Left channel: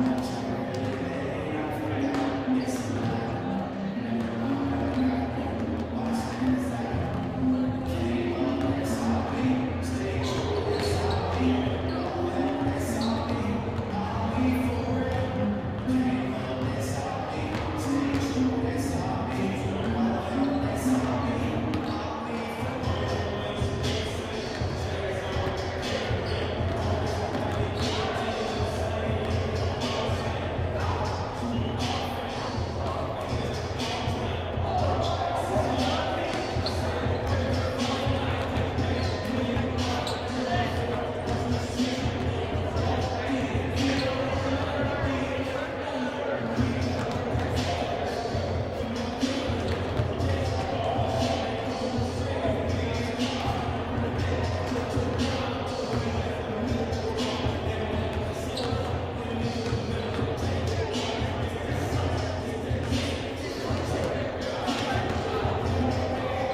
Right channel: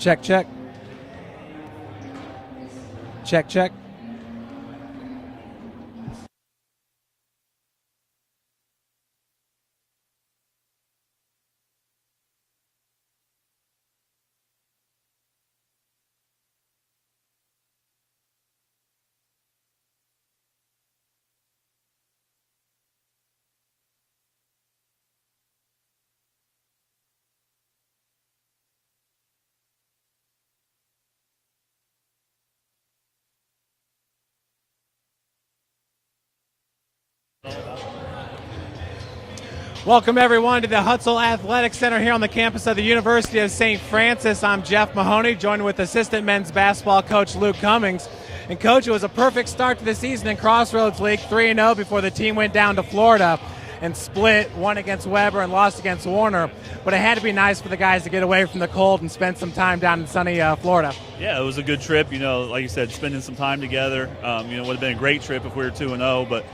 Check, check. Check, check. Welcome everyone to the Hutzell Athletic Center here on the campus of the University of St. Francis. I'm Jeff Mahoney, joined with assistant men's basketball coach Luke Cummings. And coach, it was a perfect start to the season in Crossroads League, 3-0 before the team went down to Florida and split, won against Weber and lost against Warner. But it had to be nice for the guys to get away from the cold and spend some time down in sunny Florida. Yeah, it was a good trip. Like you said, spending some time together. It would have been a great trip if we were 2-0, but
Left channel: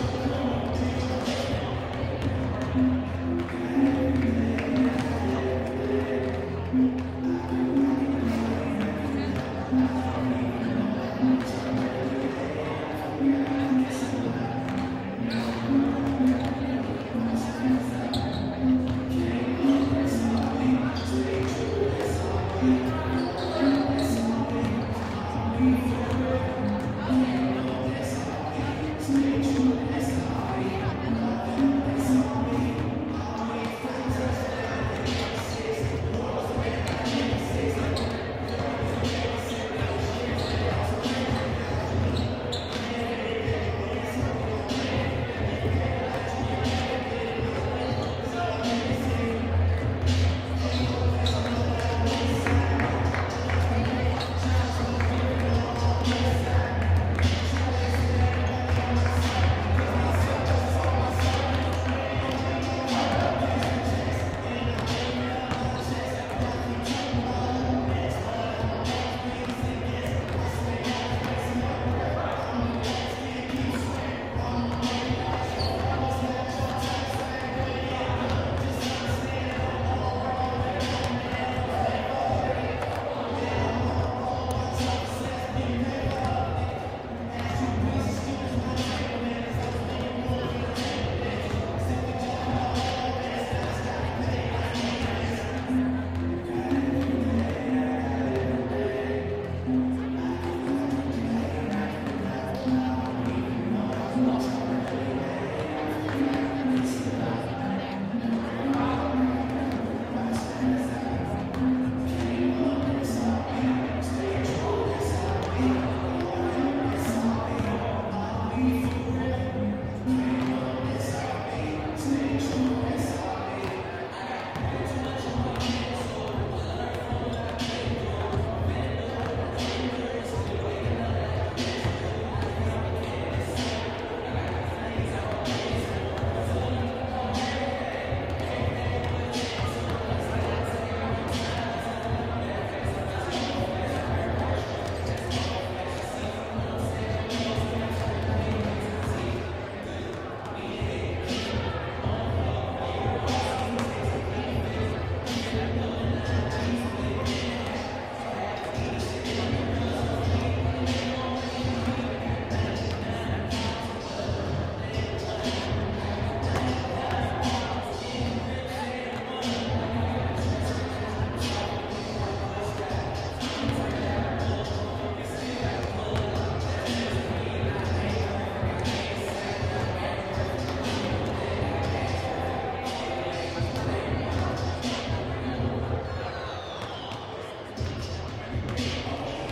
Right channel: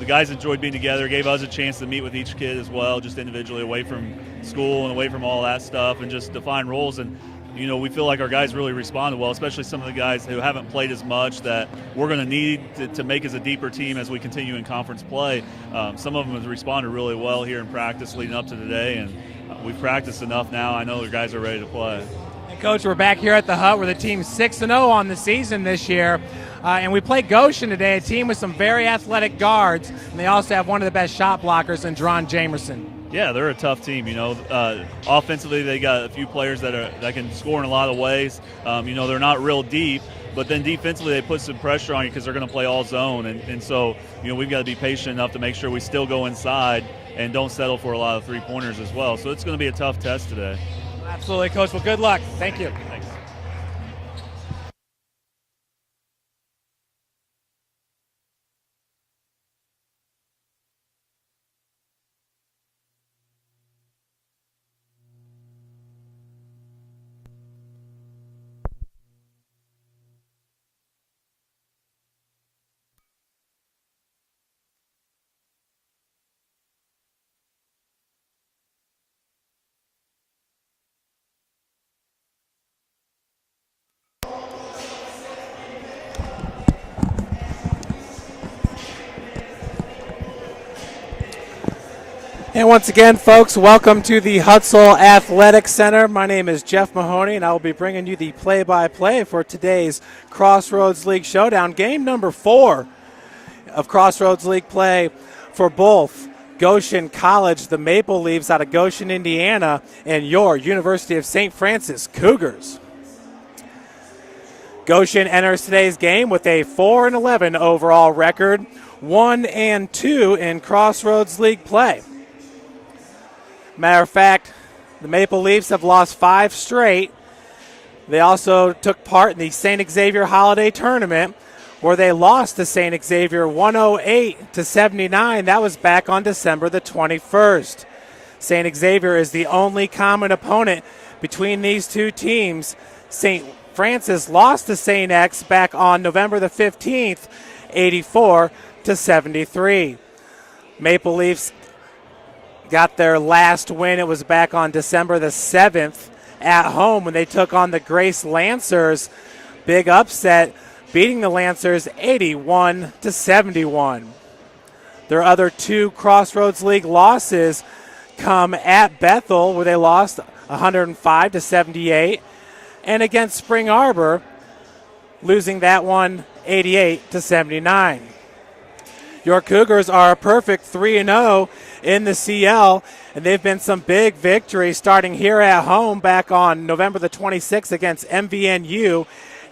the guys enjoyed being together, gave us a chance to meet with each kid as well, just individually, away from school and away from all that stuff, and just define roles. And we feel like our guys really responded well, especially some of the guys who haven't played as much that we're going to need to make as a deeper team as we continue in conference play. Some of them have responded really well here in practice leading up to today, and we've practiced enough now. I know the guys are ready to play. Coach, we're back here at the Hut where the team's 6-0 on the season this year. And we play Goshen today, a team with some very athletic guards. And they also have one of the best shot blockers in Dron Jamerson. Yeah, they're a tough team. Offensively, they got a few players that can score in a lot of ways. They're not real deep, but then defensively they put some pressure on you because they're going to play all zone. And so, we've got to be patient enough to make sure we still go inside and don't settle for a lot of three-pointers as well. So it's going to be a tough test today. Absolutely, Coach. Well, good luck. Thank you. And once again, folks, welcome to the Hutzell Athletic Center. My name is Jeff Mahoney, and I will be bringing you the play-by-play for today's Crossroads League Showdown. Game number 4 of Crossroads League play for both Goshen College, the Maple Leafs out of Goshen, Indiana, and your University of St. Francis Cougars. Goshen enters today's game with a 4-11 overall record, 1-2 in Crossroads League play. Matter of fact, the Maple Leafs have lost 5 straight. They also took part in the St. Xavier Holiday Tournament, where they lost to St. Xavier 108-79. That was back on December the 21st. St. Xavier is the only common opponent between these two teams. St. Francis lost to St. X back on November the 15th, 84-73. Maple Leafs got their last win. It was back on December the 7th at home when they took on the Grace Lancers. Big upset, beating the Lancers 81-71. Their other 2 Crossroads League losses come at Bethel, where they lost 105-78, and against Spring Arbor, losing that one 88-79. Your Cougars are a perfect 3-0 in the CL, and they've been some big victories starting here at home back on November the 26th against MVNU,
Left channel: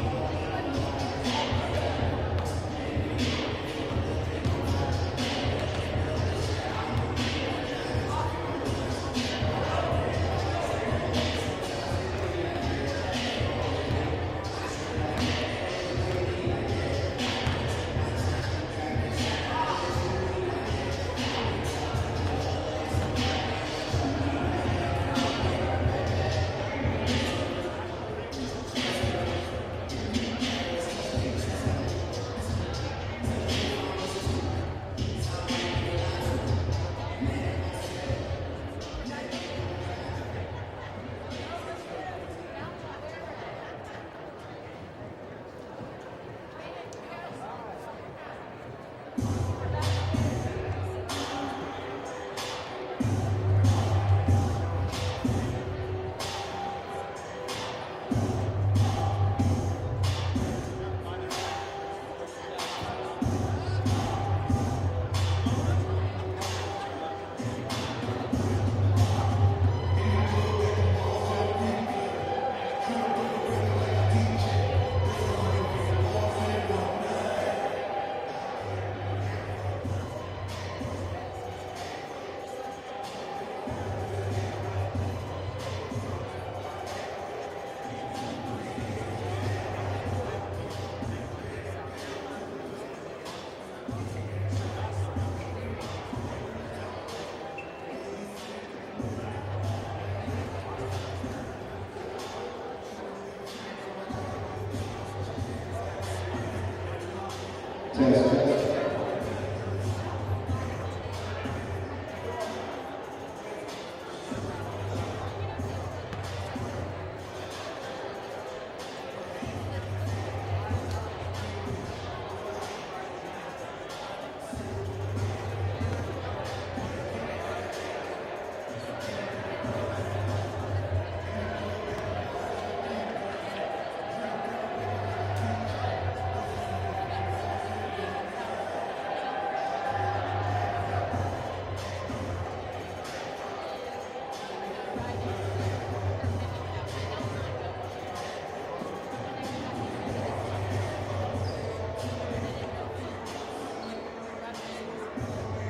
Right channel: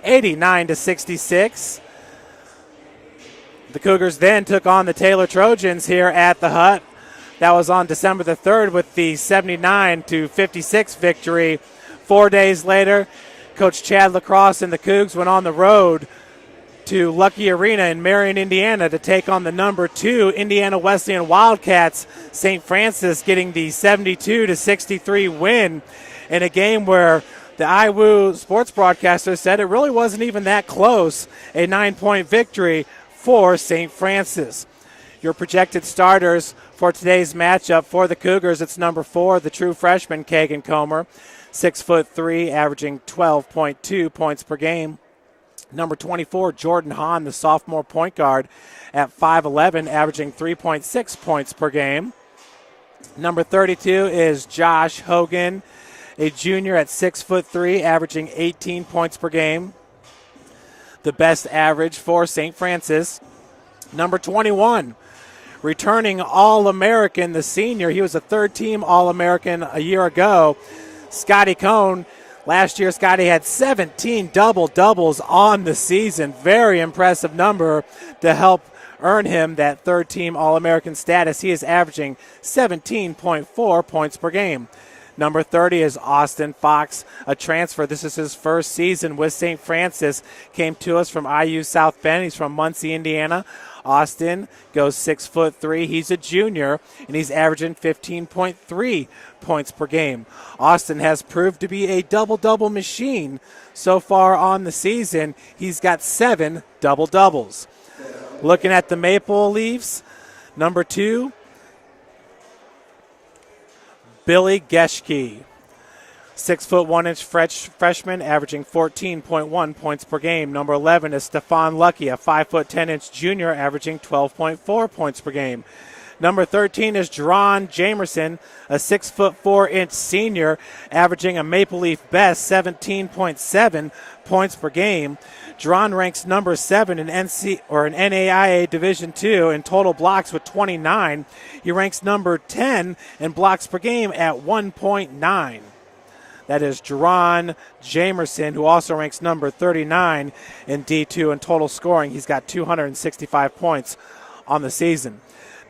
89-66. The Cougars then took on the Taylor Trojans here at the Hut. That was on December the 3rd with the 79-56 victory. 4 days later, Coach Chad Lacrosse and the Cougs went on the road to Lucky Arena in Marion, Indiana to take on the number 2 Indiana Wesleyan Wildcats. St. Francis getting the 72-63 win in a game where the IWU sports broadcaster said it really wasn't even that close. A 9-point victory for St. Francis. Your projected starters for today's matchup for the Cougars, it's number 4, the true freshman, Kagan Comer. 6'3", averaging 12.2 points per game. Number 24, Jordan Hahn, the sophomore point guard, at 5'11", averaging 3.6 points per game. Number 32 is Josh Hogan, a junior at 6'3", averaging 18 points per game. The best average for St. Francis. Number 21, returning All-American, the senior. He was a third-team All-American a year ago. Scotty Cohn. Last year, Scotty had 17 double-doubles on the season. Very impressive number to help earn him that third-team All-American status. He is averaging 17.4 points per game. Number 30 is Austin Fox, a transfer. This is his first season with St. Francis. Came to us from IU South Bend. He's from Muncie, Indiana. Austin goes 6'3". He's a junior, and he's averaging 15.3 points per game. Austin has proved to be a double-double machine so far on the season. He's got 7 double-doubles. Looking at the Maple Leafs, number 2, Billy Geschke, 6'1" freshman, averaging 14.1 points per game. Number 11 is Stefan Lucky, a 5'10" junior, averaging 12.4 points per game. Number 13 is Dron Jamerson, a 6'4" senior, averaging a Maple Leaf best 17.7 points per game. Dron ranks number 7 in NAIA Division II in total blocks with 29. He ranks number 10 in blocks per game at 1.9. That is Dron Jamerson, who also ranks number 39 in D2 in total scoring. He's got 265 points on the season.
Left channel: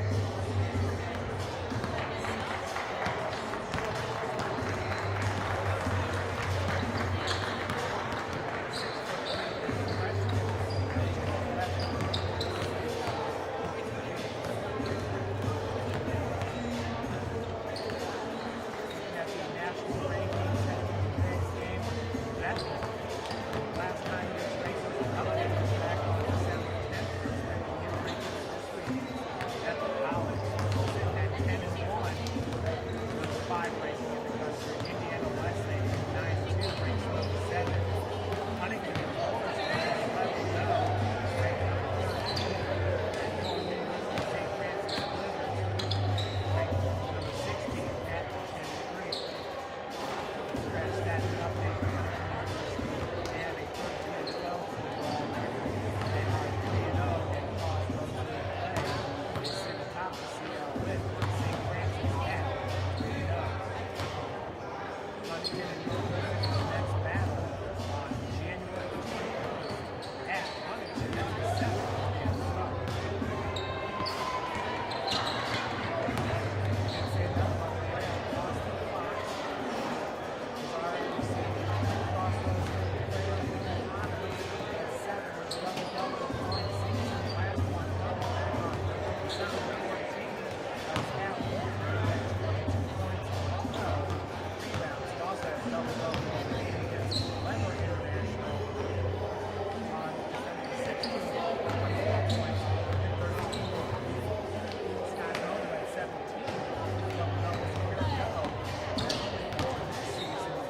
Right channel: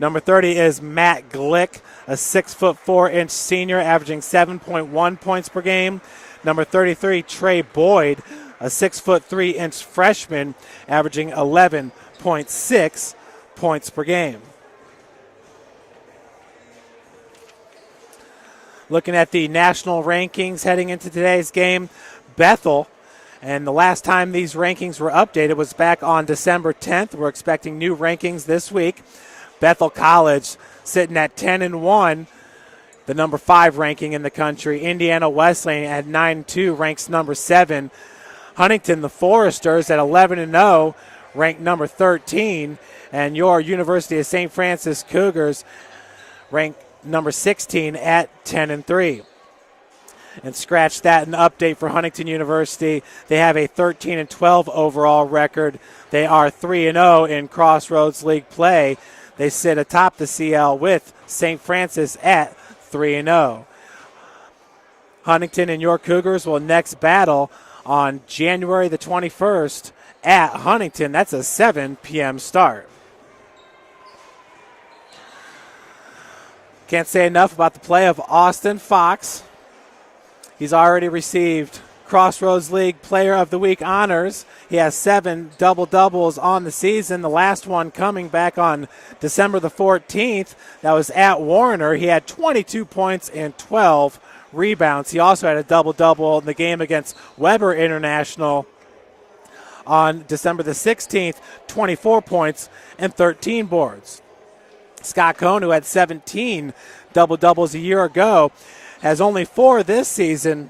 Number 30 is Matt Glick, a 6'4" senior, averaging 7.1 points per game. Number 33, Trey Boyd, a 6'3" freshman, averaging 11.6 points per game. Looking at the national rankings heading into today's game, Bethel, and the last time these rankings were updated was back on December 10th. We're expecting new rankings this week. Bethel College sitting at 10-1, the number 5 ranking in the country. Indiana Wesleyan at 9-2, ranks number 7. Huntington, the Foresters, at 11-0, ranked number 13. And your University of St. Francis Cougars ranked number 16 at 10-3. And scratch that, an update for Huntington University. They have a 13-12 overall record. They are 3-0 in Crossroads League play. They sit atop the CL with St. Francis at 3-0. Huntington and your Cougars will next battle on January the 21st at Huntington. That's a 7 p.m. start. Can't say enough about the play of Austin Fox. He's already received Crossroads League Player of the Week honors. He has 7 double-doubles on the season, the last one coming back on December the 14th. That was at Warner. He had 22 points and 12 rebounds. He also had a double-double in the game against Weber International on December the 16th, 24 points and 13 boards. Scott Cohn, who had 17 double-doubles a year ago, has only 4 this season,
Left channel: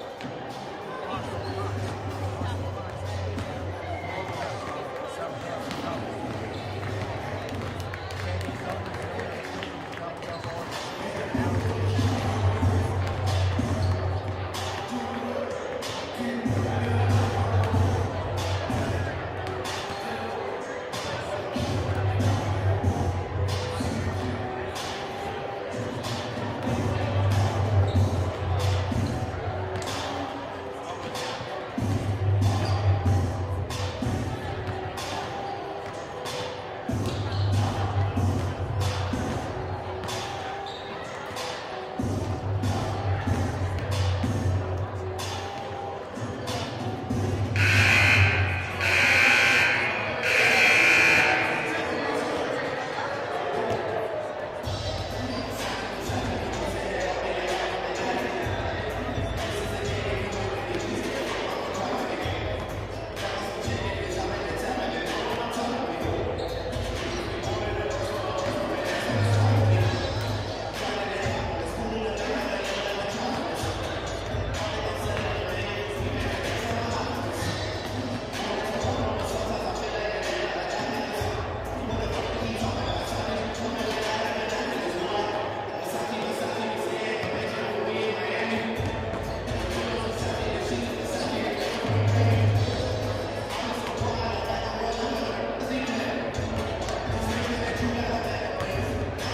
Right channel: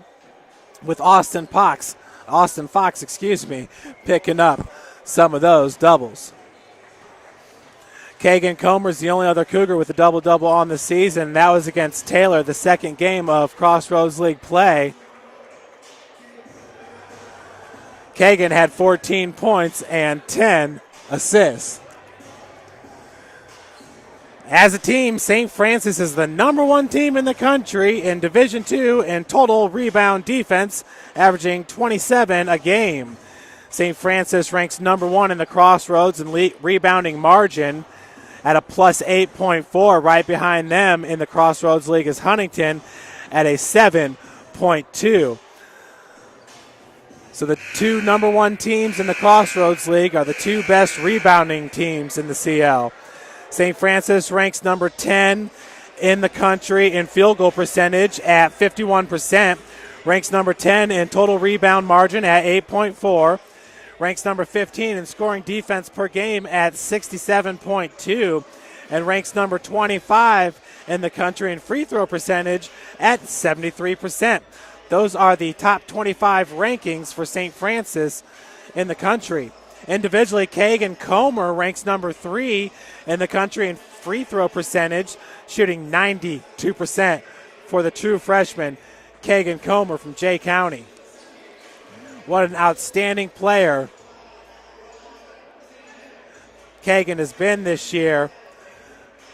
with Austin Fox, picking up some of those doubles. Kagan Comer's the only other Cougar with a double-double on the season. That was against Taylor, the second game of Crossroads League play. Kagan had 14 points and 10 assists. As a team, St. Francis is the number 1 team in the country in Division II in total rebound defense, averaging 27 a game. St. Francis ranks number 1 in the Crossroads in rebounding margin at a plus 8.4. Right behind them in the Crossroads League is Huntington at a 7.2. So the 2 number 1 teams in the Crossroads League are the 2 best rebounding teams in the CL. St. Francis ranks number 10 in the country in field goal percentage at 51%. Ranks number 10 in total rebound margin at 8.4. Ranks number 15 in scoring defense per game at 67.2. and ranks number 25 in the country in free throw percentage at 73%. Those are the top 25 rankings for St. Francis in the country. Individually, Kagan Comer ranks number 3 in the country in free throw percentage, shooting 92% for the true freshman, Kagan Comer from Jay County. What an outstanding player Kagan has been this year,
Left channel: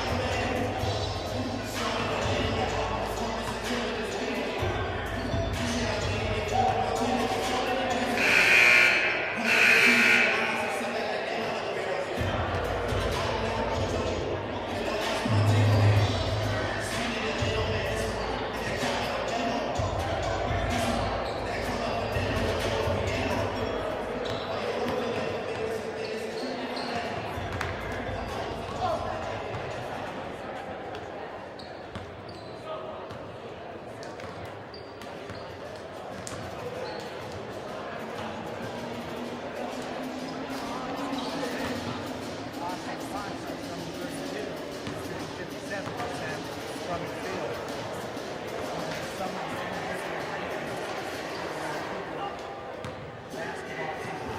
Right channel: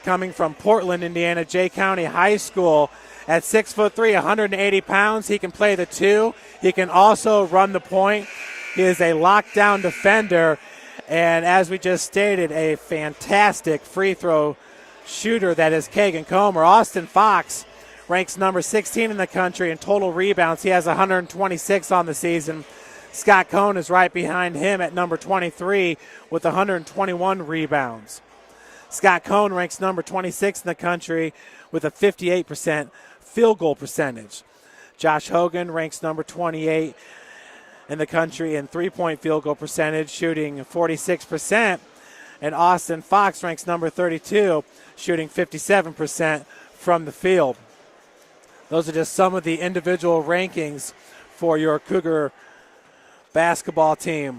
coming from Portland, Indiana, Jay County High School. At 6'3", 180 pounds, he can play the 2. He can also run the point. He is a lockdown defender, and as we just stated, a fantastic free throw shooter that is Kagan Comer. Austin Fox ranks number 16 in the country in total rebounds. He has 126 on the season. Scott Cohn is right behind him at number 23 with 121 rebounds. Scott Cohn ranks number 26 in the country with a 58% field goal percentage. Josh Hogan ranks number 28 in the country in three-point field goal percentage, shooting 46%. And Austin Fox ranks number 32, shooting 57% from the field. Those are just some of the individual rankings for your Cougar basketball team.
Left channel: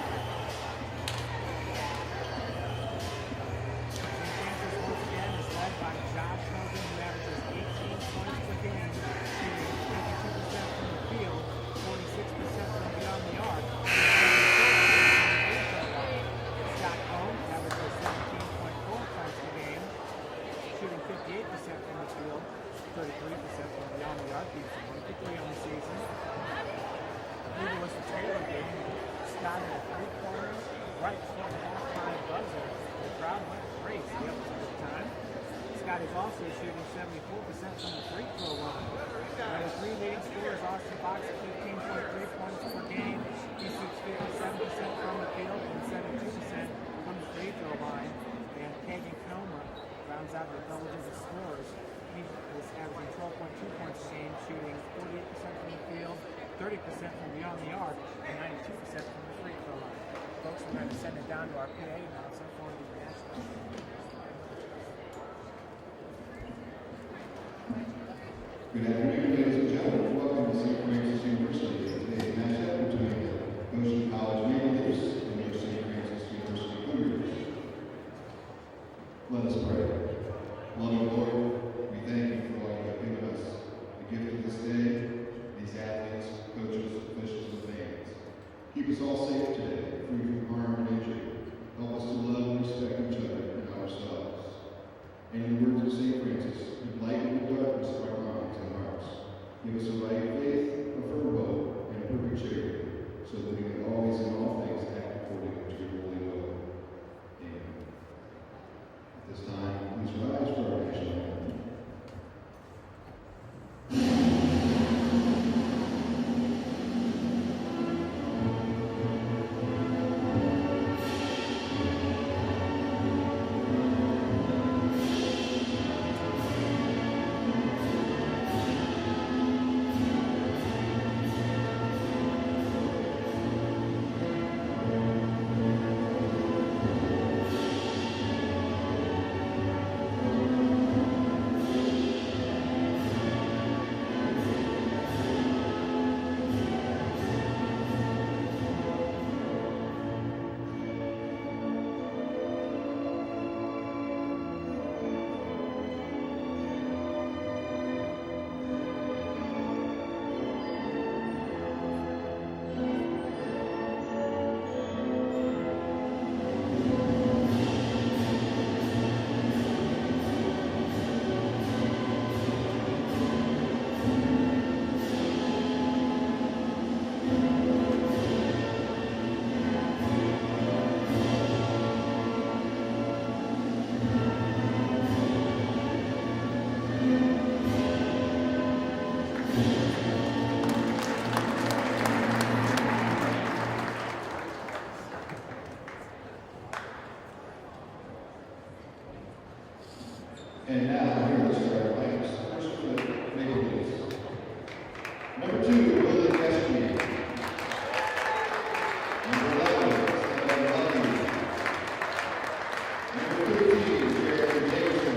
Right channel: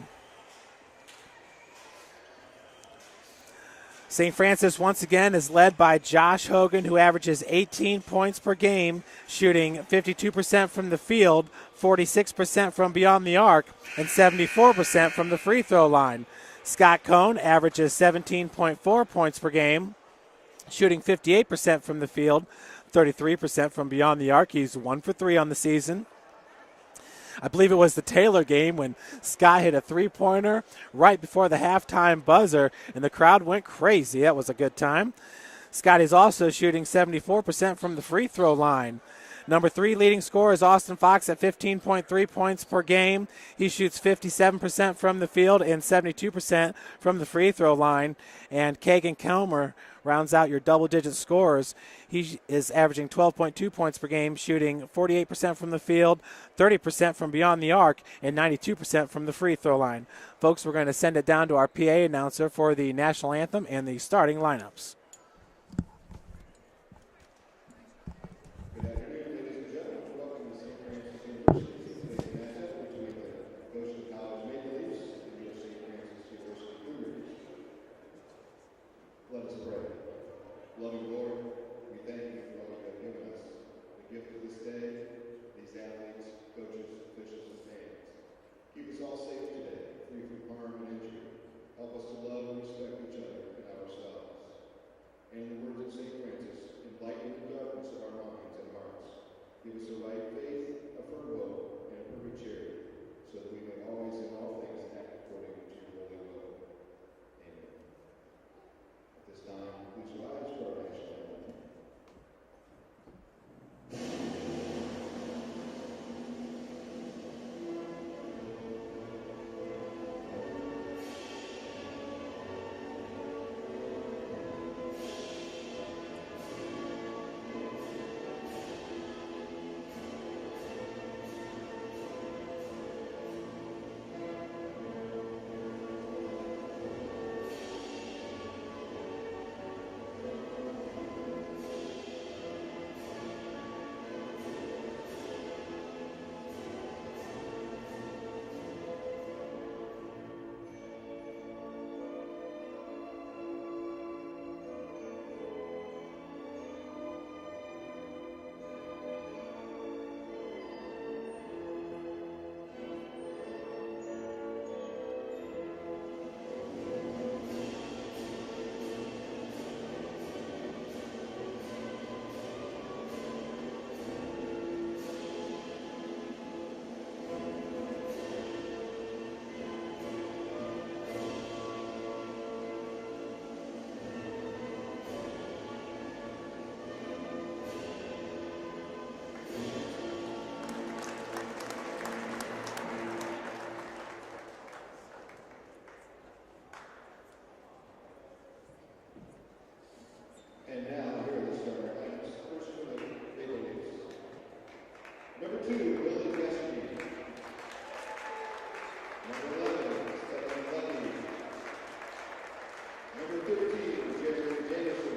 St. Francis once again is led by Josh Hogan, who averages 18 points per game, shooting 52% from the field, 46% from beyond the arc, and 74% from the free throw line. Scott Cohn averages 17.4 points per game, shooting 58% from the field, 33% from beyond the arc. He's 1 for 3 on the season. I believe it was the Taylor game when Scott hit a three-pointer right before the halftime buzzer, and the crowd went crazy. That was a good time. Scott is also shooting 74% from the free throw line. Number 3 leading scorer is Austin Fox at 15.3 points per game. He shoots 57% from the field and 72% from the free throw line. And Kagan Comer rounds out your double-digit scorers. He is averaging 12.2 points per game, shooting 48% from the field, 30% from beyond the arc, and 92% from the free throw line. Folks, we're going to send it down to our PA announcer for the national anthem and the starting lineups. Good afternoon, ladies and gentlemen. Welcome to St. Francis University. Today's matchup between the Goshen College Maple Leafs and your St. Francis University Cougars. Let us pray. Loving Lord, we thank you for all you have given us, the gift of this day, these athletes, coaches, officials, and fans. Keep us all safe today, free from harm and injury. Help us to love and respect each other and ourselves. And in the words of St. Francis, enlighten the darkness of our minds and hearts. Give us a right faith, a firm hope, and a perfect charity, so that we may always in all things act according to your holy will. Amen. At this time, please rise for our national anthem. And now, here are the starting lineups. First for the Maple Leafs. Number 2, Willie Keshke. Number 11, Stephen Lucky. Number 13, Jared Jameson.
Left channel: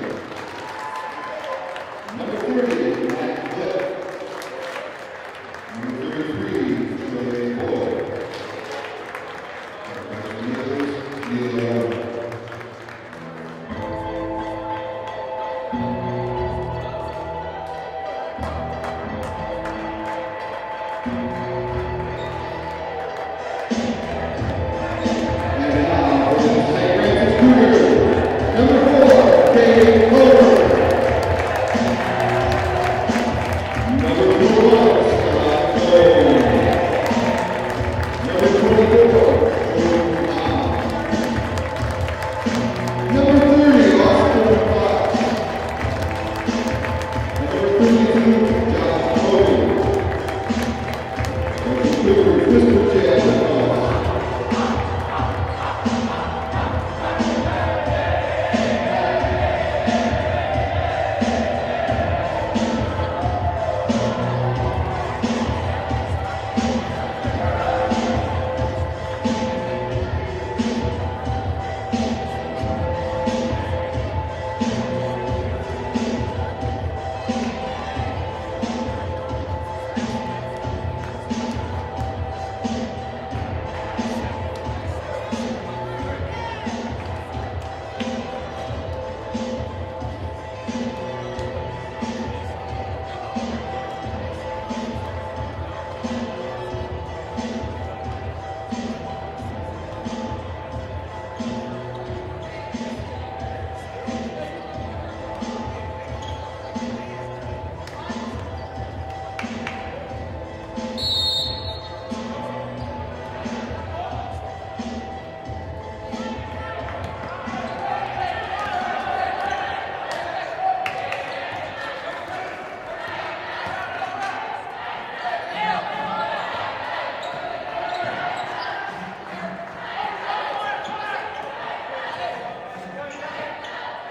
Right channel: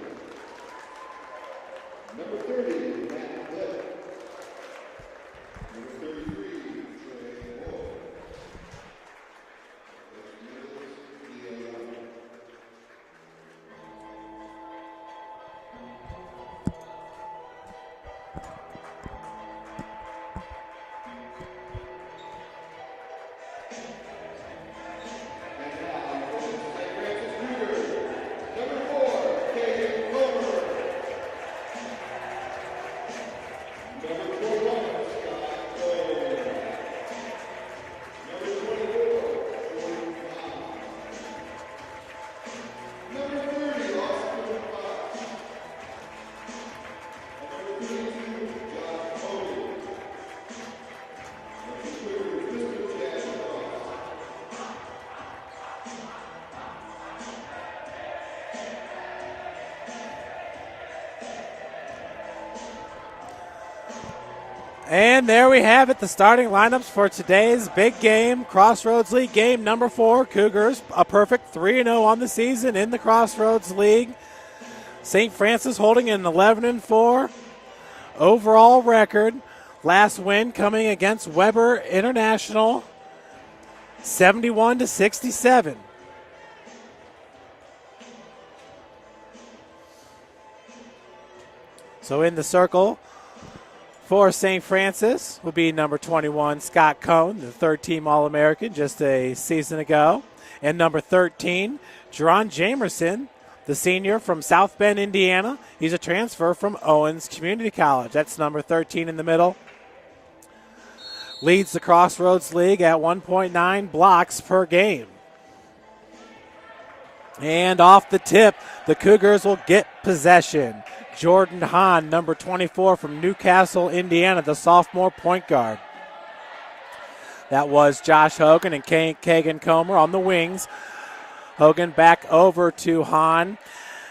And there we have it, the starting lineups for today's big game, Crossroads League game number 4. Cougars a perfect 3-0 on the season in the Crossroads League. St. Francis holding an 11-4 overall record. Last win coming against Weber International, 71-67. So in the circle for St. Francis would be number 21, Scott Cohn, third-team All-American just a season ago. And number 13, Jerron Jamerson, the senior from South Bend, Indiana. He's a transfer from Owens Community College. That's number 13 in the middle. Leads the Crossroads League at 1.9 blocks per game. And off the tip, the Cougars will get possession. Jordan Hahn, number 24 from Newcastle, Indiana, the sophomore point guard. That was Josh Hogan and Kagan Comer on the wings. Hogan back over to Hahn.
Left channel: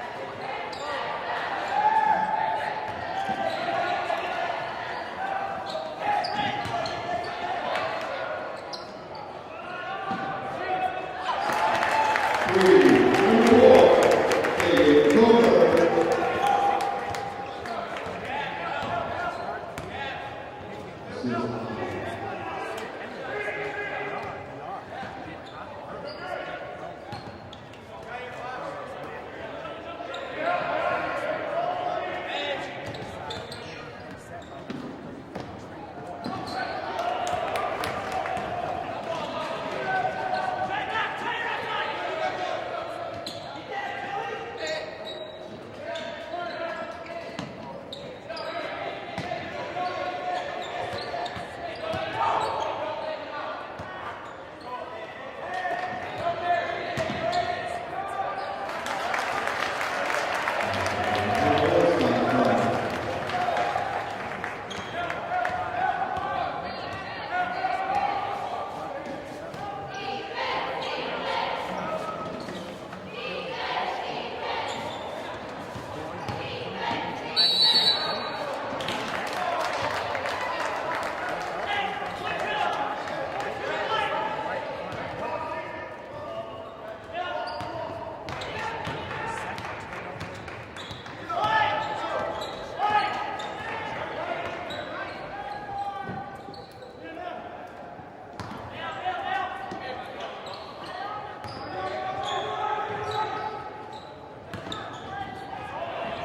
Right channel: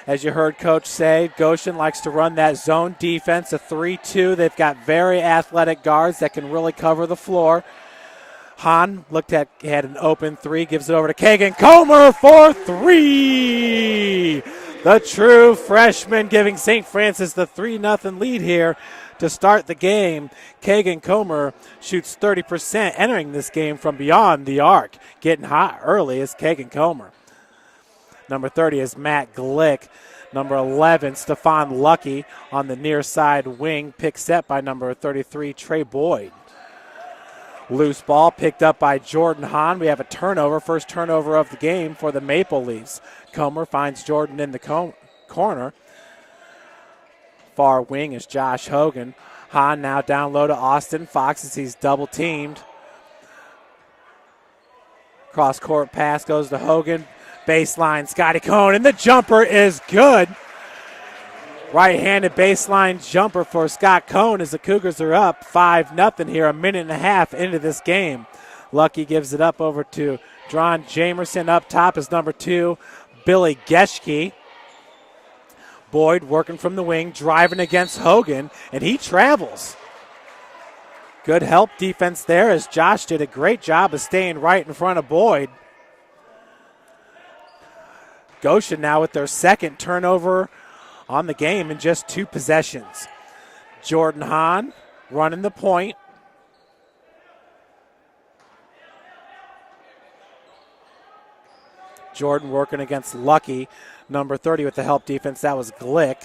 As you heard Coach say, Goshen likes to run that zone defense, a 3-2. They've got very athletic guards that can really cover the floor. Hahn had an open 3, gives it over to Kagan Comer for 3. The true freshman giving St. Francis the 3-0 lead here to start the game. Kagan Comer shoots 30%, entering this game from beyond the arc. Getting hot early is Kagan Comer. Number 30 is Matt Glick. Number 11, Stefan Lucky on the near side wing, picked set by number 33, Trey Boyd. Loose ball picked up by Jordan Hahn. We have a turnover, first turnover of the game for the Maple Leafs. Comer finds Jordan in the corner. Far wing is Josh Hogan. Hahn now down low to Austin Fox as he's double teamed. Cross court pass goes to Hogan. Baseline, Scotty Cohn, and the jumper is good. Right-handed baseline jumper for Scott Cohn as the Cougars are up 5-0 here, a minute and a half into this game. Lucky gives it up over to Jerron Jamerson. Up top is number 2, Billy Geschke. Boyd working from the wing, driving against Hogan, and he travels. Good help defense there as Josh did a great job of staying right in front of Boyd. Goshen now with their second turnover on the game in just 2 possessions. Jordan Hahn running the point. Jordan working against Lucky. Number 30 with the help defense, that was Glick.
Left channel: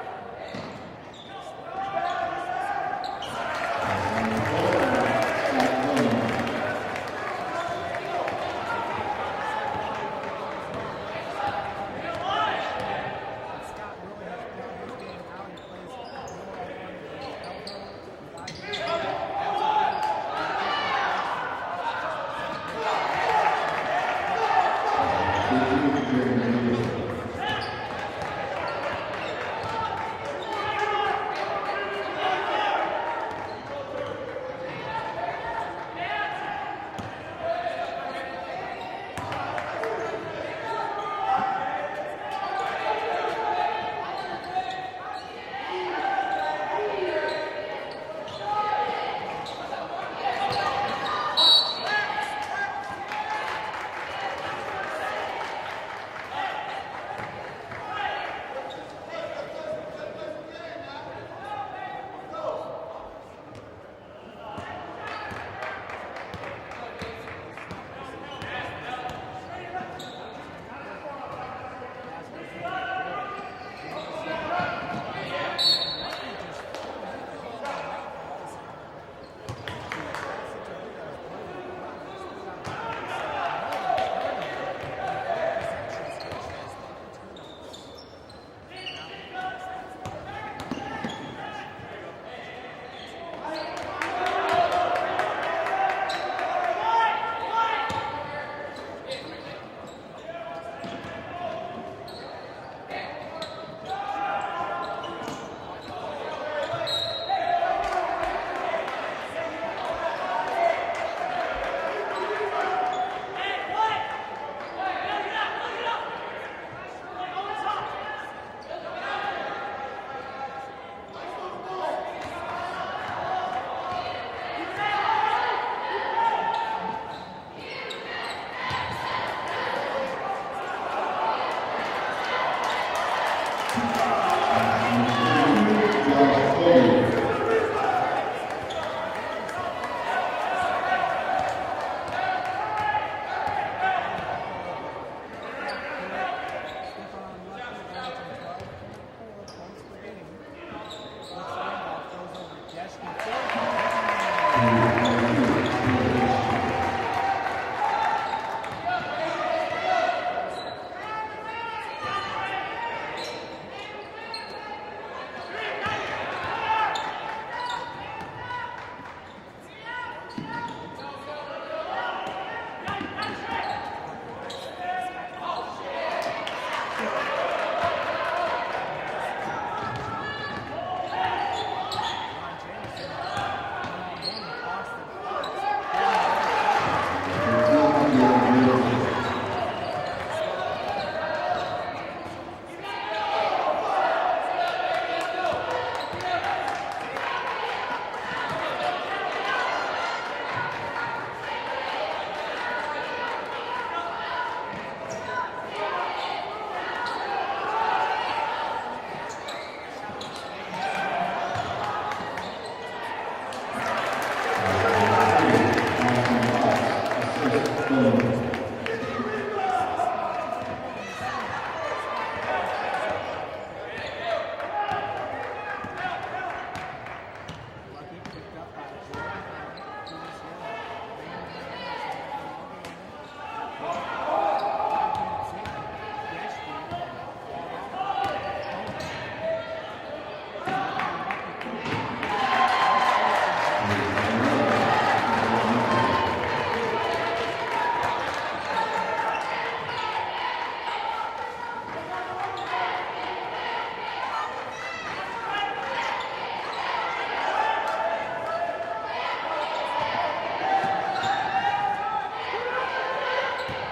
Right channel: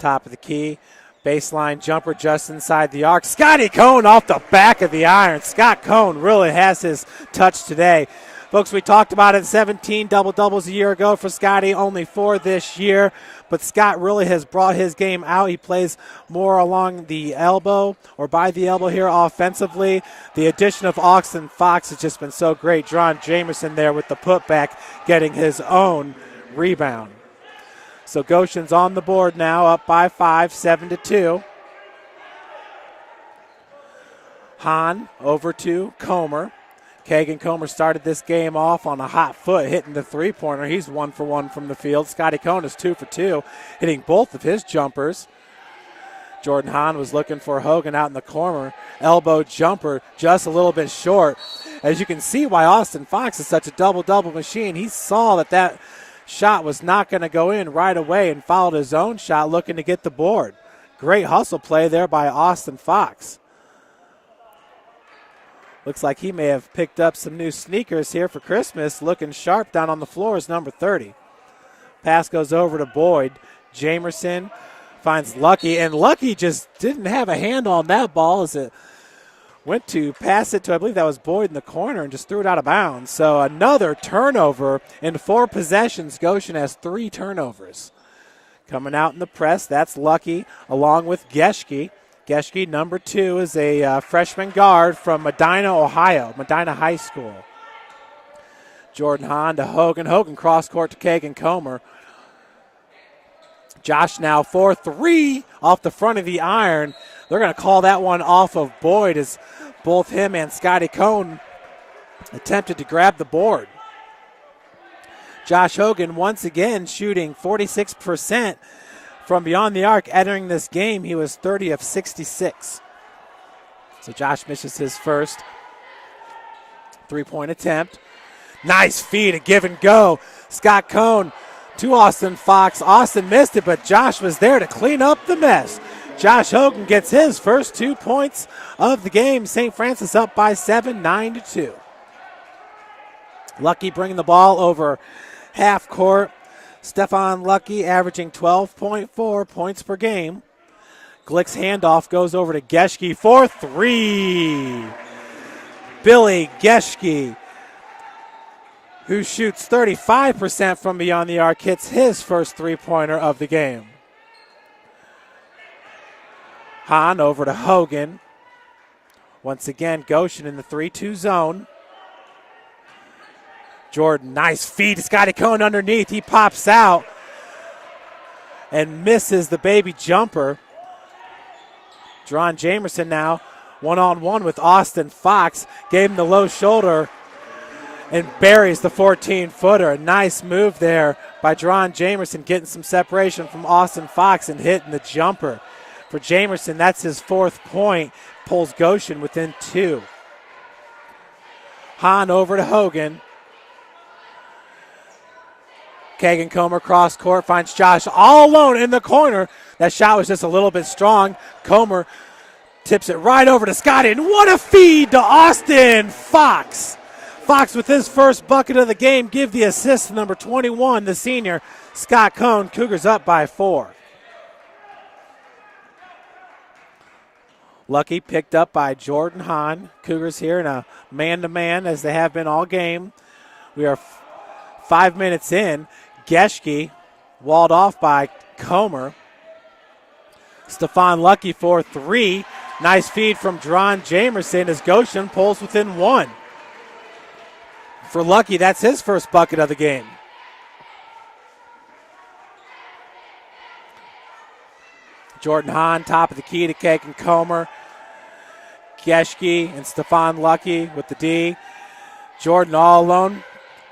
Top of the key. Baseline jumper just inside the arc. Scotty Cohn off the back of the iron. Scott Cohn really has his touch today. Folks, we talked about it, 17 double-doubles a year ago for Scotty, only 4 this year. But Scott really has brought his game out. He plays more along the elbow or by the elbow here offensively. The addition of Austin Fox has just been so great. Jerron Jamerson there with the putback, getting his own rebound. So Goshen's on the board now, up by 5, 7-2. Hahn over to Comer. Kagan Comer started this game off on a hot foot, hitting the three-pointer. He's 1 for 1 from the field. Scotty Cohn is 2 for 2, hitting both of his jumpers. Jordan Hahn was looking for Hogan out in the corner. Elbow jumper just a little bit short. As you can see why Austin Fox is such a double-double machine. He saw that shot was not going to go in right away and fouled his own shot, looking to get the board. Great hustle play there by Austin Fox. Looks like he may have picked up some new sneakers here for Christmas. Looking sharp down on the floor is number 30. Pass goes over to Boyd. Jamerson finds Lucky, and Lucky just didn't have a handle on that ball as it went to pass it to, I believe that was Boyd in the corner, and just threw it out of bounds. So another turnover in 4 possessions. Goshen has 3 turnovers. Coming out in the press, that's Lucky along with Geschke. Geschke, number 2, is a freshman guard from Medina, Ohio, Medina High School. Jordan Hahn to Hogan. Hogan cross court to Kagan Comer. Josh now 4-3 off the front of the iron. They're going to call that one off of Boyd as both him and Scotty Cohn attempted to grab the board. Josh Hogan once again shooting 46% from beyond the arc. Entering this game, he was 30 of 66. So Josh misses his first 3-point attempt. Nice feed, a give and go. Scott Cohn to Austin Fox. Austin missed it, but Josh was there to clean up the mess. Josh Hogan gets his first 2 points of the game. St. Francis up by 7, 9-2. Lucky bringing the ball over half court. Stefan Lucky averaging 12.4 points per game. Glick's handoff goes over to Geschke for 3. Billy Geschke, who shoots 35% from beyond the arc, hits his first 3-pointer of the game. Hahn over to Hogan. Once again, Goshen in the 3-2 zone. Jordan, nice feed to Scotty Cohn underneath. He pops out and misses the baby jumper. Dron Jamerson now one-on-one with Austin Fox. Gave him the low shoulder and buries the 14-footer. A nice move there by Dron Jamerson, getting some separation from Austin Fox and hitting the jumper. For Jamerson, that's his 4th point. Pulls Goshen within 2. Hahn over to Hogan. Kagan Comer cross court, finds Josh all alone in the corner. That shot was just a little bit strong. Comer tips it right over to Scotty, and what a feed to Austin Fox. Fox with his first bucket of the game, give the assist to number 21, the senior, Scott Cohn. Cougars up by 4. Lucky picked up by Jordan Hahn. Cougars here in a man-to-man as they have been all game. We are 5 minutes in. Geschke walled off by Comer. Stefan Lucky for 3. Nice feed from Dron Jamerson as Goshen pulls within 1. For Lucky, that's his first bucket of the game. Jordan Hahn, top of the key to Kagan Comer. Geschke and Stefan Lucky with the D. Jordan all alone.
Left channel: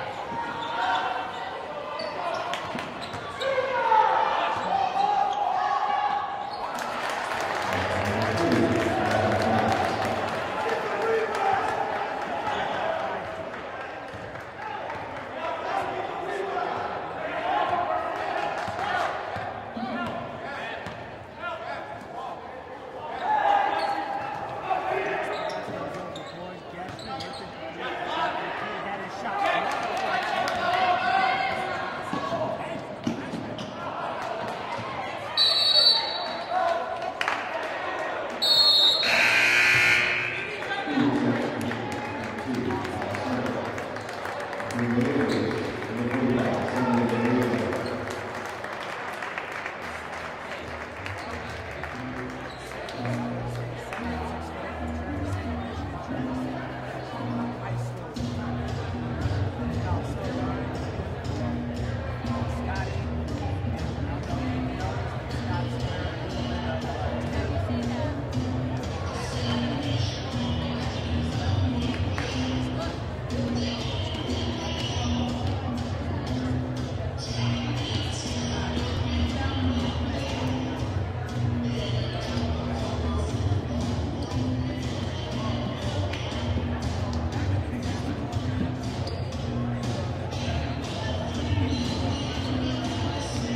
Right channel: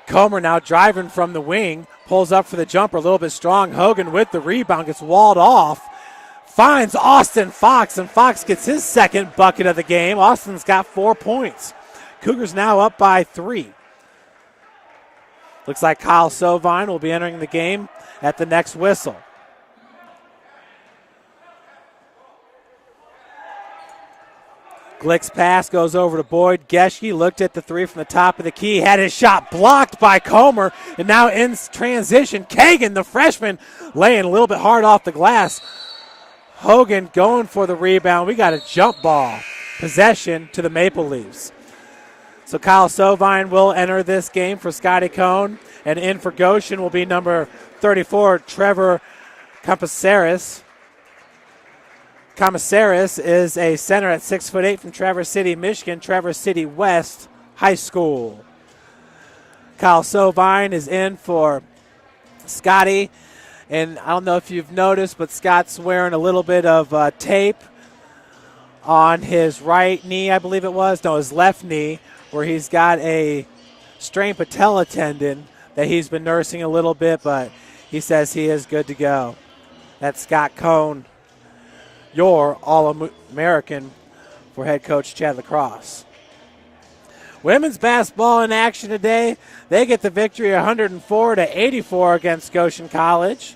Comer now driving from the wing. Pulls up for the jumper, a little bit strong. Hogan with the rebound, gets walled off. Finds Austin Fox, and Fox gets his second bucket of the game. Austin's got 4 points. Cougars now up by 3. Looks like Kyle Sovine will be entering the game at the next whistle. Glick's pass goes over to Boyd. Geschke looked at the 3 from the top of the key, had his shot blocked by Comer, and now in transition, Kagan, the freshman, laying a little bit hard off the glass. Hogan going for the rebound. We got a jump ball. Possession to the Maple Leafs. So Kyle Sovine will enter this game for Scotty Cohn, and in for Goshen will be number 34, Trevor Campasaris. Campasaris is a center at 6'8" from Traverse City, Michigan, Traverse City West High School. Kyle Sovine is in for Scotty, and I don't know if you've noticed, but Scott's wearing a little bit of tape on his right knee, I believe it was, no, his left knee, where he's got a strained patella tendon that he's been nursing a little bit, but he says he is good to go. That's Scott Cohn, your All-American for head coach Chad Lacrosse. Women's basketball in action today. They get the victory 104-84 against Goshen College.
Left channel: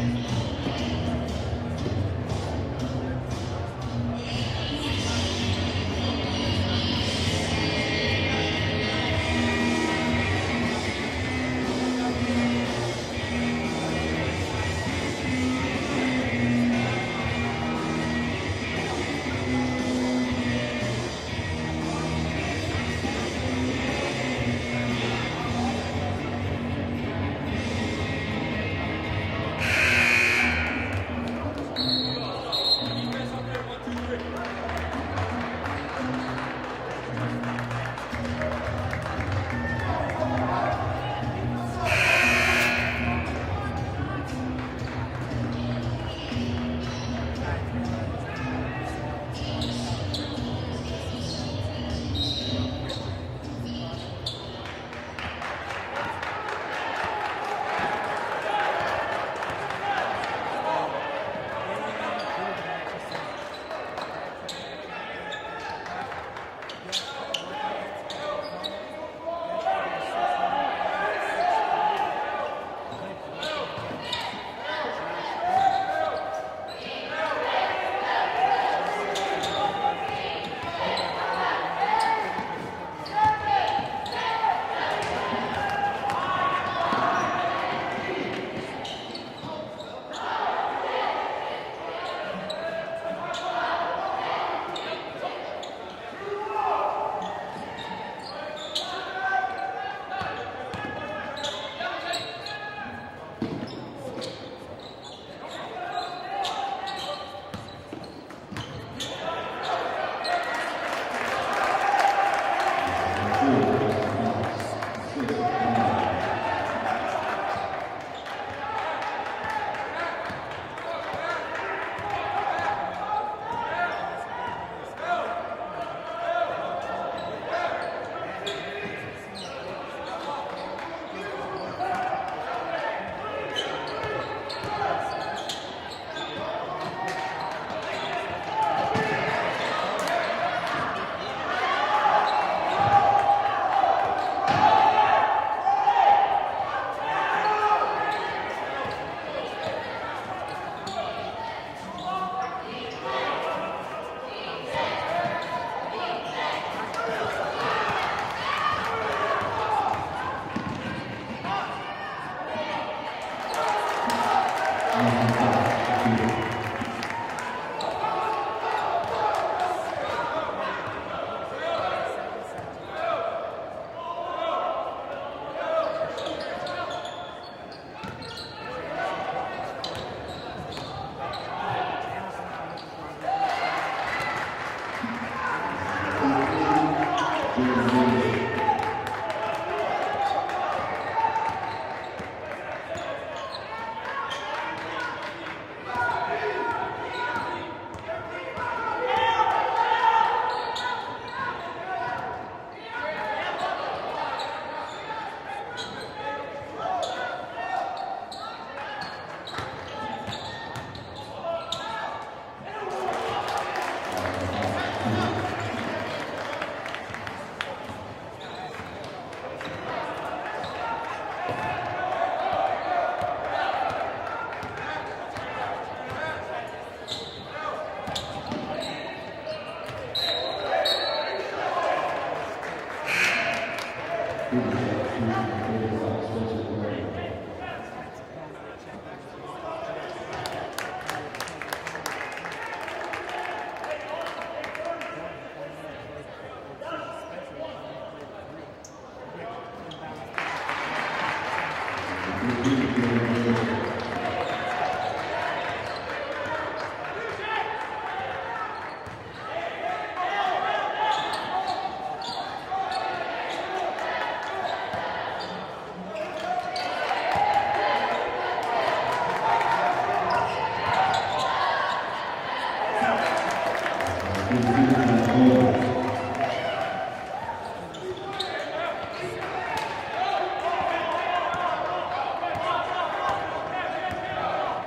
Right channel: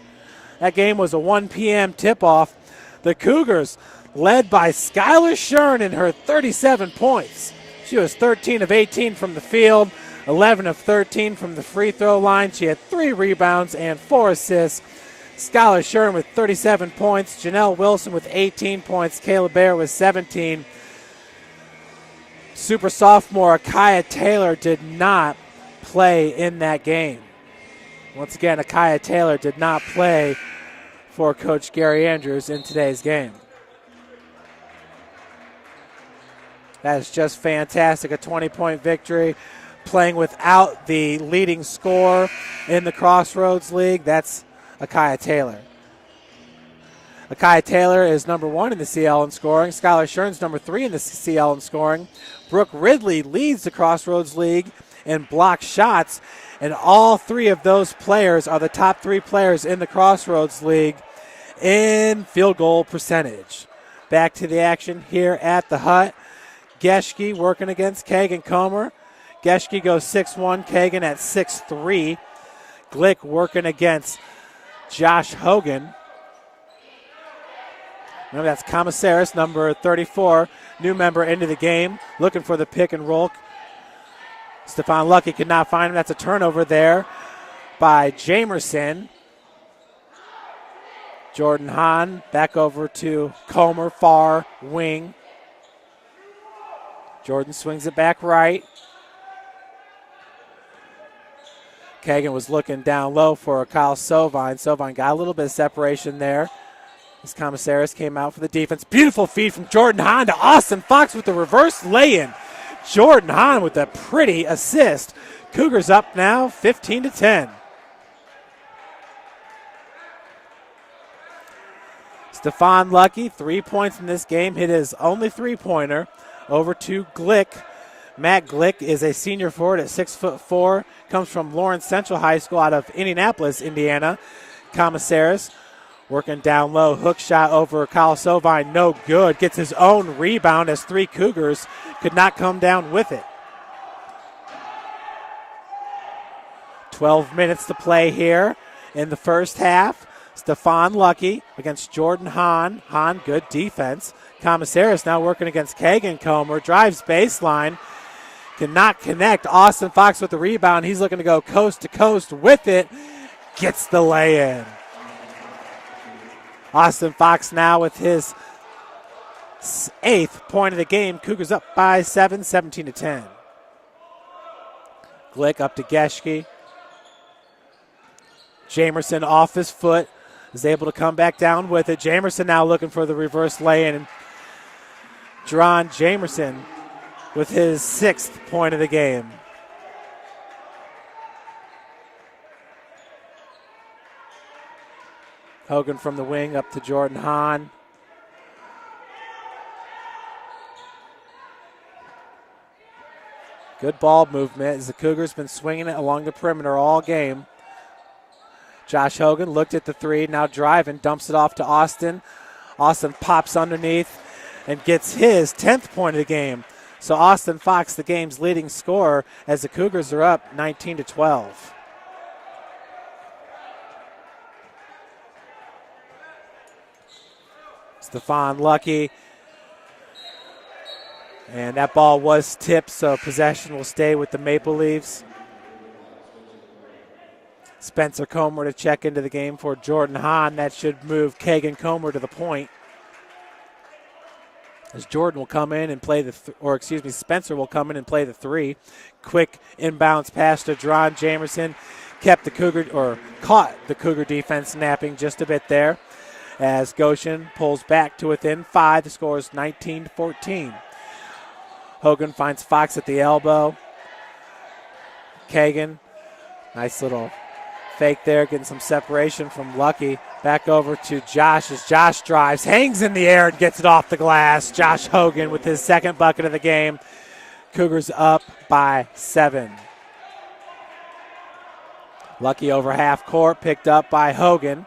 That game was a 1 p.m. tip-off. The Cougars led by Skylar Shern in her 37 points. She was 13 of 18 from the field, 11 of 13 from the free throw line. She had 3 rebounds and 4 assists. Skylar Shern with 37 points. Janelle Wilson with 18 points. Kayla Bear with 17. super sophomore Akaya Taylor did not play in that game. Once again, Akaya Taylor did not play for Coach Gary Andrews in today's game. That is just fantastic, a 20-point victory. Playing without the leading scorer in the Crossroads League, that's Akaya Taylor. Akaya Taylor is number 1 in the CL in scoring. Skylar Shern's number 3 in the CL in scoring. Brooke Ridley leads the Crossroads League in block shots, and all 3 of those players are the top 3 players in the Crossroads League in field goal percentage. Back to the action here at the Hut. Geschke working against Kagan Comer. Geschke goes 6'1", Kagan at 6'3". Glick working against Josh Hogan. Now that's Commissaris, number 34, new member into the game, looking for the pick and roll. Stephon Lucky could not find him. That's a turnover there by Jamerson. Jordan Hahn back over to Comer, far wing. Jordan swings it back right. Kagan was looking down low for Kyle Sovine. Sovine got a little bit of separation there. As Commissaris came out for the defense. Beautiful feed from Jordan Hahn to Austin Fox with the reverse lay-in. Jordan Hahn with a pretty assist. Cougars up now 15-10. Stephon Lucky, 3 points in this game. Hit his only three-pointer over to Glick. Matt Glick is a senior forward at 6'4". Comes from Lawrence Central High School out of Indianapolis, Indiana. Commissaris working down low. Hook shot over Kyle Sovine, no good. Gets his own rebound as 3 Cougars could not come down with it. 12 minutes to play here in the first half. Stephon Lucky against Jordan Hahn. Hahn, good defense. Commissaris now working against Kagan Comer. Drives baseline. Cannot connect. Austin Fox with the rebound. He's looking to go coast to coast with it. Gets the lay-in. Austin Fox now with his 8th point of the game. Cougars up by 7, 17-10. Glick up to Geschke. Jamerson off his foot. Is able to come back down with it. Jamerson now looking for the reverse lay-in. Jerron Jamerson with his 6th point of the game. Hogan from the wing up to Jordan Hahn. Good ball movement as the Cougars been swinging it along the perimeter all game. Josh Hogan looked at the 3, now driving, dumps it off to Austin. Austin pops underneath and gets his 10th point of the game. So Austin Fox, the game's leading scorer, as the Cougars are up 19-12. Stephon Lucky. And that ball was tipped, so possession will stay with the Maple Leafs. Spencer Comer to check into the game for Jordan Hahn. That should move Kagan Comer to the point. As Jordan will come in and play Spencer will come in and play the 3. Quick inbounds pass to Jerron Jamerson. Caught the Cougar defense napping just a bit there. As Goshen pulls back to within 5, the score is 19-14. Hogan finds Fox at the elbow. Kagan, nice little fake there, getting some separation from Lucky. Back over to Josh as Josh drives, hangs in the air and gets it off the glass. Josh Hogan with his 2nd bucket of the game. Cougars up by 7. Lucky over half court, picked up by Hogan.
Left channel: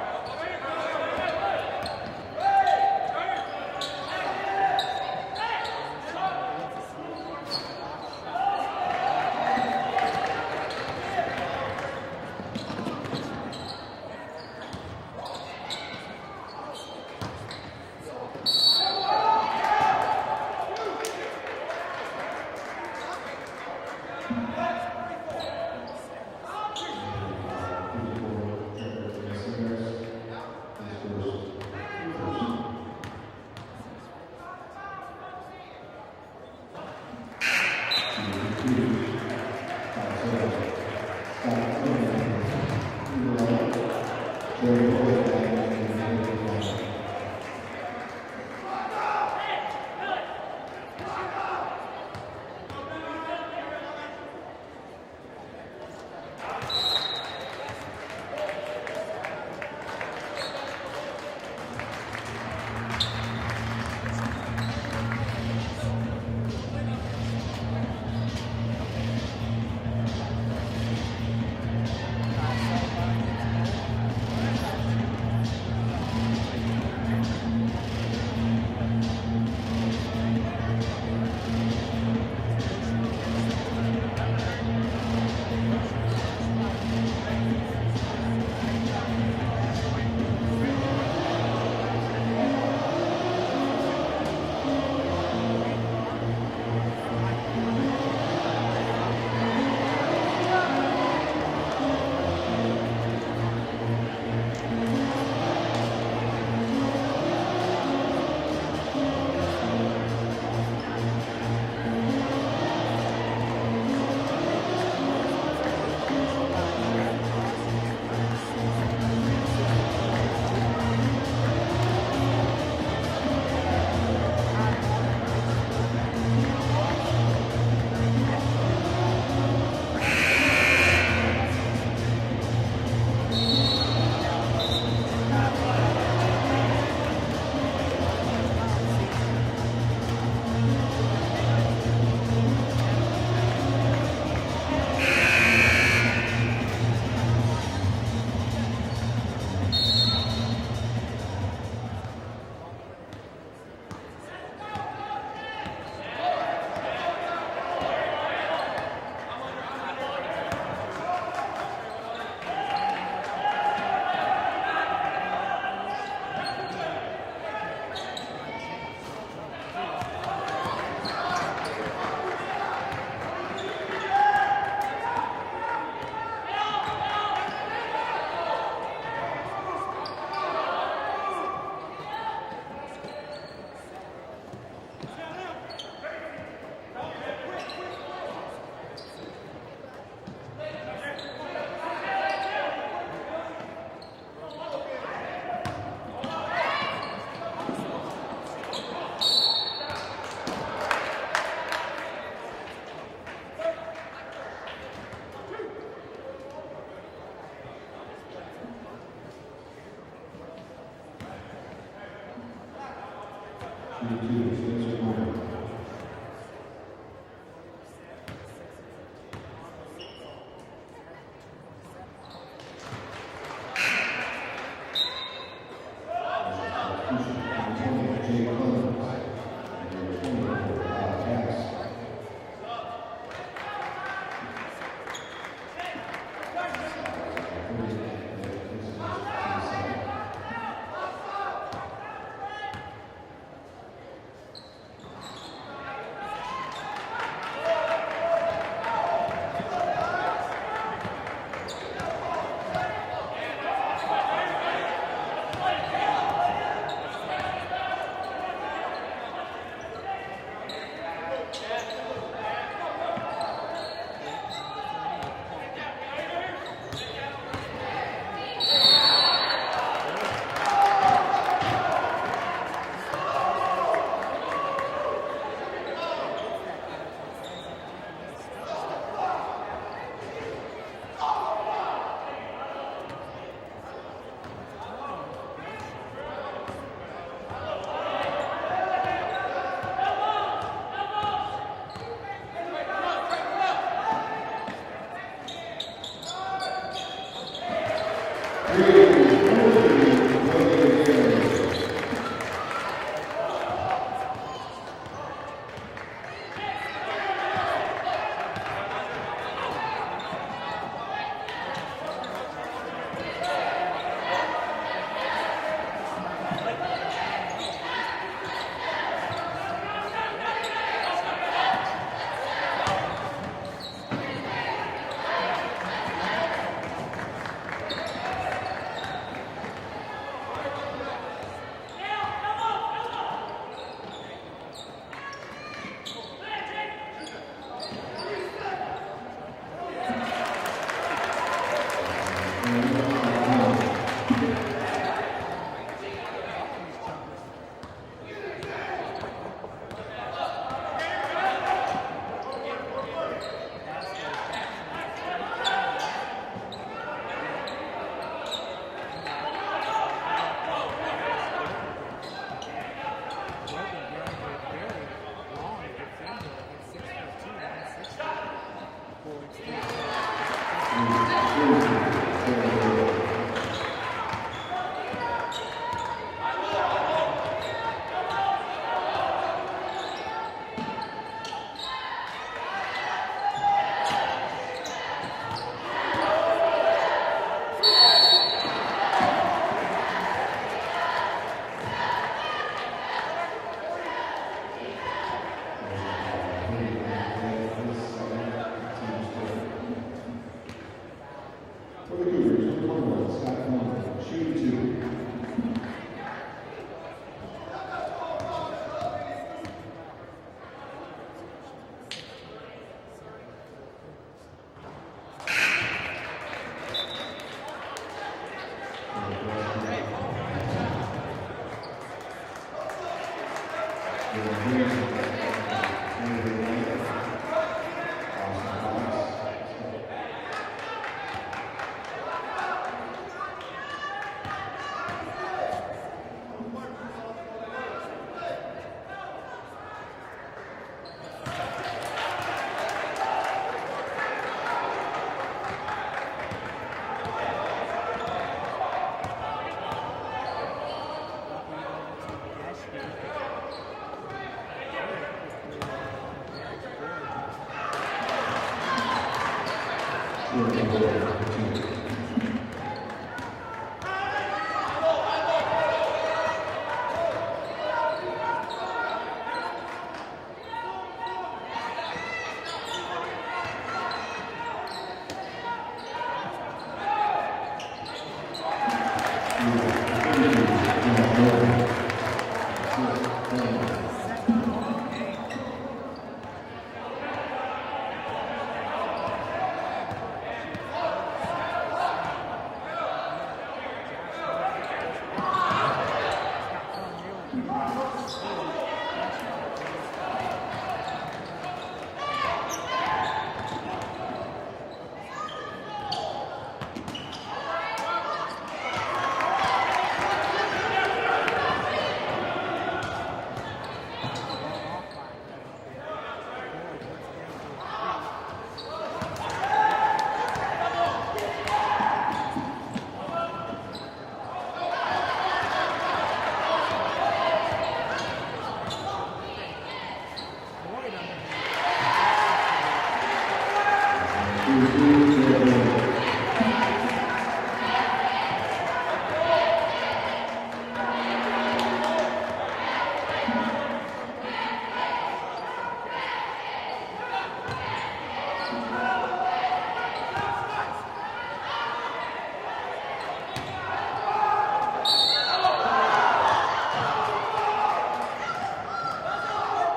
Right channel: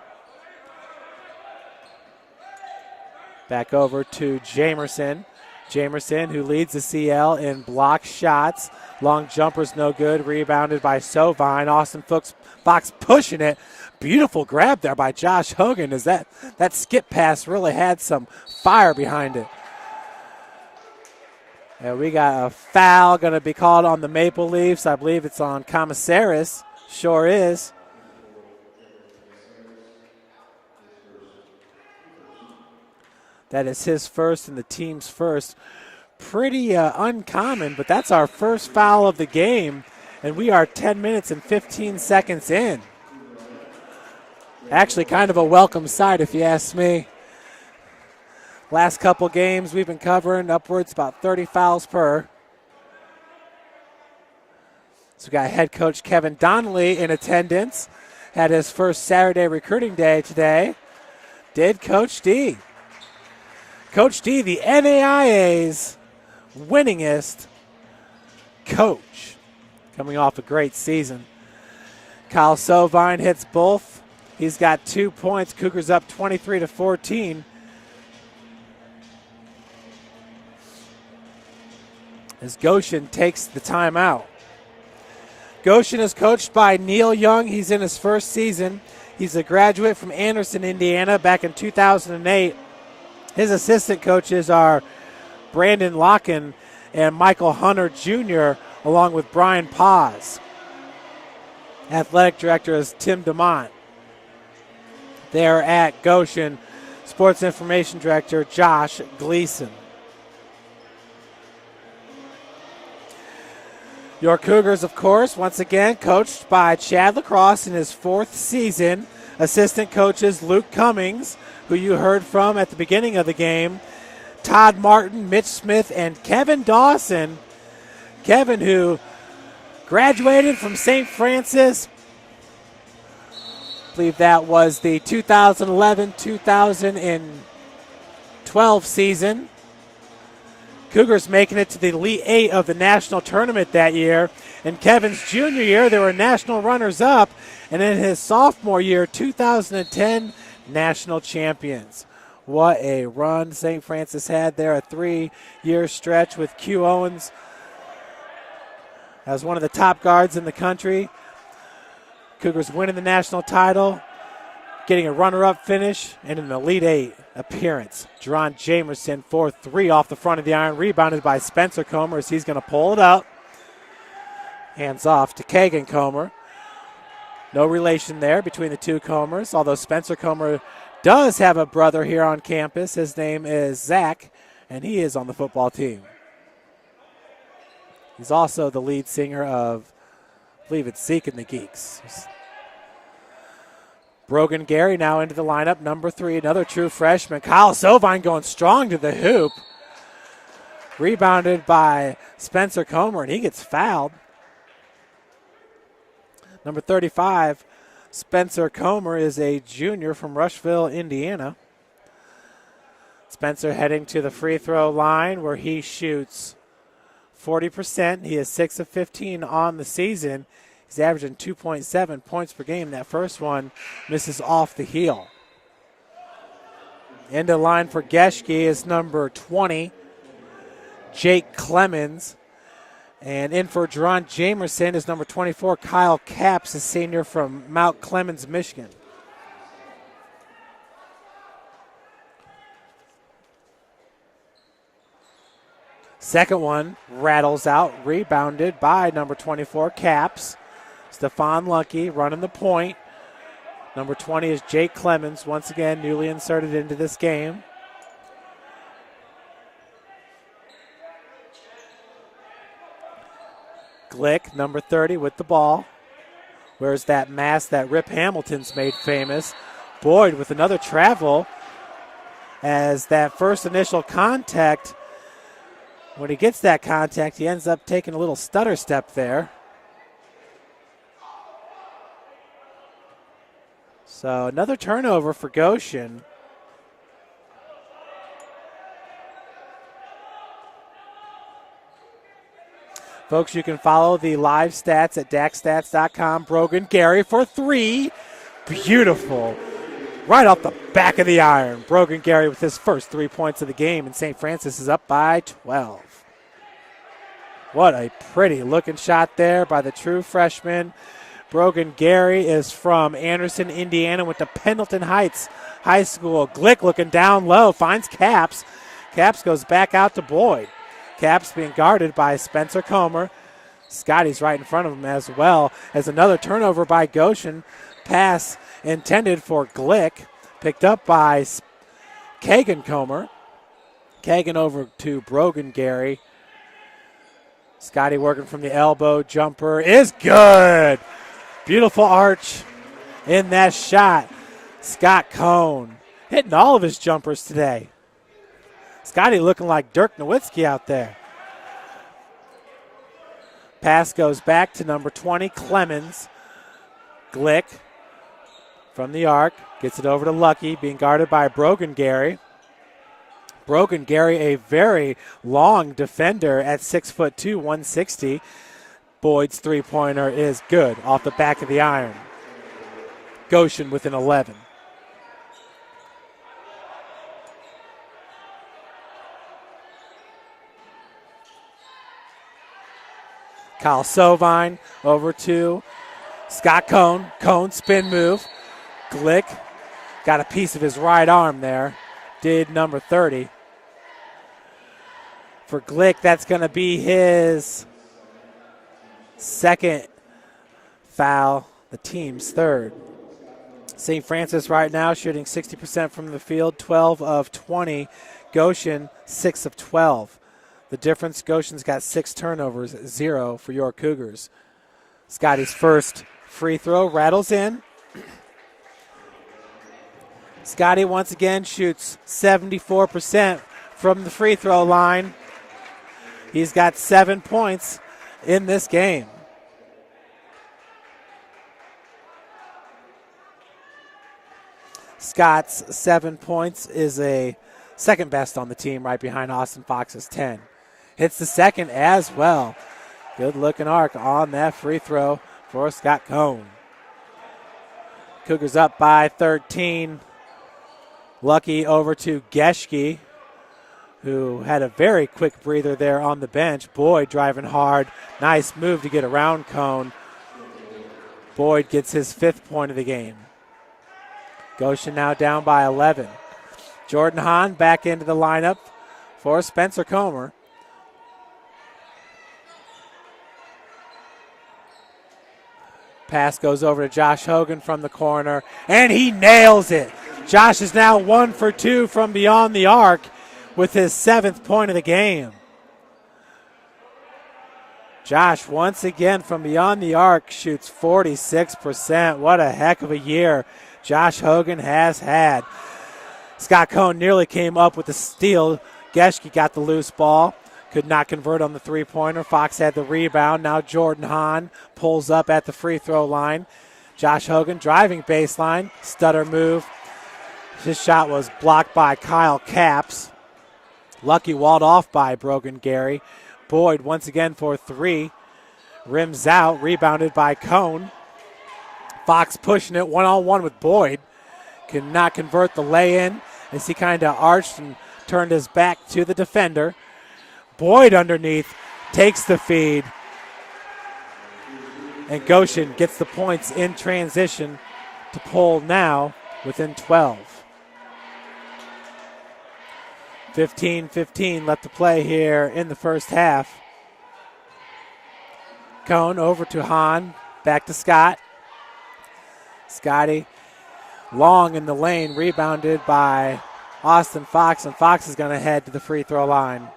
Back over to Jamerson. Jamerson, who leads the CL in block shots. Long jumper's no good, rebounded by Sovine. Austin Fox pushing it. Beautiful grab there by Josh Hogan, as that skip pass really had some fire behind it. And we got a foul going to be called on the Maple Leafs. I believe it's on Commissaris. Sure is. That is his first and the team's first. pretty uncommon, but that's our first foul of the game, and we are 10 minutes and 15 seconds in. Actually kind of a welcome sight if you ask me. Last couple games we've been covering upwards about 30 fouls per. So we got head coach Kevin Donnelly in attendance. Had his first Saturday recruiting day today. Did Coach D. Coach D, the NAIA's winningest coach, coming off a great season. Kyle Sovine hits both. He's got 2 points. Cougars up 23-14. As Goshen takes the timeout. Goshen is coached by Neil Young. He's in his first season. He's a graduate from Anderson, Indiana, back in 2008. His assistant coaches are Brandon Locken and Michael Hunter Jr., along with Brian Paz. Athletic director is Tim DeMont. There at Goshen, sports information director Josh Gleason. Your Cougars, of course, once again coached by Chad Lacrosse in his 4th season. Assistant coaches Luke Cummings, who you heard from at the beginning of the game, Todd Martin, Mitch Smith, and Kevin Dawson. Kevin, who graduated from St. Francis. I believe that was the 2011-2012 season. Cougars making it to the Elite 8 of the national tournament that year. In Kevin's junior year, they were national runners-up, and in his sophomore year, 2010, national champions. What a run St. Francis had there, a 3-year stretch with Q Owens as one of the top guards in the country. Cougars winning the national title, getting a runner-up finish, and an Elite 8 appearance. Jerron Jamerson, 4-3 off the front of the iron, rebounded by Spencer Comer as he's going to pull it up. Hands off to Kagan Comer. No relation there between the two Comers, although Spencer Comer does have a brother here on campus. His name is Zach, and he is on the football team. He's also the lead singer of, I believe it's Zeke and the Geeks. Brogan Gary now into the lineup, number 3, another true freshman. Kyle Sovine going strong to the hoop. Rebounded by Spencer Comer, and he gets fouled. Number 35, Spencer Comer, is a junior from Rushville, Indiana. Spencer heading to the free throw line where he shoots 40%. He is 6 of 15 on the season. He's averaging 2.7 points per game. That first one misses off the heel. End of line for Geschke is number 20, Jake Clemens. And in for Jerron Jamerson is number 24, Kyle Capps, a senior from Mount Clemens, Michigan. Second one rattles out, rebounded by number 24, Capps. Stephon Lucky running the point. Number 20 is Jake Clemens, once again newly inserted into this game. Glick, number 30, with the ball. Where's that mask that Rip Hamilton's made famous? Boyd with another travel, as that first initial contact, when he gets that contact, he ends up taking a little stutter step there. So another turnover for Goshen. Folks, you can follow the live stats at DaxStats.com. Brogan Gary for 3. Beautiful. Right off the back of the iron. Brogan Gary with his first 3 points of the game, and St. Francis is up by 12. What a pretty looking shot there by the true freshman. Brogan Gary is from Anderson, Indiana, with the Pendleton Heights High School. Glick looking down low, finds Capps. Capps goes back out to Boyd. Capps being guarded by Spencer Comer. Scotty's right in front of him as well. As another turnover by Goshen. Pass intended for Glick, picked up by Kagan Comer. Kagan over to Brogan Gary. Scotty working from the elbow. Jumper is good. Beautiful arch in that shot. Scott Cohn hitting all of his jumpers today. Scotty looking like Dirk Nowitzki out there. Pass goes back to number 20, Clemens. Glick from the arc, gets it over to Lucky, being guarded by Brogan Gary. Brogan Gary, a very long defender at 6'2", 160. Boyd's three-pointer is good off the back of the iron. Goshen with an 11. Kyle Sovine over to Scott Cohn. Cohn spin move. Glick got a piece of his right arm there. Did number 30. For Glick, that's going to be his second foul, the team's third. St. Francis right now shooting 60% from the field, 12 of 20. Goshen, 6 of 12. The difference, Goshen's got 6 turnovers, 0 for your Cougars. Scotty's first free throw rattles in. Scotty once again shoots 74% from the free throw line. He's got 7 points in this game. Scott's 7 points is a second best on the team, right behind Austin Fox's 10. Hits the second as well. Good looking arc on that free throw for Scott Cohn. Cougars up by 13. Lucky over to Geschke, who had a very quick breather there on the bench. Boyd driving hard. Nice move to get around Cohn. Boyd gets his 5th point of the game. Goshen now down by 11. Jordan Hahn back into the lineup for Spencer Comer. Pass goes over to Josh Hogan from the corner, and he nails it. Josh is now 1 for 2 from beyond the arc with his 7th point of the game. Josh, once again from beyond the arc, shoots 46%. What a heck of a year Josh Hogan has had. Scott Cohn nearly came up with the steal. Geschke got the loose ball, could not convert on the three-pointer. Fox had the rebound. Now Jordan Hahn pulls up at the free throw line. Josh Hogan driving baseline, stutter move. His shot was blocked by Kyle Capps. Lucky walled off by Brogan Gary. Boyd once again for 3. Rims out, rebounded by Cohn. Fox pushing it one-on-one with Boyd. Could not convert the lay-in as he kind of arched and turned his back to the defender. Boyd underneath takes the feed. And Goshen gets the points in transition to pull now within 12. 15-15 left to play here in the first half. Cohn over to Hahn, back to Scott. Scotty long in the lane, rebounded by Austin Fox, and Fox is going to head to the free throw line.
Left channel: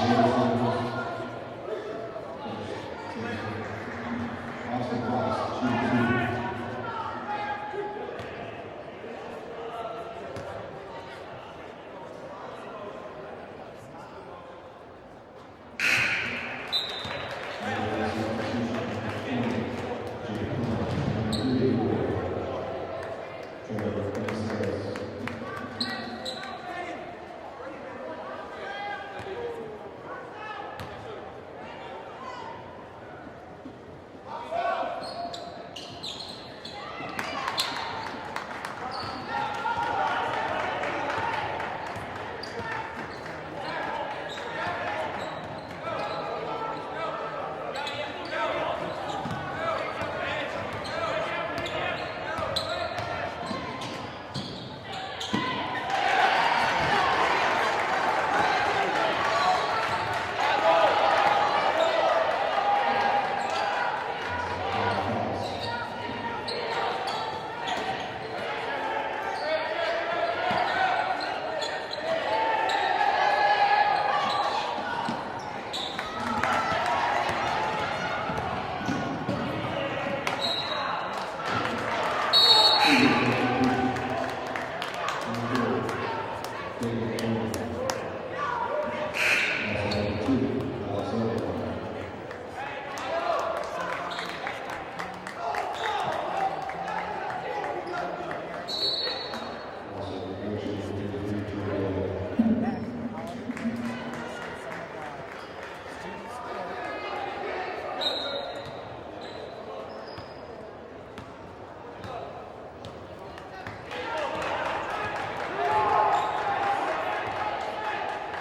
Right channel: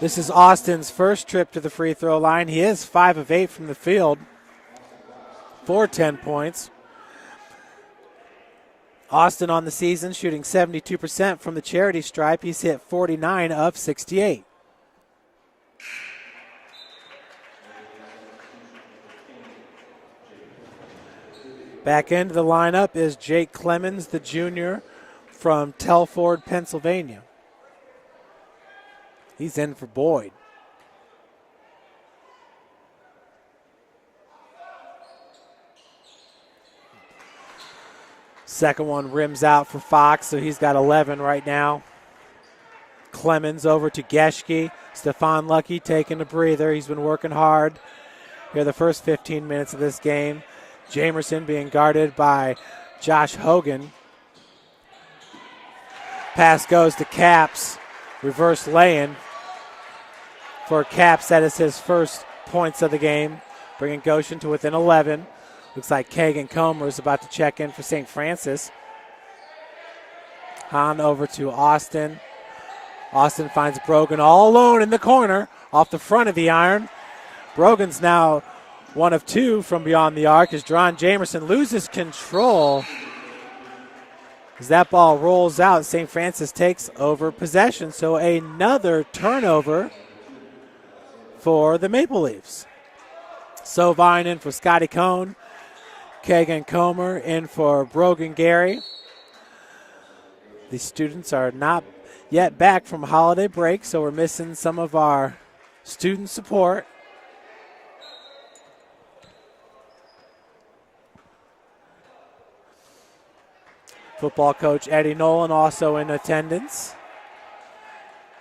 This is Austin's first trip to the free throw line. He is 5 of 8 from the field for 10 points. Austin on the season shooting 72% from the charity stripe. He's hit 49 of 68. Back into the lineup is Jake Clemens, the junior from Telford, Pennsylvania. He's in for Boyd. Second one rims out for Fox, so he's got 11 right now. Clemens over to Geschke. Stephon Lucky taking a breather. He's been working hard for the first 15 minutes of this game. Jamerson being guarded by Josh Hogan. Pass goes to Capps. Reverse lay-in for Capps. That is his first points of the game, bringing Goshen to within 11. Looks like Kagan Comer is about to check in for St. Francis. Hahn over to Austin. Austin finds Brogan all alone in the corner off the front of the iron. Brogan's now 1 of 2 from beyond the arc as Dron Jamerson loses control. As that ball rolls out, St. Francis takes over possession. So another turnover for the Maple Leafs. Sovine in for Scotty Cohn. Kagan Comer in for Brogan Gary. These students are not yet back from holiday break, so we're missing some of our student support. Football coach Eddie Nolan also in attendance.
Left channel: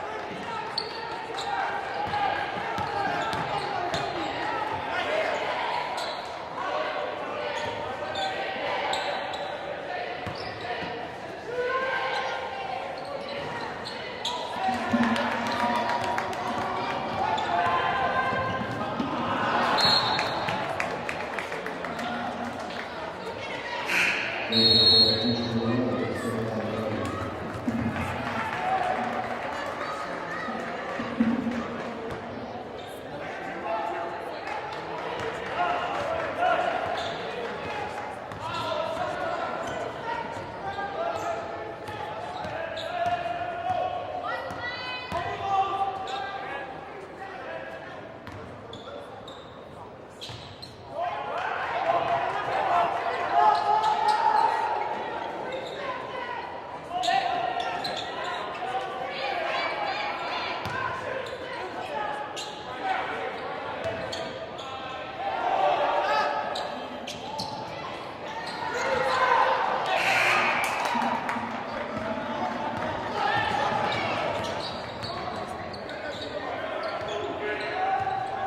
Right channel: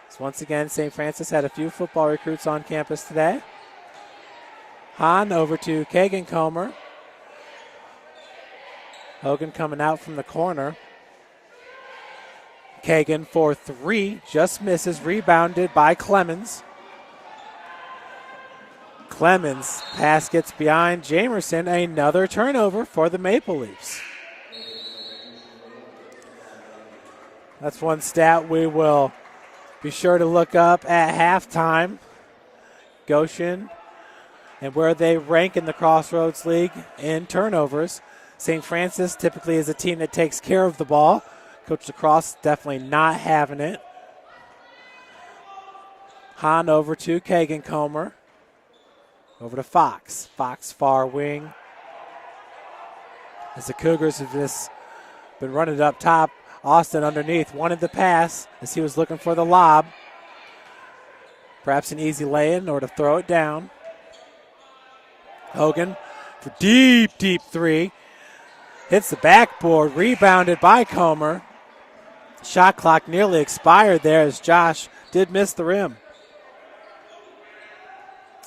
So once again, St. Francis had a few football recruits on campus today. Hahn over to Kagan Comer. Hogan coming out from the corner. Kagan for 3, just misses, rebounded by Clemens. Clemens pass gets behind Jamerson, another turnover for the Maple Leafs. That's one stat we will be sure to look up at halftime. Goshen and where they rank in the Crossroads League in turnovers. St. Francis typically is a team that takes care of the ball. Coach Lacrosse definitely not having it. Hahn over to Kagan Comer. Over to Fox. Fox far wing. As the Cougars have just been running it up top. Austin underneath wanted the pass as he was looking for the lob. Perhaps an easy lay-in or to throw it down. Hogan, it's a deep, deep 3. Hits the backboard, rebounded by Comer. Shot clock nearly expired there as Josh did miss the rim.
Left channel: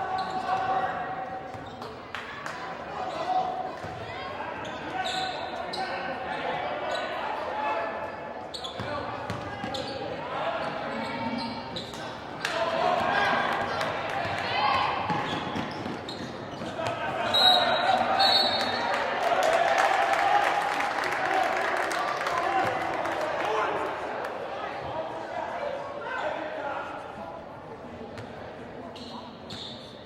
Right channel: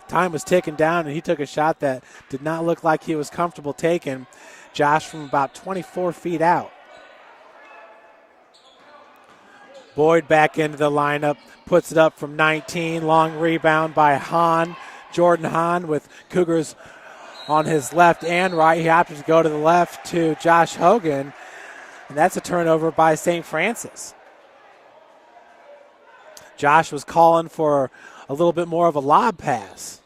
Time was ticking down and he took a shot that did not look like he was comfortable taking. Josh from about 24 feet out. Boyd back into the lineup, puts it up from 19. Long rebound by Hahn. Jordan Hahn with Cougars on his left and right. He happens to go to the left to Josh Hogan. And that's a turnover by St. Francis. Josh was calling for a little bit more of a lob pass.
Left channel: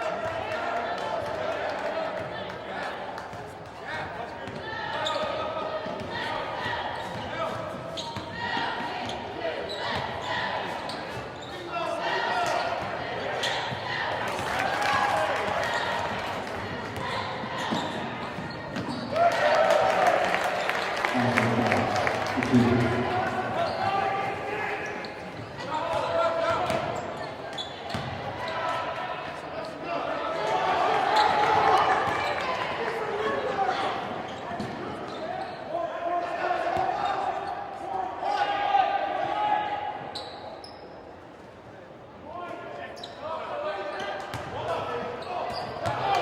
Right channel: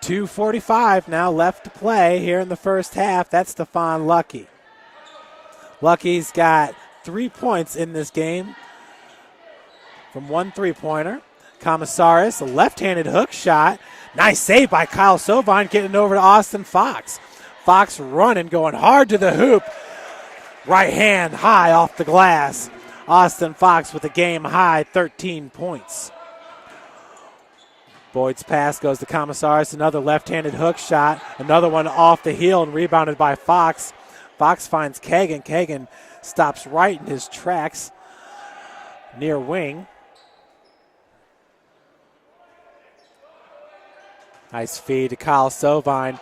.245 now left to play here in the first half. That's Stephon Lucky. Lucky's got 3 points in this game from 1 3-pointer. Commissaris, a left-handed hook shot. Nice save by Kyle Sovine getting over to Austin Fox. Fox running, going hard to the hoop. Right hand high off the glass. Austin Fox with a game high 13 points. Boyd's pass goes to Commissaris, another left-handed hook shot. Another one off the heel and rebounded by Fox. Fox finds Kagan. Kagan stops right in his tracks near wing. Nice feed to Kyle Sovine.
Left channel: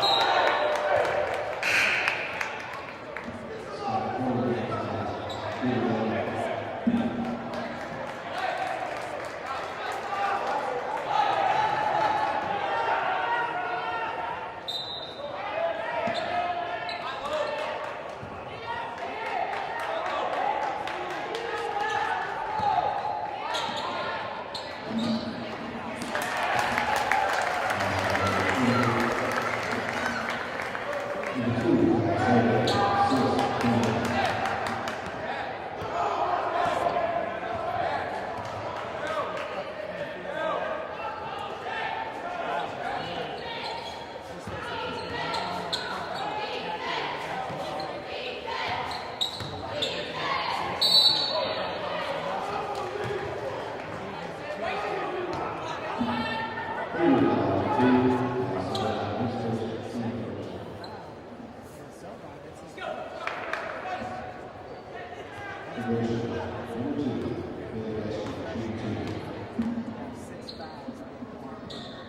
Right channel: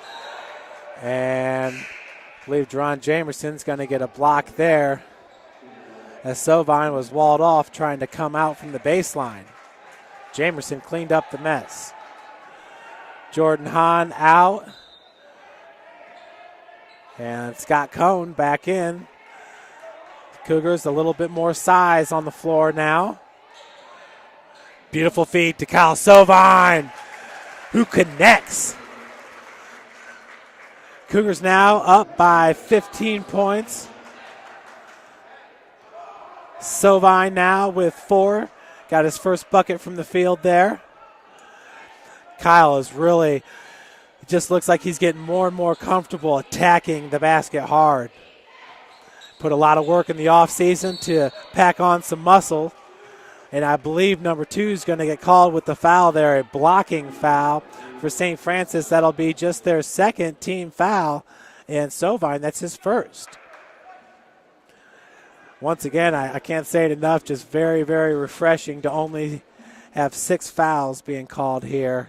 And I believe Dron Jamerson's going to get a block there as Sovine was walled off trying to come out from the baseline. Jamerson cleaned up the mess. Jordan Hahn out. And Scott Cohn back in. Cougars a little bit more size on the floor now. Beautiful feed to Kyle Sovine, who connects. Cougars now up by 15 points. Sovine now with 4. Got his first bucket from the field there. Kyle is really, just looks like he's getting more and more comfortable attacking the basket hard. Put a lot of work in the offseason to pack on some muscle. And I believe number 2 is going to get called with the foul there, a blocking foul for St. Francis. That'll be just their second team foul. And Sovine, that's his first. Once again, I can't say it enough, just very, very refreshing to only have 6 fouls being called here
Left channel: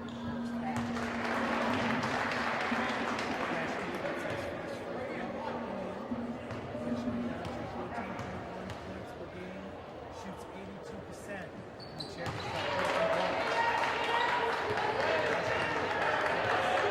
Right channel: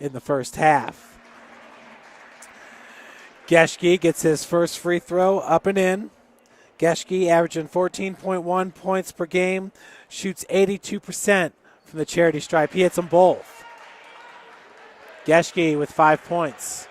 in the first half. Geschke gets his first free throw up and in. Geschke averaging 14.1 points per game, shoots 82% from the charity stripe. He hits them both. Geschke with 5 points.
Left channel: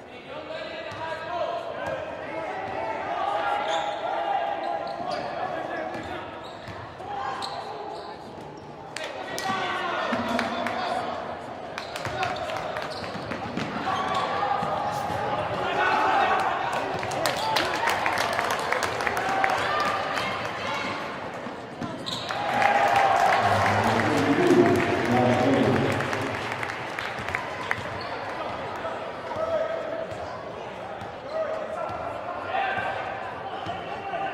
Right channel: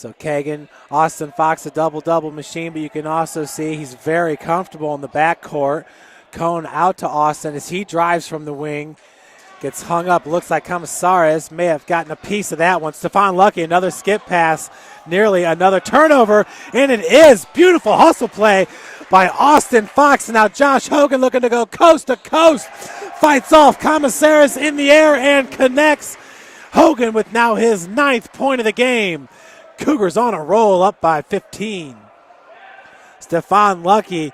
So Kagan, Austin Fox, a double-double machine, but you can also see he's very comfortable in the backcourt. Cone out to Austin as he drives from the wing. Gets hung up, looks like Camasares may have gotten a piece of that one. Stephon Lucky, another skip pass, nearly another turnover, and it is beautiful hustle play by Austin Fox. Now Josh Hogan looking to go coast to coast. Fights off Camasares in the air and connects. Hogan with now his 9th point of the game. Cougars on a roll, up by 15. Stephon Lucky.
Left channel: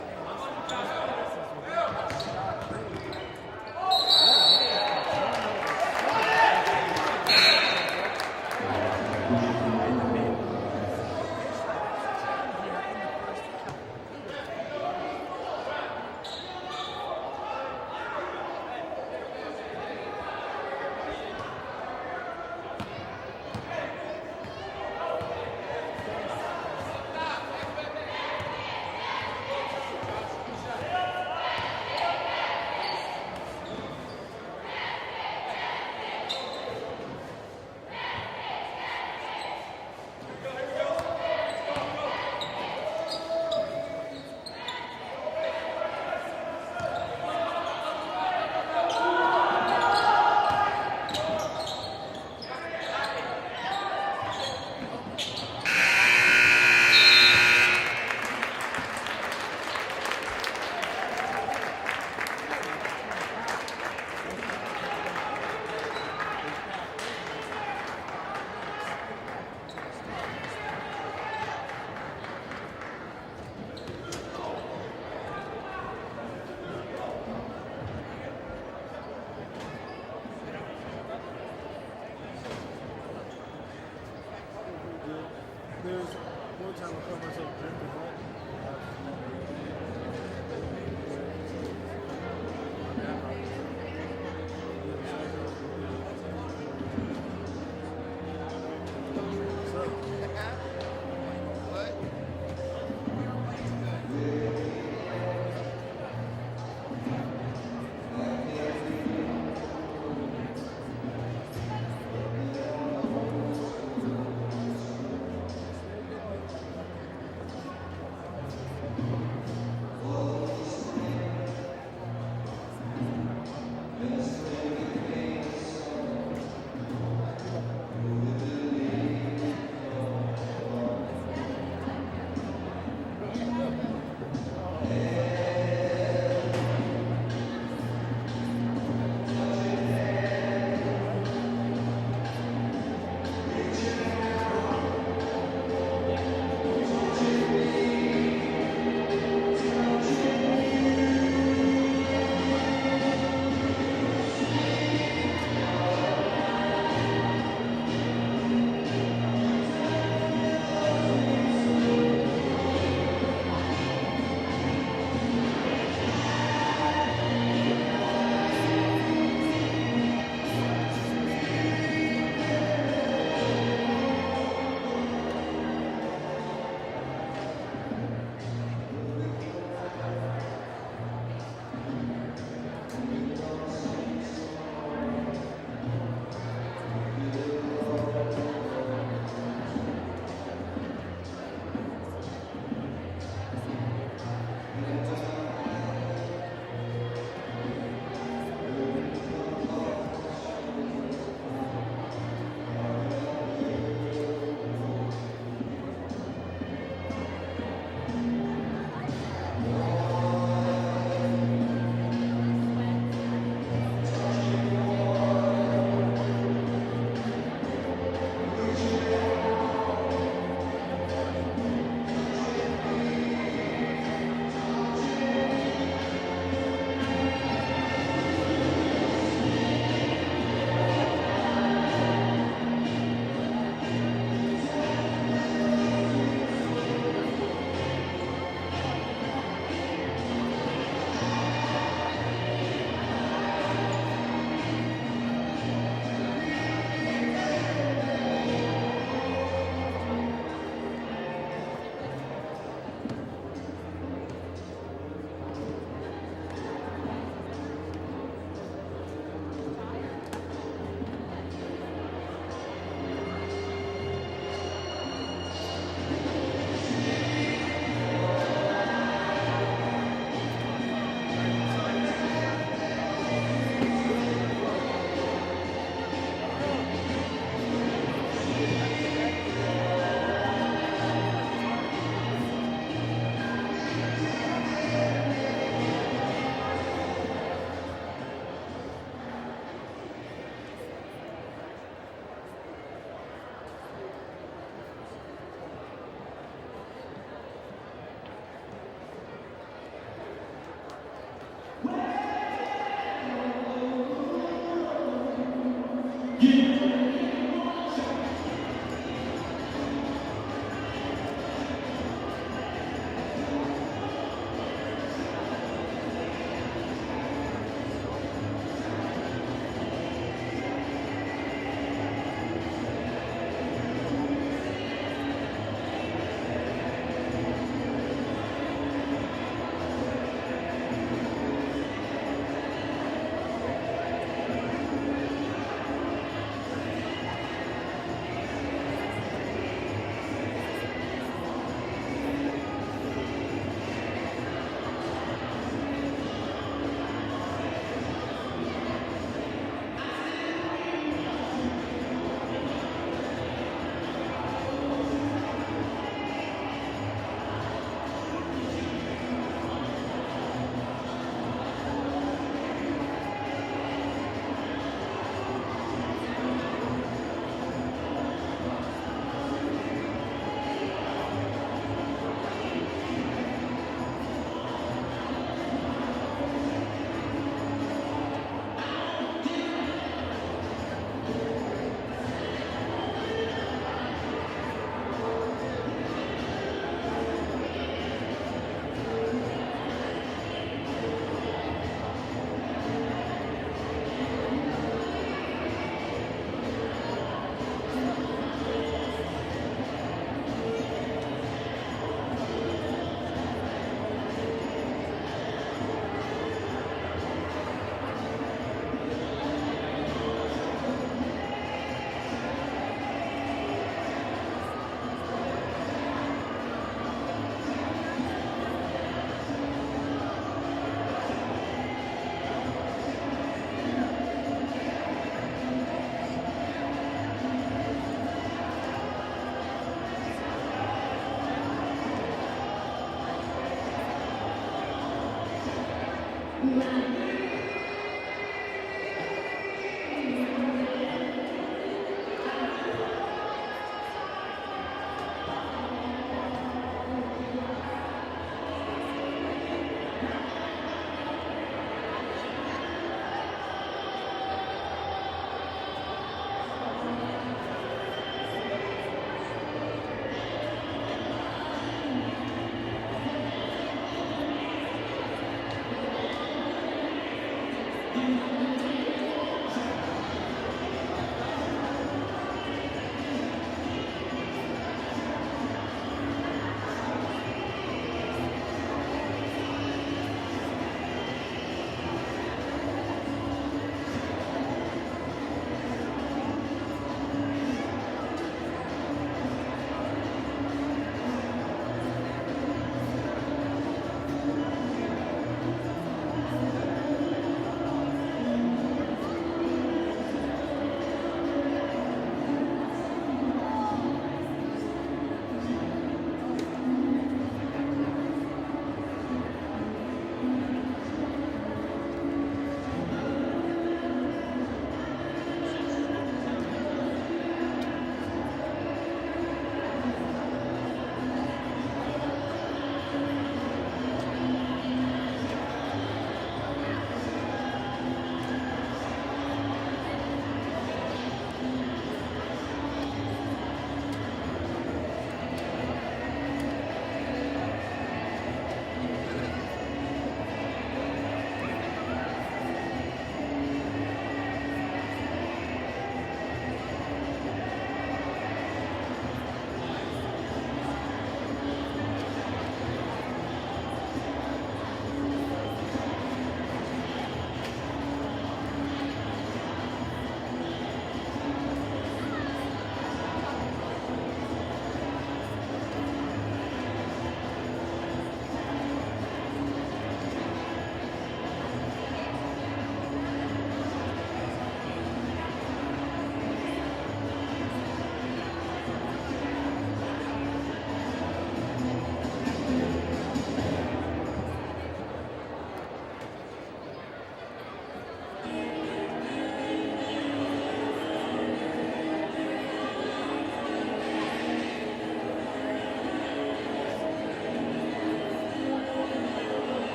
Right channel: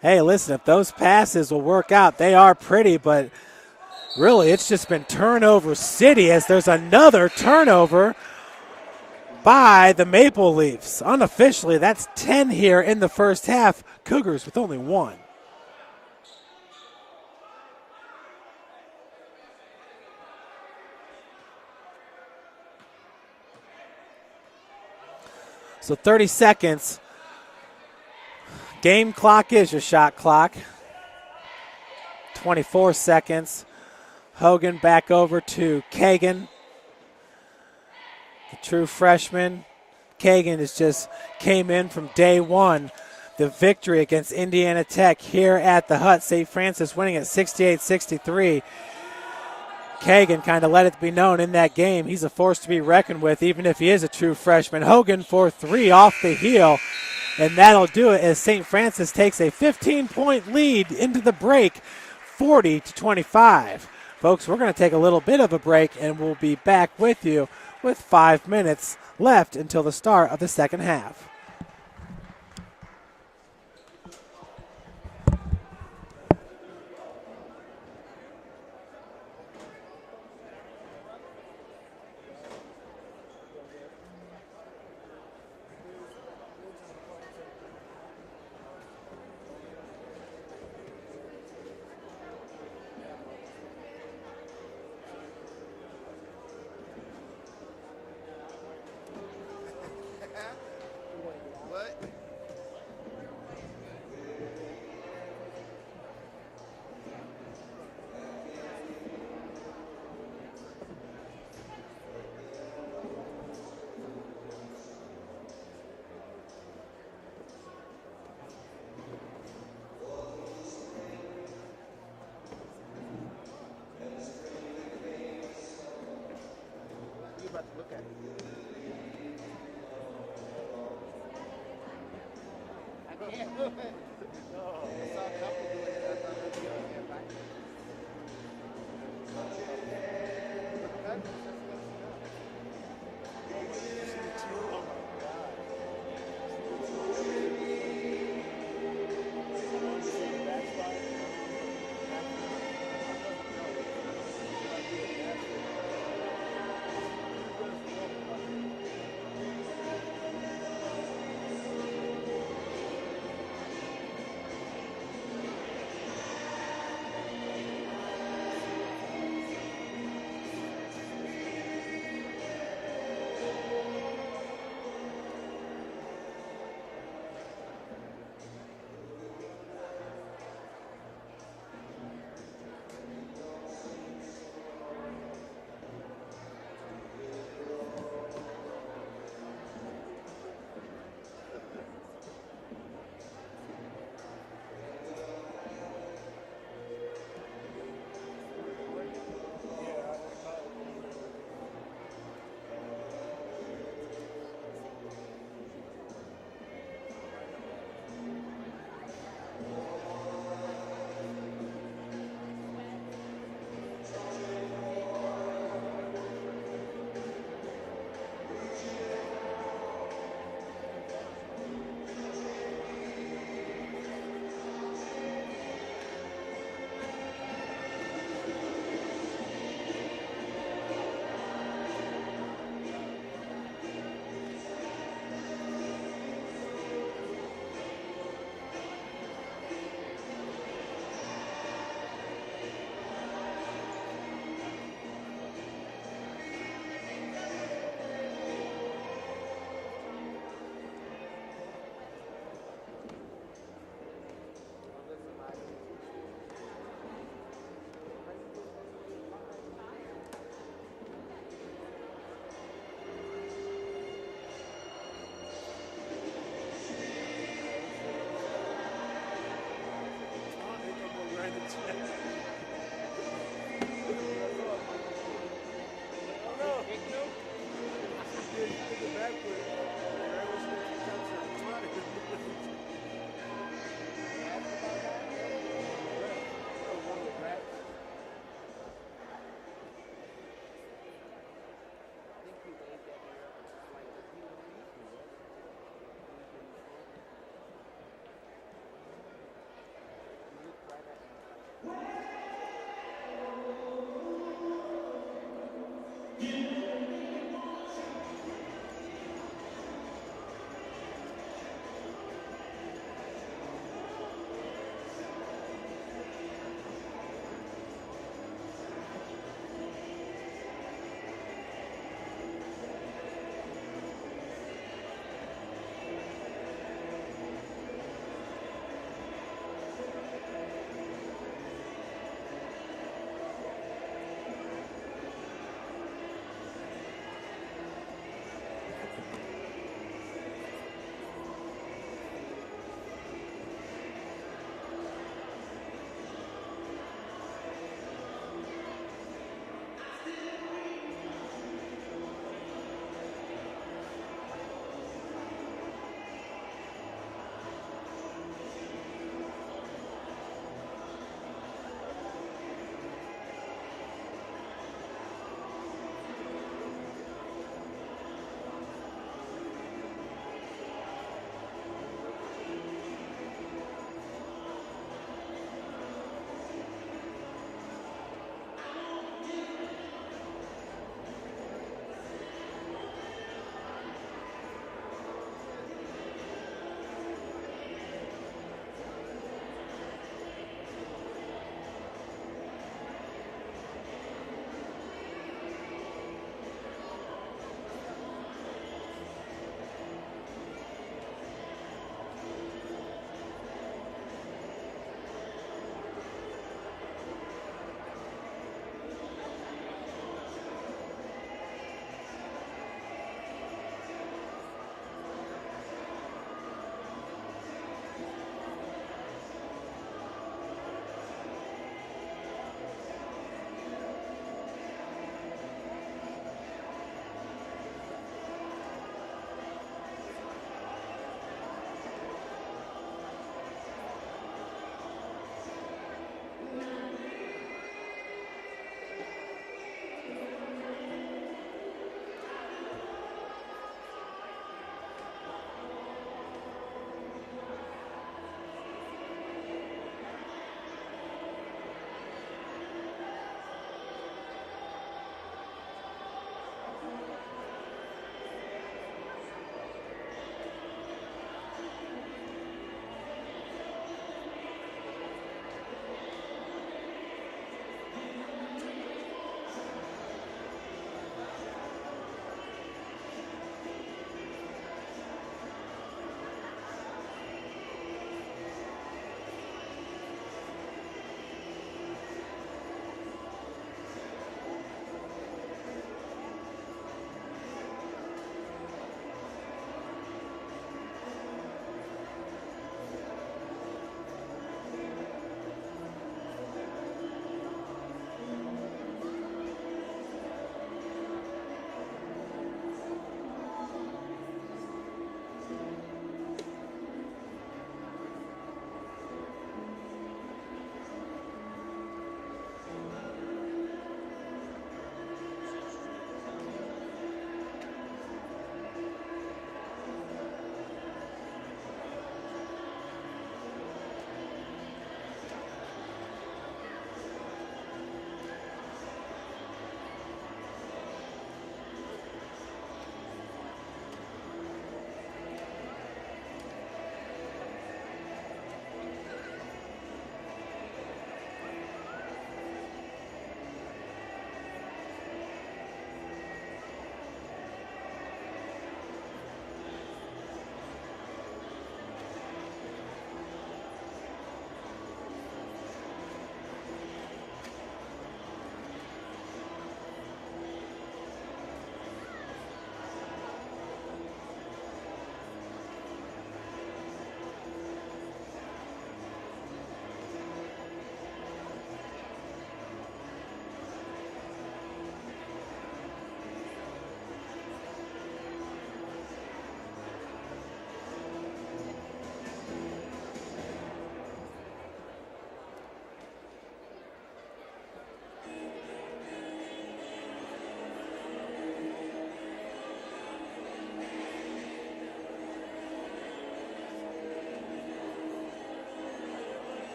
Hey, listen, if those passes will work out, they are pretty, but really it's just been turnover city as there's another turnover by the Maple Leafs. Unofficially, that's 10 here in the first half. Cougars with only 1. So 30 seconds. Game clock is your shot clock. 24 seconds. Hogan back over to Kagan. The true freshman. Kagan has just came in from day one. The victory against Indiana Tech here at the Hut. St. Francis winning at 68-63. Kagan kind of let it be known in that game he's a force to be reckoned with, even if he is a true freshman. Hogan for 3 off the heel, and that'll do it as St. Francis takes a 15-point lead into the break, 40-25. Folks, we're going to take a little bit of a break, and we'll be back with you with 5 minutes left until the start of the second half.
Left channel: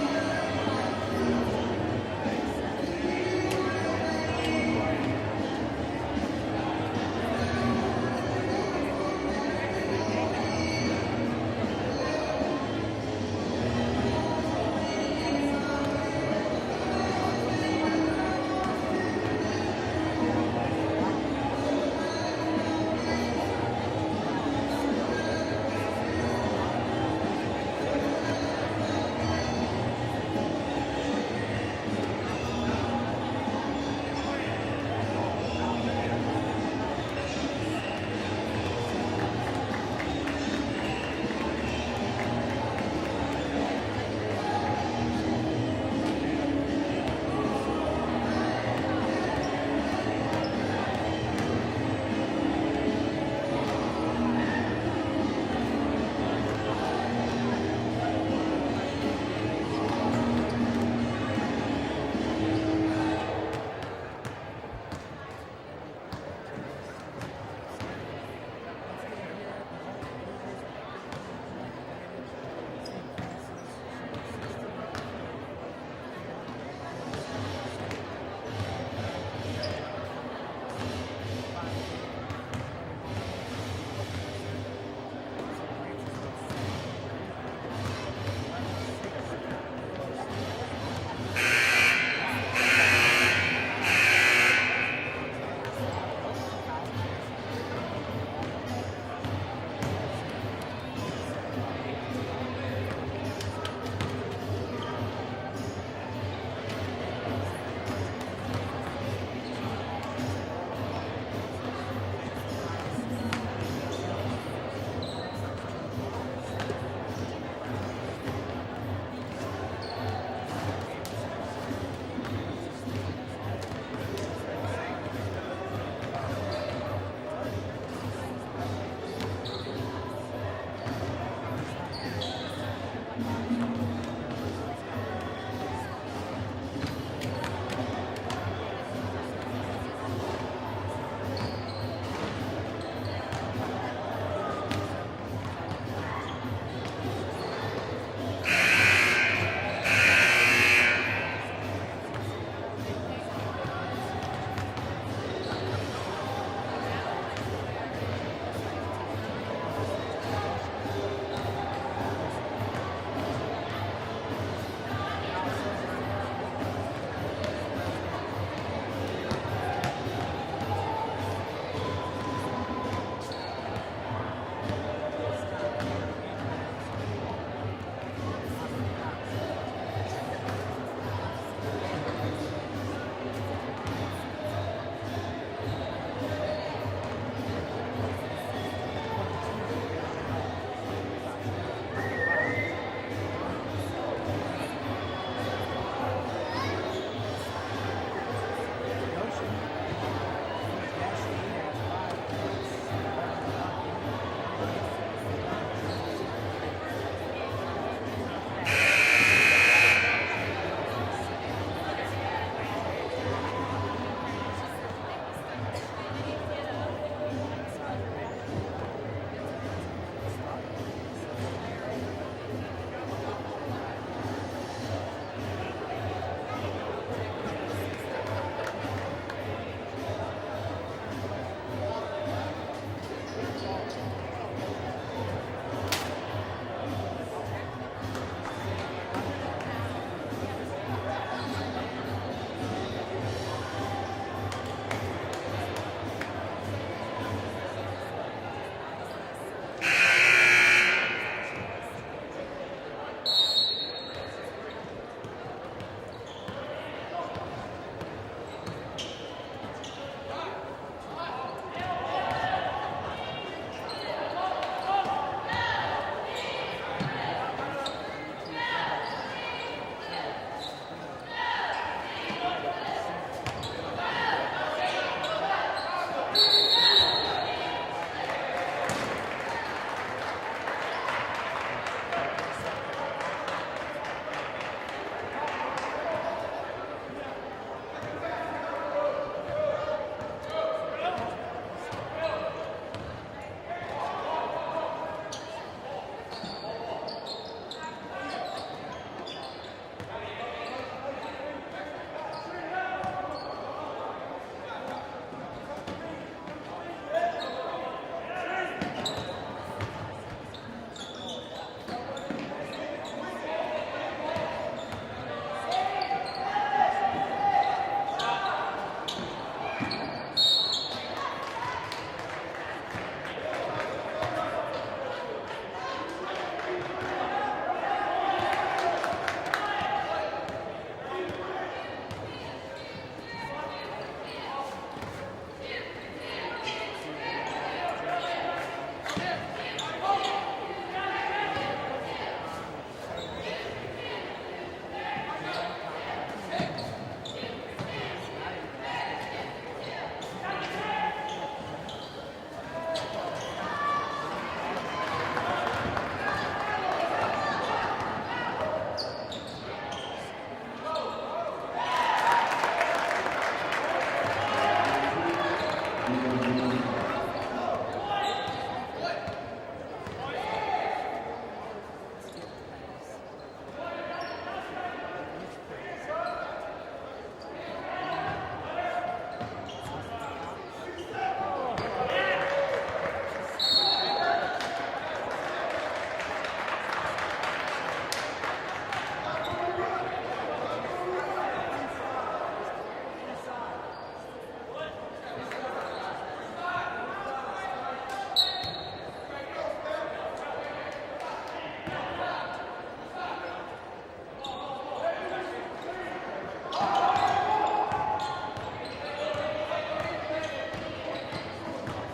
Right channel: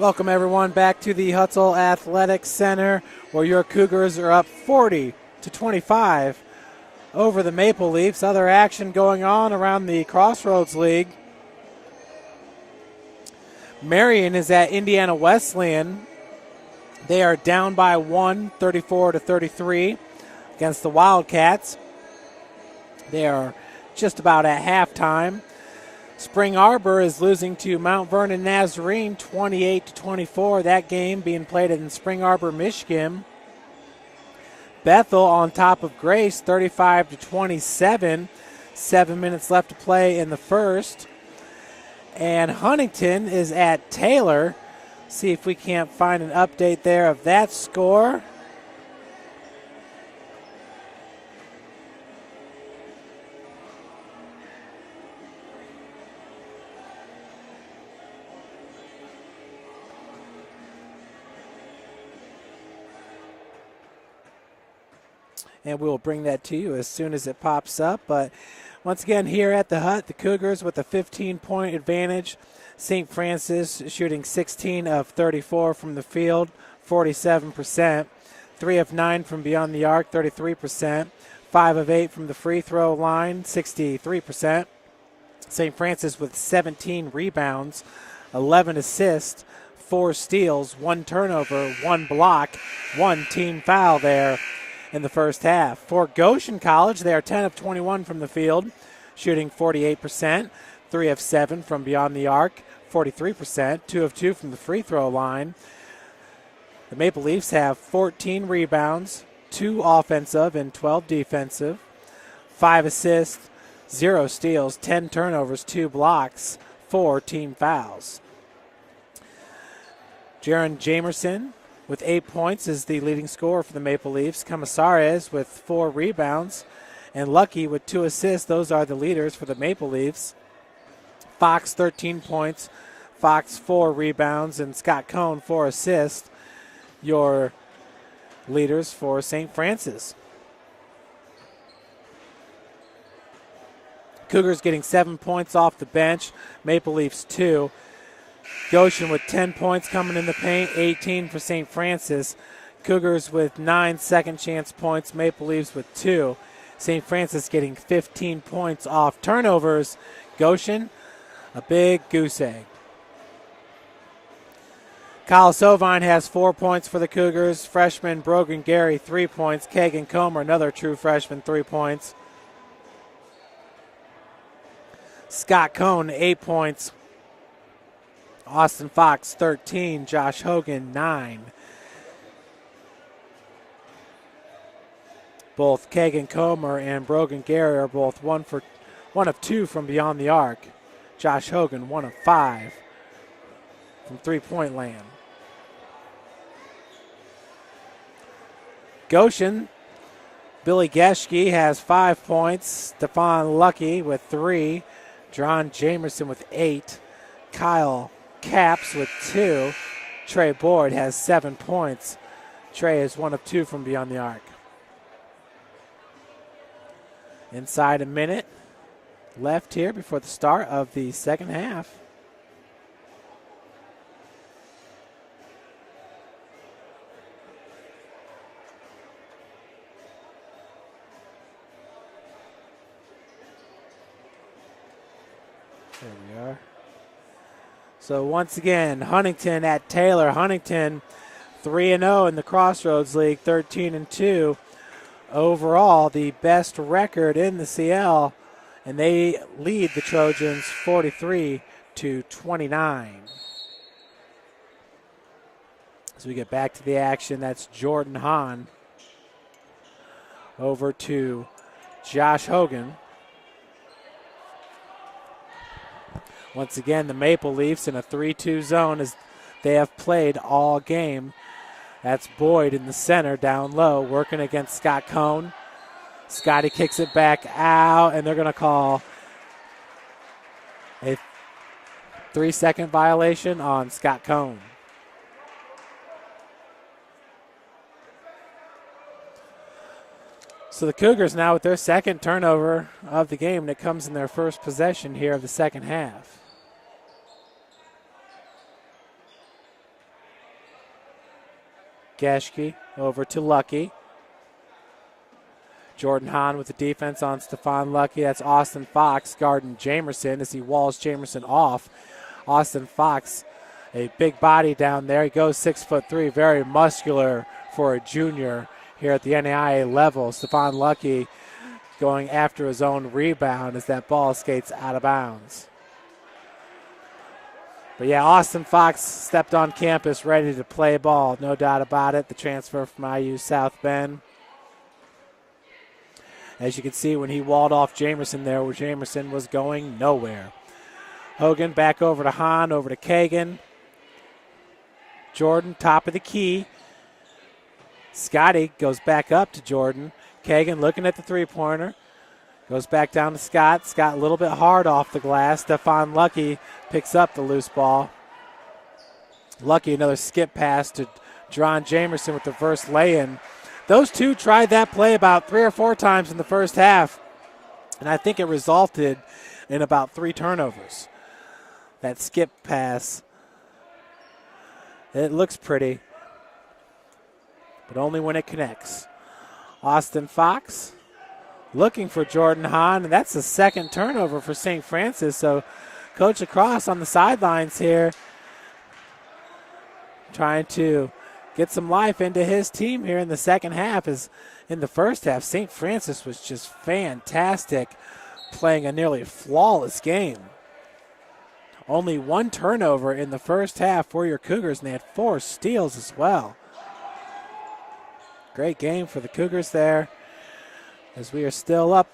Welcome everyone back to the Hutzell Athletic Center, where your Cougars are up 40-25 over the Maple Leafs. Other action going on around the Crossroads League. Marion is at Indiana Wesleyan. They are down by 1, 34-33 against the Wildcats. They are just about at halftime. Spring Arbor is losing to Mount Vernon Nazarene 28-24. That game being played in Spring Arbor, Michigan. Bethel on top of Grace 35-27. 7 minutes left to play in the first. And Huntington is at Taylor. See if we can't find an update there of that score. And we'll bring that to you as soon as it pops up. But once again, here at the Hut, the Cougars with a 15-point advantage. St. Francis shooting 16 of 34 from the field, 47%. 3 of 9 from beyond the arc, 33%. 5 of 8 from the free throw line, 63%. St. Francis with 17 rebounds, 11 assists, 4 steals, 1 turnover, 1 block, 1 team foul there in the first half. For Goshen College, they are 10 of 21 from the field, shooting 48%, 3 of 7 from beyond the arc, 43%, 2 of 2 from the free throw line. The Maple Leafs have 14 rebounds, 2 offensive and 12 defensive, 5 assists, 0 steals, 10 turnovers, 2 blocks, 4 team fouls. Jaron Jamerson with 8 points is the leading scorer for the Maple Leafs. Camasares with 4 rebounds, and Lucky with 2 assists. Those are the leaders for the Maple Leafs. Fox 13 points, Fox 4 rebounds, and Scott Cohn 4 assists. Your leaders for St. Francis. Cougars getting 7 points off the bench, Maple Leafs 2. Goshen with 10 points coming in the paint, 18 for St. Francis. Cougars with 9 second chance points, Maple Leafs with 2. St. Francis getting 15 points off turnovers. Goshen, a big goose egg. Kyle Sovine has 4 points for the Cougars. Freshman Brogan Gary, 3 points. Kagan Comer, another true freshman, 3 points. Scott Cohn, 8 points. Austin Fox, 13. Josh Hogan, 9. Both Kagan Comer and Brogan Gary are both 1 of 2 from beyond the arc. Josh Hogan, 1 of 5 from three-point land. Goshen, Billy Geschke has 5 points. Stephon Lucky with 3. John Jamerson with 8. Kyle Capps with 2. Trey Boyd has 7 points. Trey is 1 of 2 from beyond the arc. Inside a minute left here before the start of the second half. So once again, Huntington at Taylor. Huntington 3-0 in the Crossroads League, 13-2. Overall, the best record in the CL, and they lead the Trojans 43-29. So we get back to the action. That's Jordan Hahn over to Josh Hogan. Once again, the Maple Leafs in a 3-2 zone as they have played all game. That's Boyd in the center, down low, working against Scott Cohn. Scotty kicks it back out, and they're going to call a 3-second violation on Scott Cohn. So the Cougars now with their second turnover of the game that comes in their first possession here of the second half. Geschke over to Lucky. Jordan Hahn with the defense on Stephon Lucky. That's Austin Fox guarding Jamerson as he walls Jamerson off. Austin Fox, a big body down there. He goes 6'3", very muscular for a junior here at the NAIA level. Stephon Lucky going after his own rebound as that ball skates out of bounds. But yeah, Austin Fox stepped on campus ready to play ball, no doubt about it. The transfer from IU South Bend. As you can see when he walled off Jamerson there, where Jamerson was going nowhere. Hogan back over to Hahn, over to Kagan. Jordan, top of the key. Scotty goes back up to Jordan. Kagan looking at the three-pointer. Goes back down to Scott. Scott a little bit hard off the glass. Stephon Lucky picks up the loose ball. Lucky, another skip pass to John Jamerson with the first lay-in. Those two tried that play about 3 or 4 times in the first half, and I think it resulted in about 3 turnovers. That skip pass, it looks pretty, but only when it connects. Austin Fox looking for Jordan Hahn, and that's the second turnover for St. Francis, so Coach Lacrosse on the sidelines here trying to get some life into his team here in the second half. As in the first half, St. Francis was just fantastic, playing a nearly flawless game. Only 1 turnover in the first half for your Cougars, and they had 4 steals as well. Great game for the Cougars there, as we are still up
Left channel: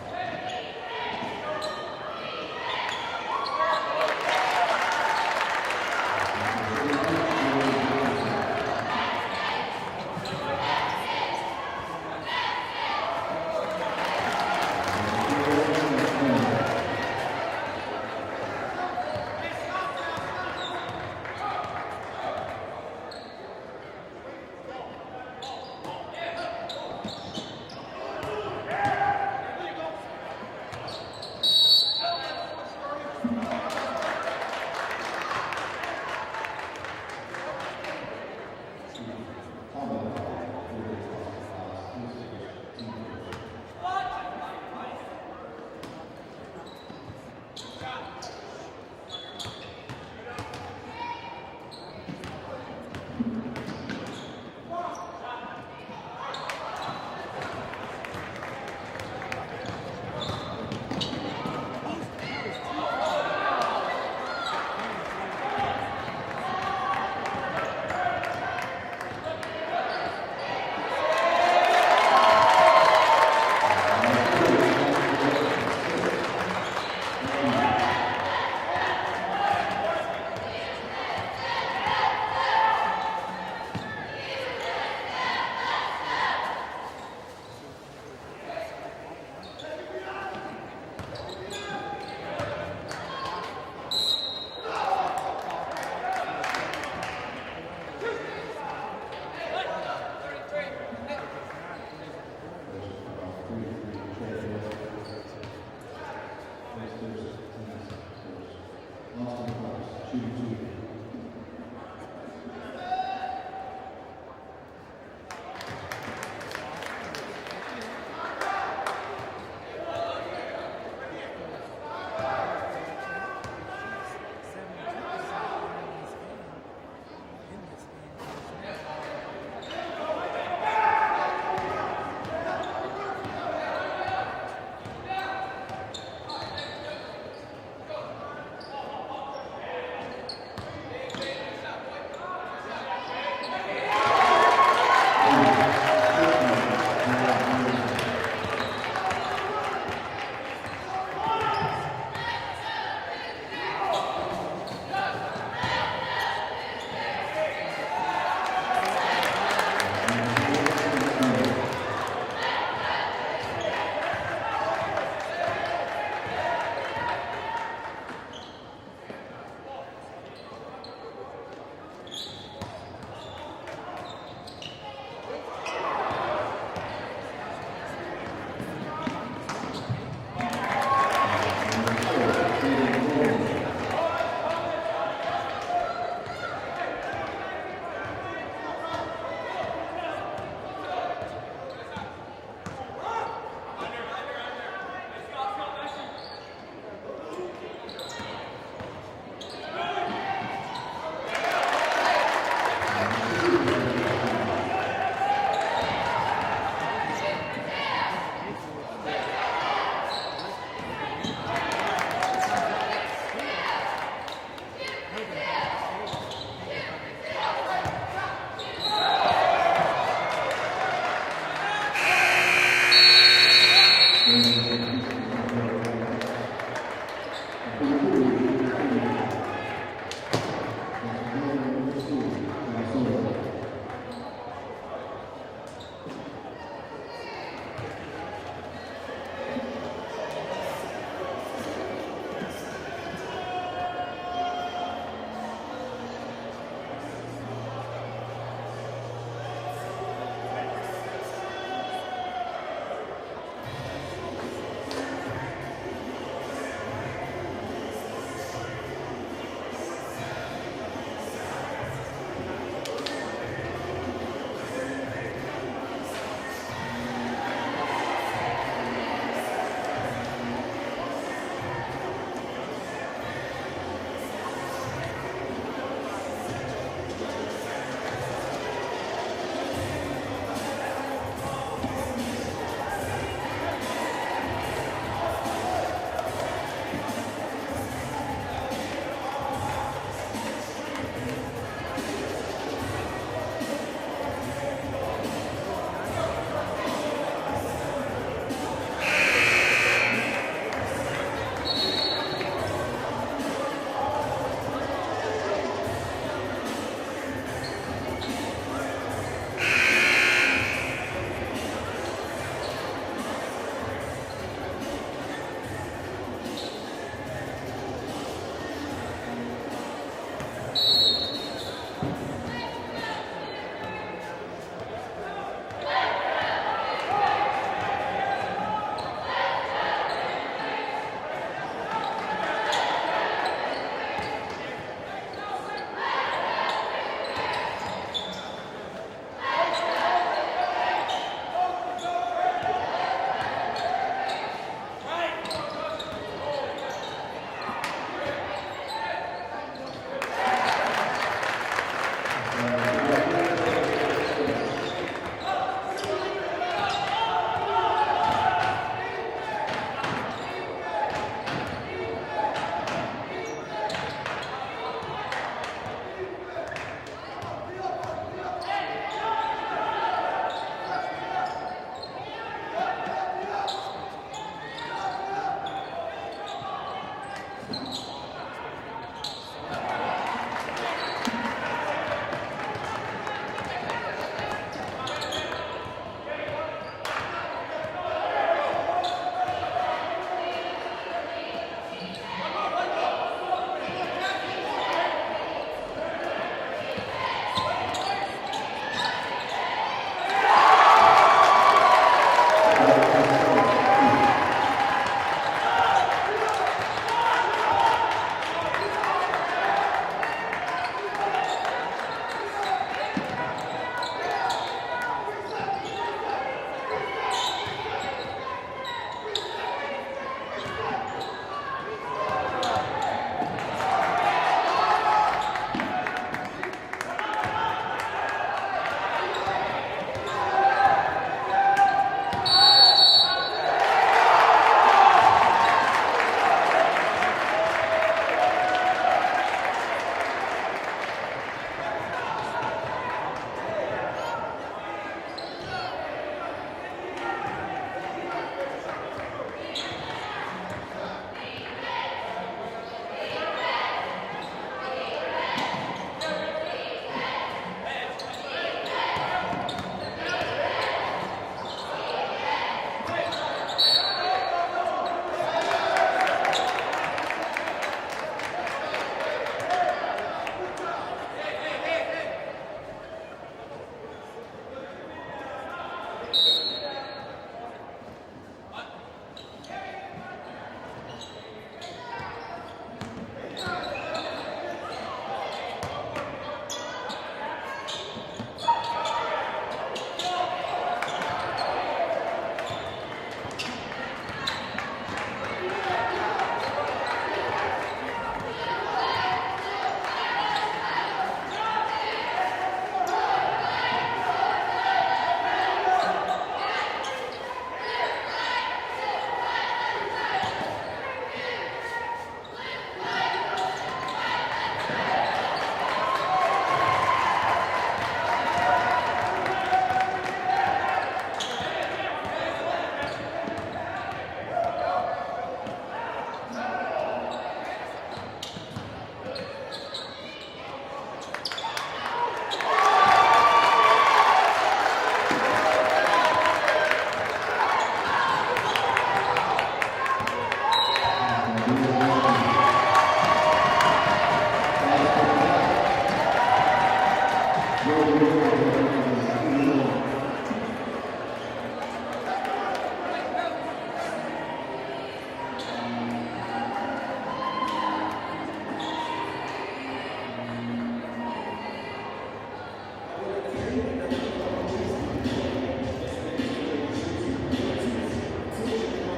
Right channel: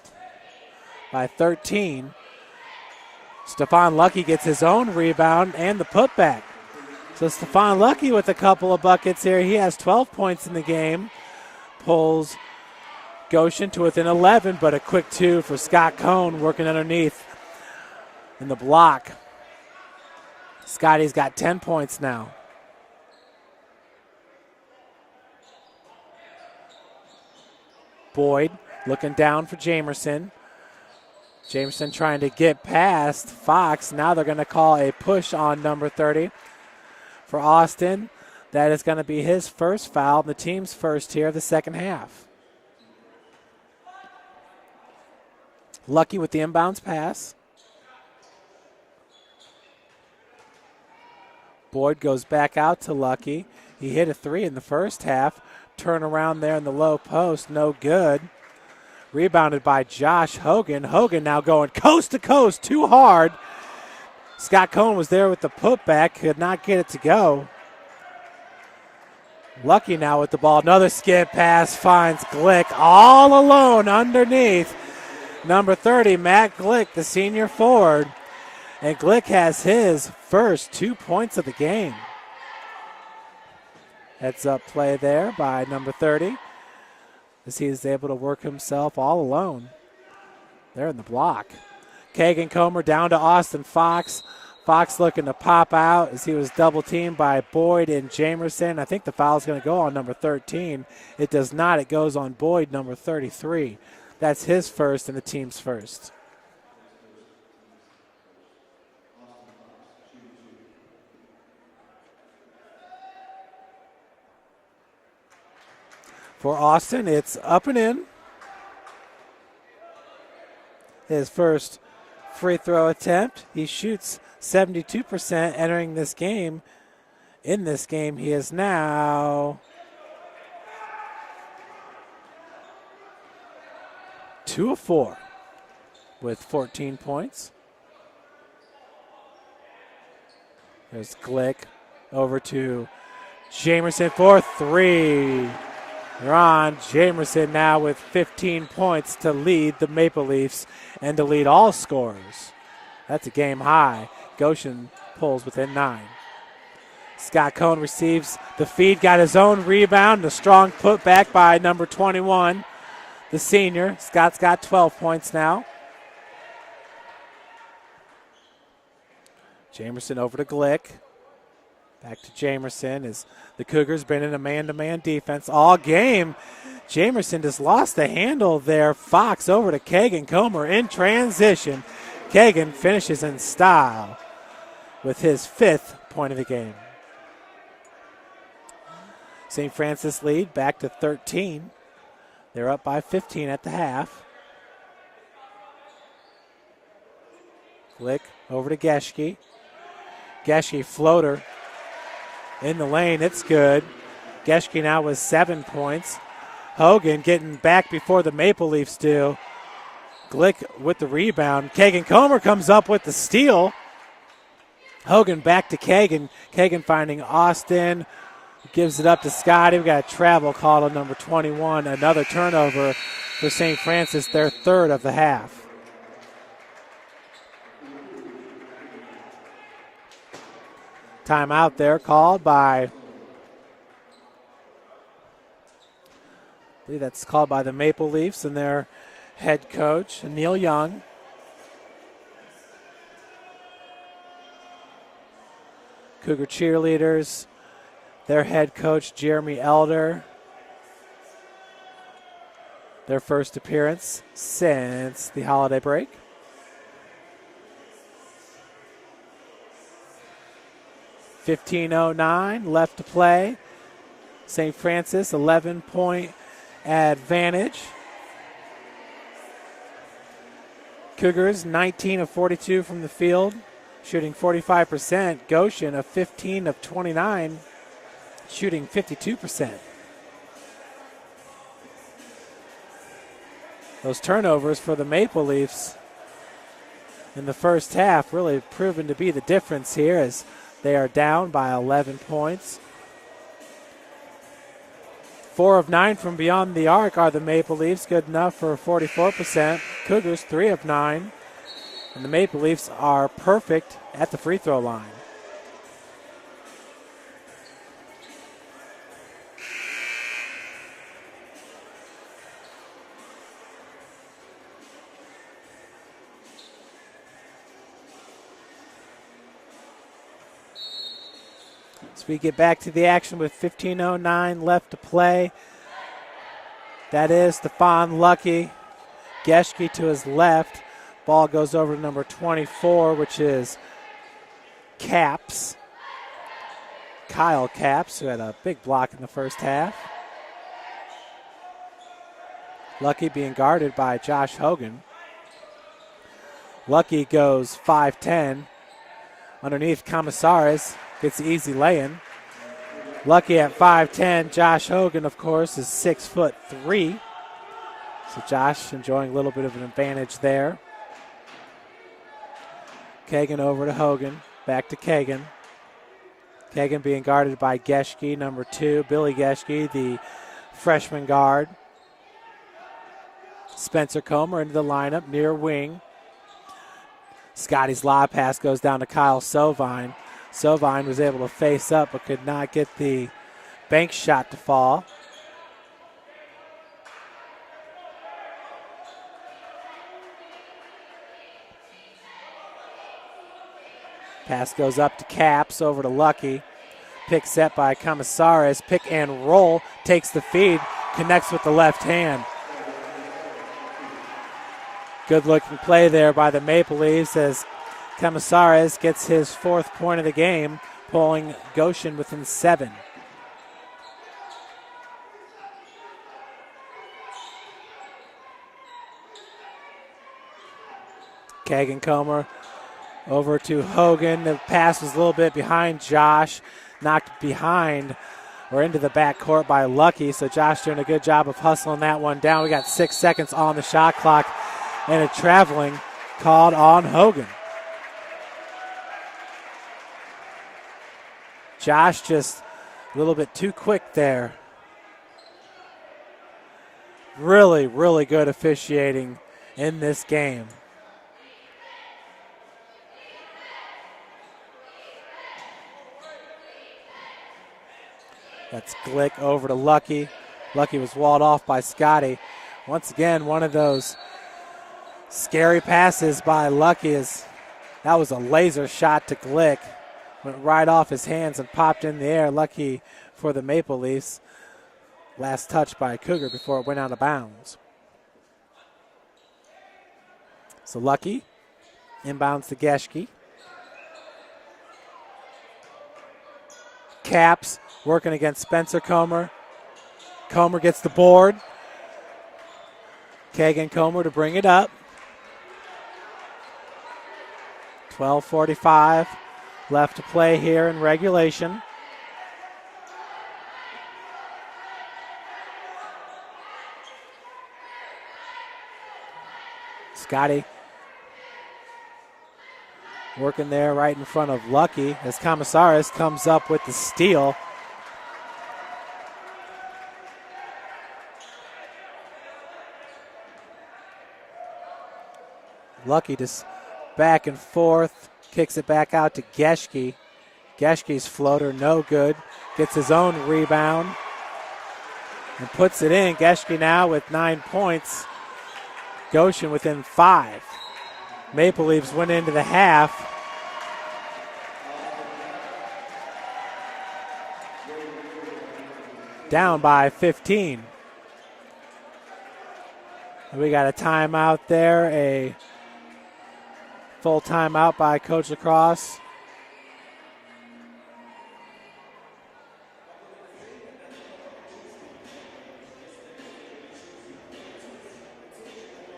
by 13. Stephon Lucky gets his own rebound and the putback. So Stephon Lucky with a couple of buckets here. He has 12 points in the game. Pulls Goshen to within 11, but a quick 2 for Scott Cohn working underneath in the block. Scotty's got 10 points now. Boyd looking down for Jamerson. Jamerson trying to get past Fox. Now they're going to call a push on number 30 for Austin. That is going to be his first foul, the team's first here of the second half. Lucky with the inbounds pass. Boyd goes back out to Lucky. He hit a 3 in the first half. Turn around there in the low post, no good. Rebounded by Josh Hogan. Hogan now going coast to coast, too hard. Scott Cohn was there with the putback, could not get it to go. Lucky now with the ball. Another skip pass finds Glick all alone underneath. Number 30, Matt Glick, the senior forward. And Glick has his first 2 points of the game. Heads up play there by number 30, as he is able to work himself all alone there in the block. Kagan Comer down to Austin Fox. Fox looking to pop out as he was double teamed by Boyd and Jamerson. I think the foul is going to go on number 13. It does not. It goes on Boyd, number 33. That's his first and the team's first. For Austin, it's up and in. His first free throw attempt. He shoots 72% entering this game. In this game, he is now 2 of 4 with 14 points. There's Glick over to Jamerson for 3. Ron Jamerson now with 15 points to lead the Maple Leafs and to lead all scorers. That's a game high. Goshen pulls within 9. Scott Cohn receives the feed, got his own rebound, a strong putback by number 21, the senior. Scott's got 12 points now. Jamerson over to Glick. Back to Jamerson as the Cougars been in a man-to-man defense all game. Jamerson just lost the handle there. Fox over to Kagan Comer in transition. Kagan finishes in style with his 5th point of the game. St. Francis lead back to 13. They're up by 15 at the half. Glick over to Geschke. Geschke floater in the lane, it's good. Geschke now with 7 points. Hogan getting back before the Maple Leafs do. Glick with the rebound. Kagan Comer comes up with the steal. Hogan back to Kagan. Kagan finding Austin. Gives it up to Scotty. We got a travel call on number 21. Another turnover for St. Francis, their third of the half. Timeout there called by, I believe that's called by the Maple Leafs and their head coach, Neil Young. Cougar cheerleaders, their head coach, Jeremy Elder. Their first appearance since the holiday break. .15:09 left to play. St. Francis, 11-point advantage. Cougars, 19 of 42 from the field, shooting 45%. Goshen, of 15 of 29, shooting 52%. Those turnovers for the Maple Leafs in the first half really proving to be the difference here as they are down by 11 points. 4 of 9 from beyond the arc are the Maple Leafs, good enough for 44%. Cougars 3 of 9. The Maple Leafs are perfect at the free throw line. We get back to the action with 15:09 left to play. That is Stephon Lucky. Geschke to his left. Ball goes over number 24, which is Capps. Kyle Capps, who had a big block in the first half. Lucky being guarded by Josh Hogan. Lucky goes 5'10". Underneath Camisares. Gets the easy lay-in. Lucky at 5'10". Josh Hogan, of course, is 6'3". Josh enjoying a little bit of an advantage there. Kagan over to Hogan. Back to Kagan. Kagan being guarded by Geschke, number 2. Billy Geschke, the freshman guard. Spencer Comer into the lineup, near wing. Scotty's lob pass goes down to Kyle Sovine. Sovine was able to face up but could not get the bank shot to fall. Pass goes up to Capps, over to Lucky. Pick set by Camisares. Pick and roll, takes the feed, connects with the left hand. Good looking play there by the Maple Leafs as Camisares gets his 4th point of the game, pulling Goshen within 7. Kagan Comer over to Hogan. The pass was a little bit behind Josh, knocked behind or into the backcourt by Lucky. So Josh doing a good job of hustling that one down. We got 6 seconds on the shot clock and a traveling called on Hogan. Josh just a little bit too quick there. Really, really good officiating in this game. That's Glick over to Lucky. Lucky was walled off by Scotty. Once again, one of those scary passes by Lucky. That was a laser shot to Glick. Went right off his hands and popped in the air. Lucky for the Maple Leafs. Last touch by a Cougar before it went out of bounds. So Lucky inbounds to Geschke. Capps working against Spencer Comer. Comer gets the board. Kagan Comer to bring it up. 12:45 left to play here in regulation. Scotty Working there right in front of Lucky as Comissaris comes up with the steal. Lucky just back and forth, kicks it back out to Geschke. Geschke's floater, no good. Gets his own rebound and puts it in. Geschke now with 9 points. Goshen within 5. Maple Leafs went into the half. Down by 15. We got a timeout there, a full timeout by Coach Lacrosse.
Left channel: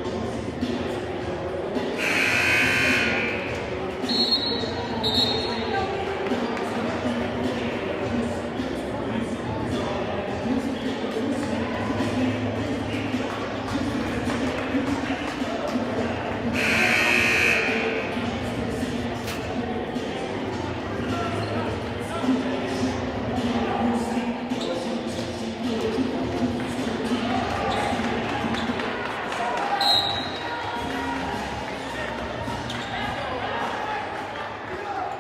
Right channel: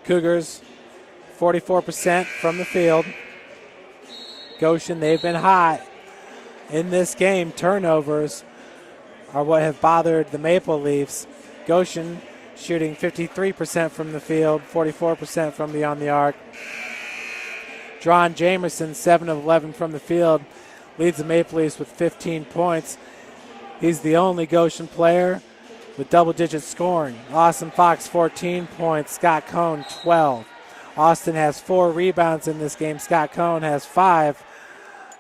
Cougars 44% from the field. Goshen, they've been high in this game. Turnovers are what have bothered the Maple Leafs. Goshen shooting 53% from the field, 44% from beyond the arc. Dron Jamerson, 7 of 11 from the field, leads the Maple Leafs with 15 points. He's the only Goshen player with double-digit scoring. Austin Fox, 14 points. Scott Cohn, 12. Austin has 4 rebounds in this game. Scott Cohn has 5.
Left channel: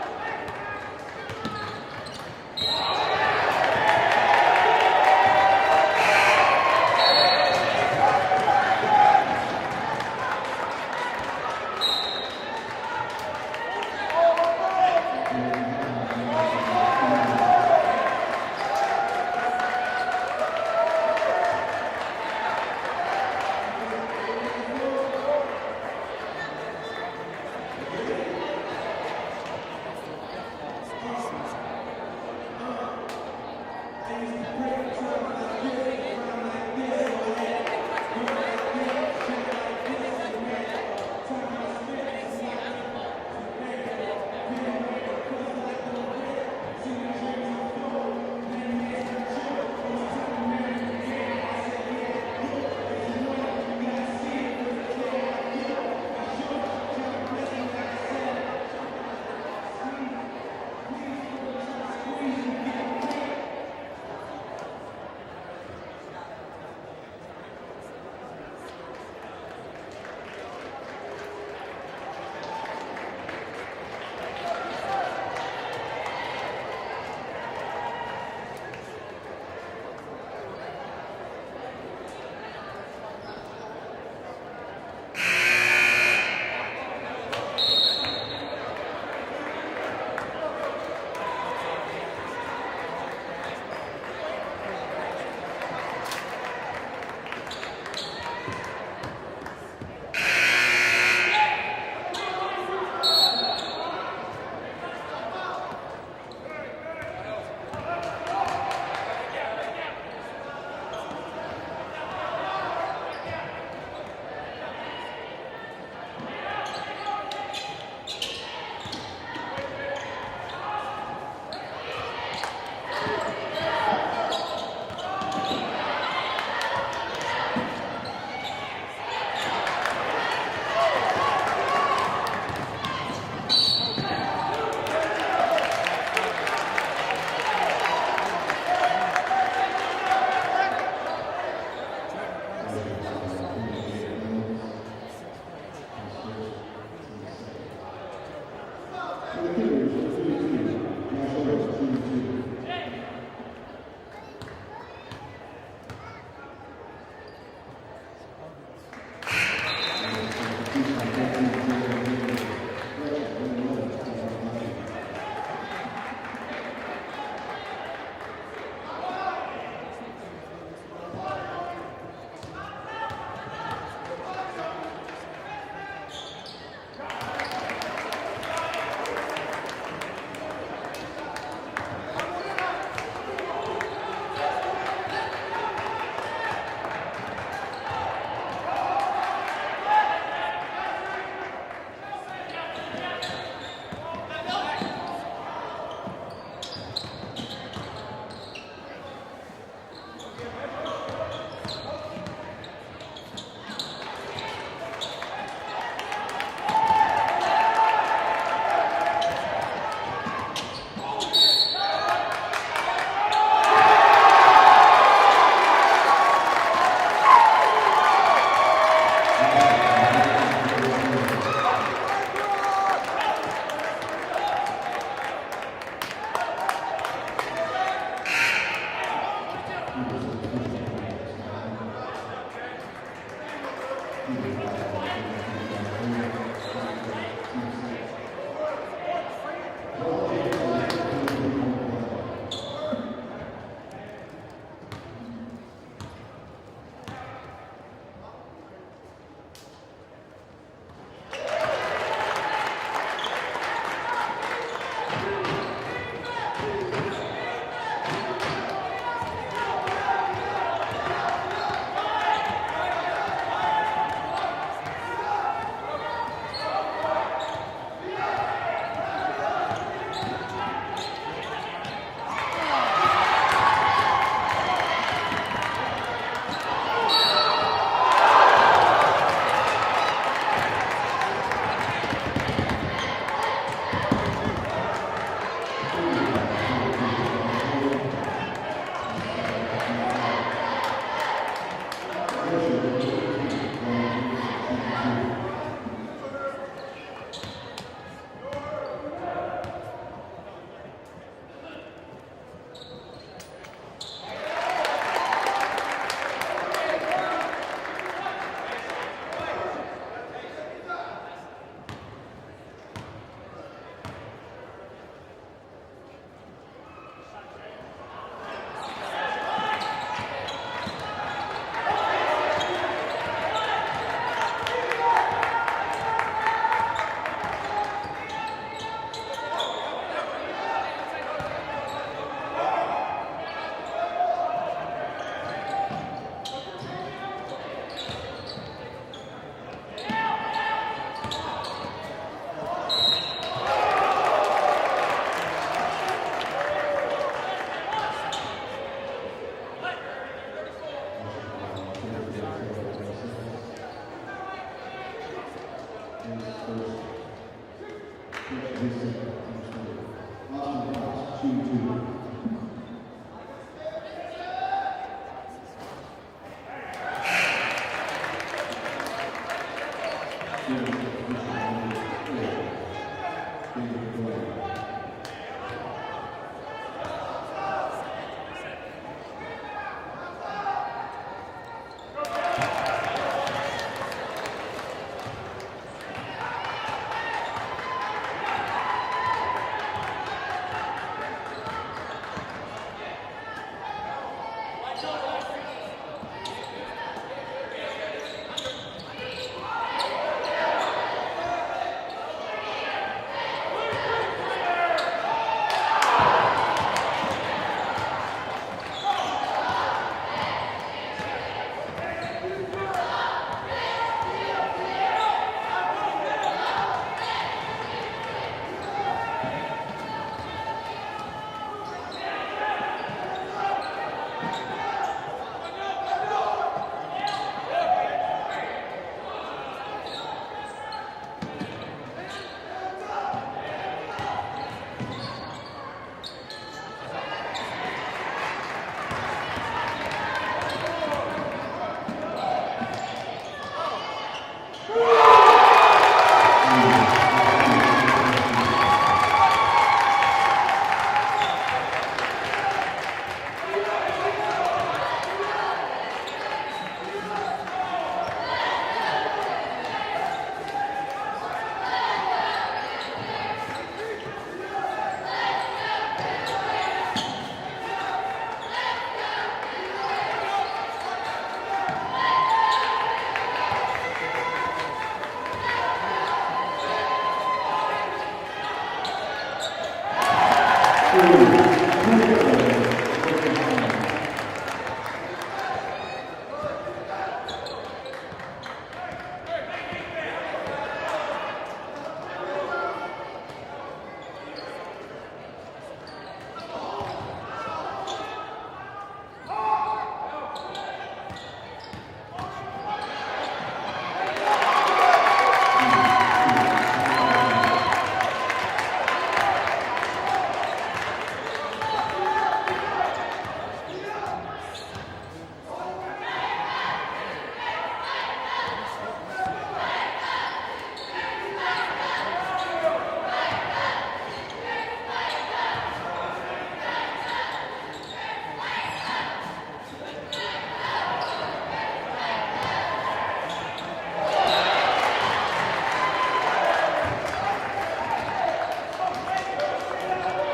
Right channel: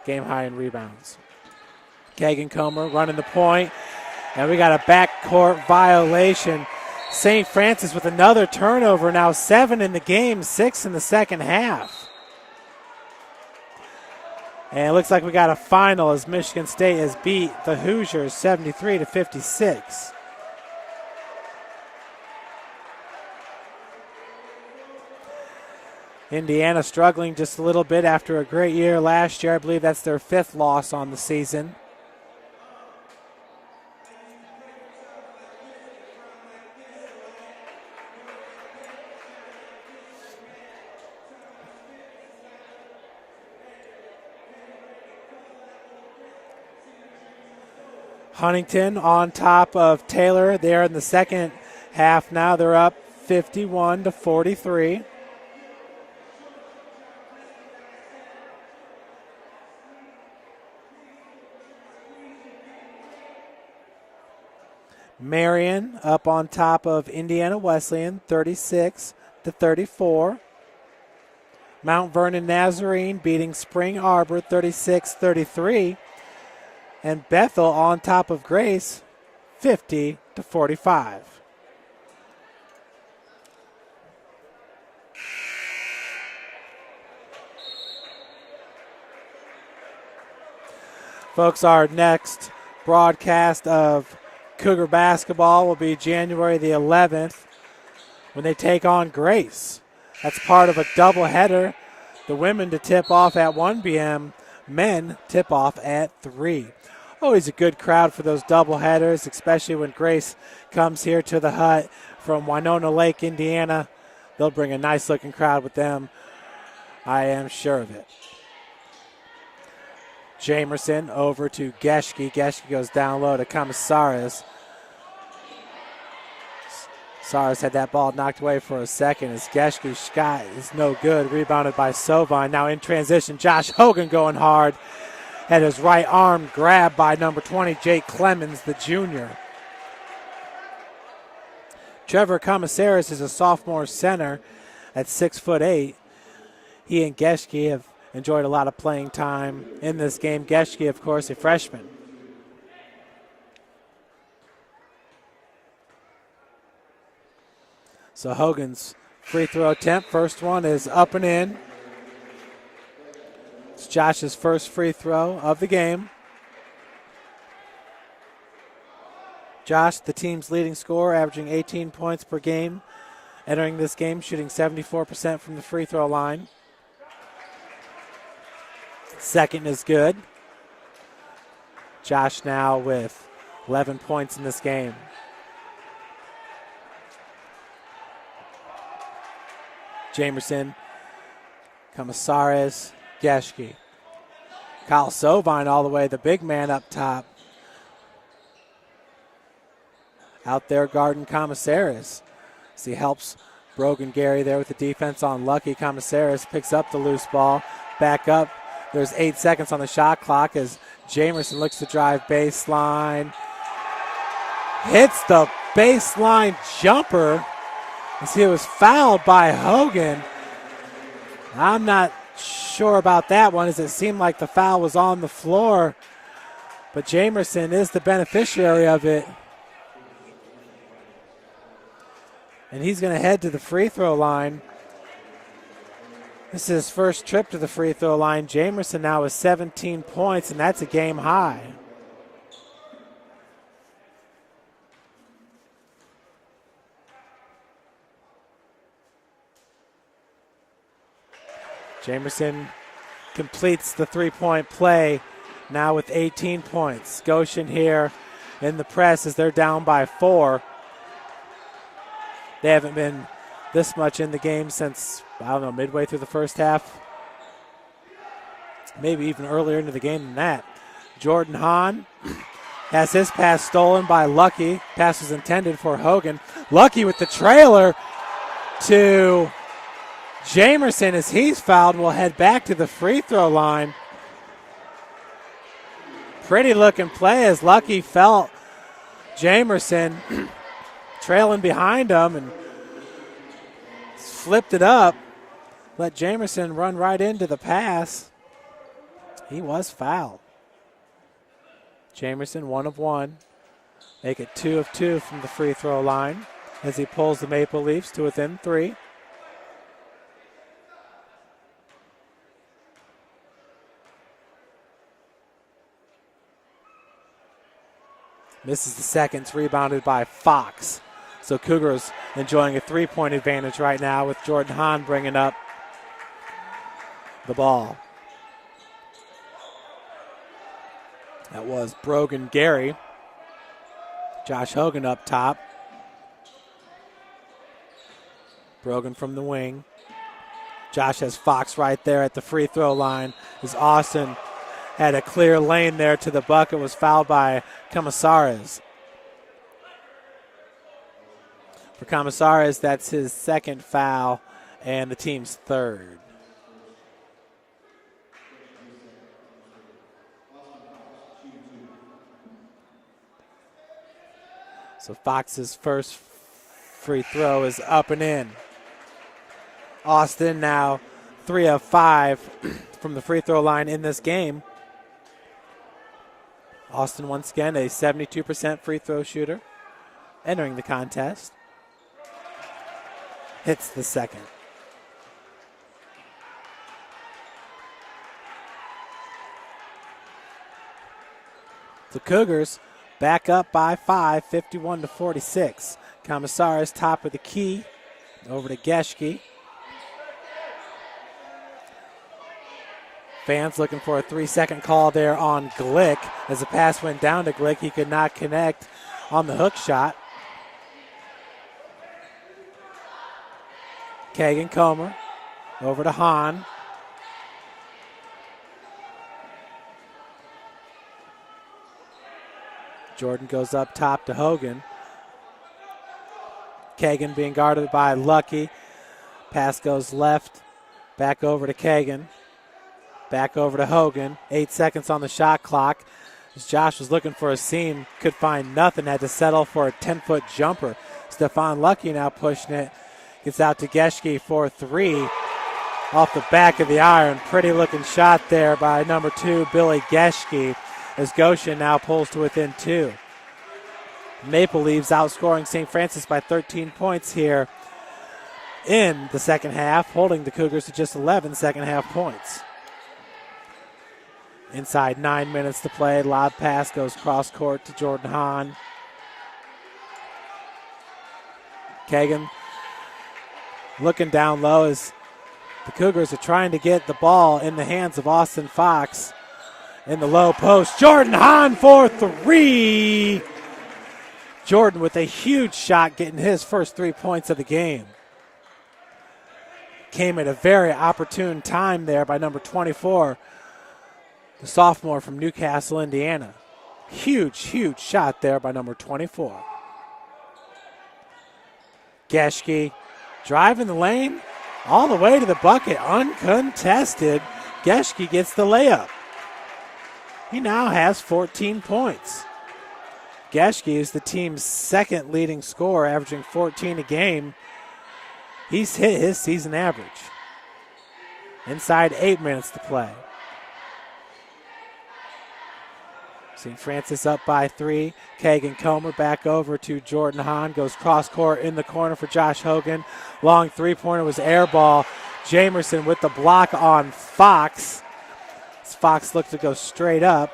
Game high in rebounds. Kagan Comer running the point. And we got a backcourt violation. St. Francis with another turnover. Now 7 in the game, 6 in the second half. And it looks like we got a final as Michigan State has beat the Hoosiers 73-56. Indiana struggling just a little bit after a great year last year. I believe that's their 5th loss on the season. Huntington on top of Taylor there in the second half. Now they're up 51-43. Marion up on top of Indiana Wesleyan, 36-34. Mount Vernon Nazarene beating Spring Arbor, 36-33. And Bethel on top of Grace, 50-45. Folks, our next broadcast of Cougar basketball will be January the 11th when they take on Grace. That's part of a doubleheader. The women to tip off at 1 p.m., men tip off at 3. Always a good crowd for those doubleheaders, especially when Grace comes here to the Hut from Winona Lake, Indiana. They'll bring a nice looking crowd with them. I am sure of it. Jamerson over to Geschke. Geschke goes down low to Comissaris. Saris had that ball knocked away for a second as Geschke's shot is no good. Rebounded by Sovine. Now in transition, Josh Hogan going hard. Had his right arm grabbed by number 20, Jake Clemens, the junior. Trevor Comissaris is a sophomore center at 6'8". He and Geschke have enjoyed a lot of playing time in this game. Geschke, of course, a freshman. So Hogan's free throw attempt, first one is up and in. It's Josh's first free throw of the game. Josh, the team's leading scorer, averaging 18 points per game. Entering this game, shooting 74% from the free throw line. Second is good. Josh now with 11 points in this game. Jamerson, Comissaris, Geschke. Kyle Sovine all the way, the big man up top. Out there guarding Comissaris. As he helps Brogan Gary there with the defense on Lucky. Comissaris picks up the loose ball. Back up There's 8 seconds on the shot clock as Jamerson looks to drive baseline. Hits the baseline jumper as he was fouled by Hogan. I'm not sure about that one, as it seemed like the foul was on the floor, but Jamerson is the beneficiary of it. And he's going to head to the free throw line. This is his first trip to the free throw line. Jamerson now with 17 points, and that's a game high. Jamerson completes the three-point play now with 18 points. Goshen here in the press as they're down by 4. They haven't been this much in the game since, I don't know, midway through the first half. Maybe even earlier into the game than that. Jordan Hahn has his pass stolen by Lucky. Pass is intended for Hogan. Lucky with the trailer to Jamerson as he's fouled and will head back to the free throw line. Pretty looking play as Lucky felt Jamerson trailing behind him and flipped it up. Let Jamerson run right into the pass. He was fouled. Jamerson 1 of 1. Make it 2 of 2 from the free throw line as he pulls the Maple Leafs to within 3. This is the second, rebounded by Fox. So Cougars enjoying a 3-point advantage right now with Jordan Hahn bringing up the ball. That was Brogan Gary. Josh Hogan up top. Brogan from the wing. Josh has Fox right there at the free throw line as Austin had a clear lane there to the bucket, was fouled by Camasares. Camasares, that's his second foul and the team's third. So Fox's first free throw is up and in. Austin now 3 of 5 from the free throw line in this game. Austin once again a 72% free throw shooter entering the contest. Hits the second. The Cougars back up by 5, 51-46. Camasares top of the key, over to Geschke. Fans looking for a 3-second call there on Glick. As the pass went down to Glick, he could not connect on the hook shot. Kagan Comer over to Hahn. Jordan goes up top to Hogan. Kagan being guarded by Lucky. Pass goes left, back over to Kagan. Back over to Hogan. 8 seconds on the shot clock. As Josh was looking for a seam, could find nothing, had to settle for a 10-foot jumper. Stephon Lucky now pushing it. Gets out to Geschke for 3. Off the back of the iron. Pretty looking shot there by number 2, Billy Geschke, as Goshen now pulls to within 2. Maple Leafs outscoring St. Francis by 13 points here in the second half, holding the Cougars to just 11 second half points. Inside 9 minutes to play. Lob pass goes cross court to Jordan Hahn. Kagan looking down low as the Cougars are trying to get the ball in the hands of Austin Fox in the low post. Jordan Hahn for 3. Jordan with a huge shot, getting his first 3 points of the game. Came at a very opportune time there by number 24. The sophomore from Newcastle, Indiana. Huge, huge shot there by number 24. Geschke driving the lane all the way to the bucket, uncontested. Geschke gets the layup. He now has 14 points. Geschke is the team's second leading scorer, averaging 14 a game. He's hit his season average. Inside 8 minutes to play. St. Francis up by 3. Kagan Comer back over to Jordan Hahn. Goes cross court in the corner for Josh Hogan. Long three-pointer was air ball. Jamerson with the block on Fox. Fox looked to go straight up.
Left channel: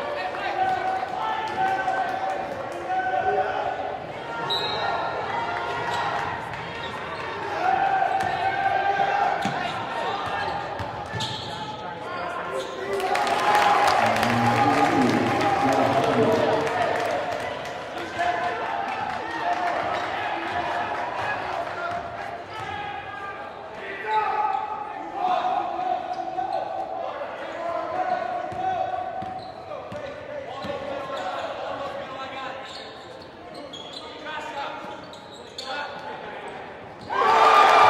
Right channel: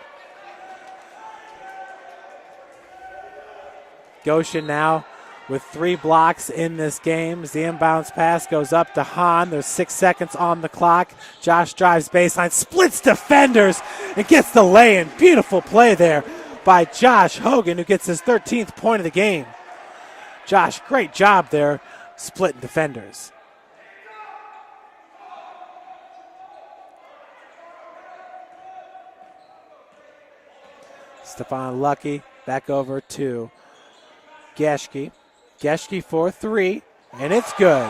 Goshen now with 3 blocks in this game. As the inbounds pass goes up to Hahn. There's 6 seconds on the clock. Josh drives baseline, splits defenders, and gets the lay-in. Beautiful play there by Josh Hogan, who gets his 13th point of the game. Josh, great job there, splitting defenders. Stephon Lucky back over to Geschke. Geschke for 3, and it's good.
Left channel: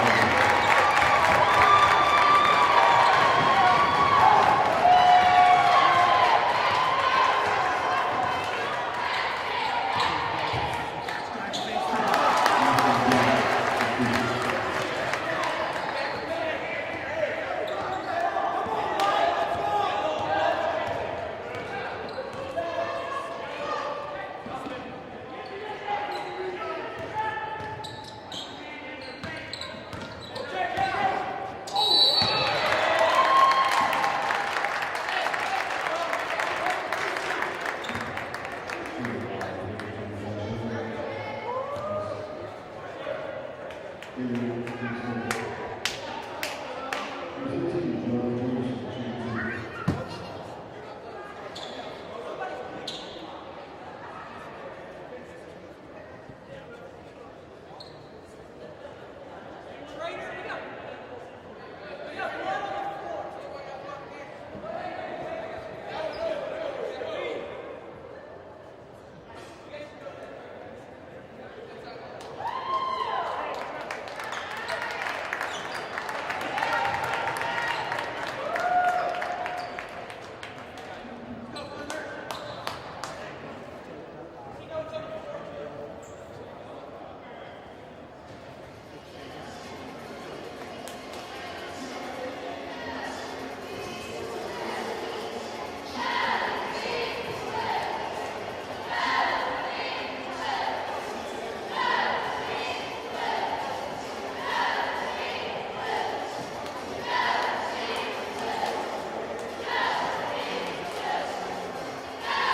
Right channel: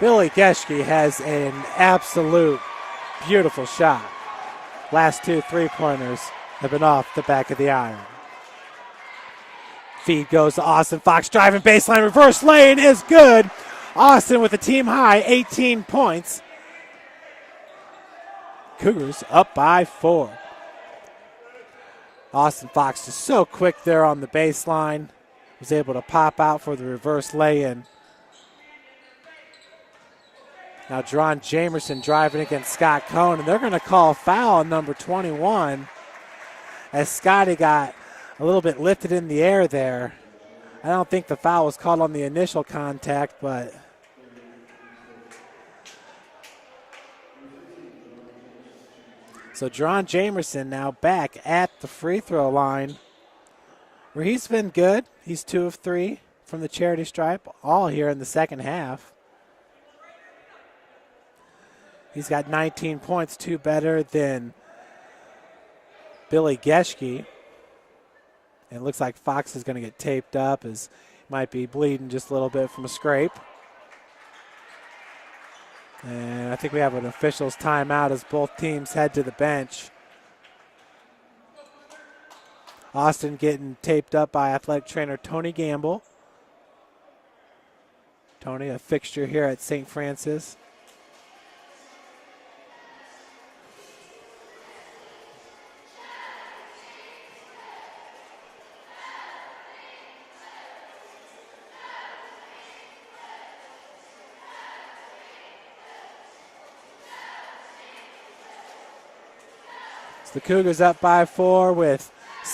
Billy Geschke has an absolute beautiful shot. Last 2 3-pointers have been off the back of the iron. Feed goes to Austin Fox, driving baseline, reverse lane is good. Austin with a team high 18 points. Cougars up by 4. Austin Fox is so quick there on the baseline. Was able to pop out for the reverse lay-in. Now Dron Jamerson driving against Scott Cohn, and they're going to call foul on number 21 as Scotty got a little bit lifted in the air there. I don't think the foul was called on the initial contact, but so Dron Jamerson now back at the free throw line, where he's been good. He's 2 of 3 from the charity stripe, all here in the second half. He's got 19 points, 2 better than Billy Geschke. And it looks like Fox is going to get taped up, as might be bleeding just a little bit from the scrape. And I think we have an official's timeout as both teams head to the bench. Austin getting taped up by athletic trainer Tony Gamble. Tony, a fixture here at St. Francis. The Cougars up by 4 with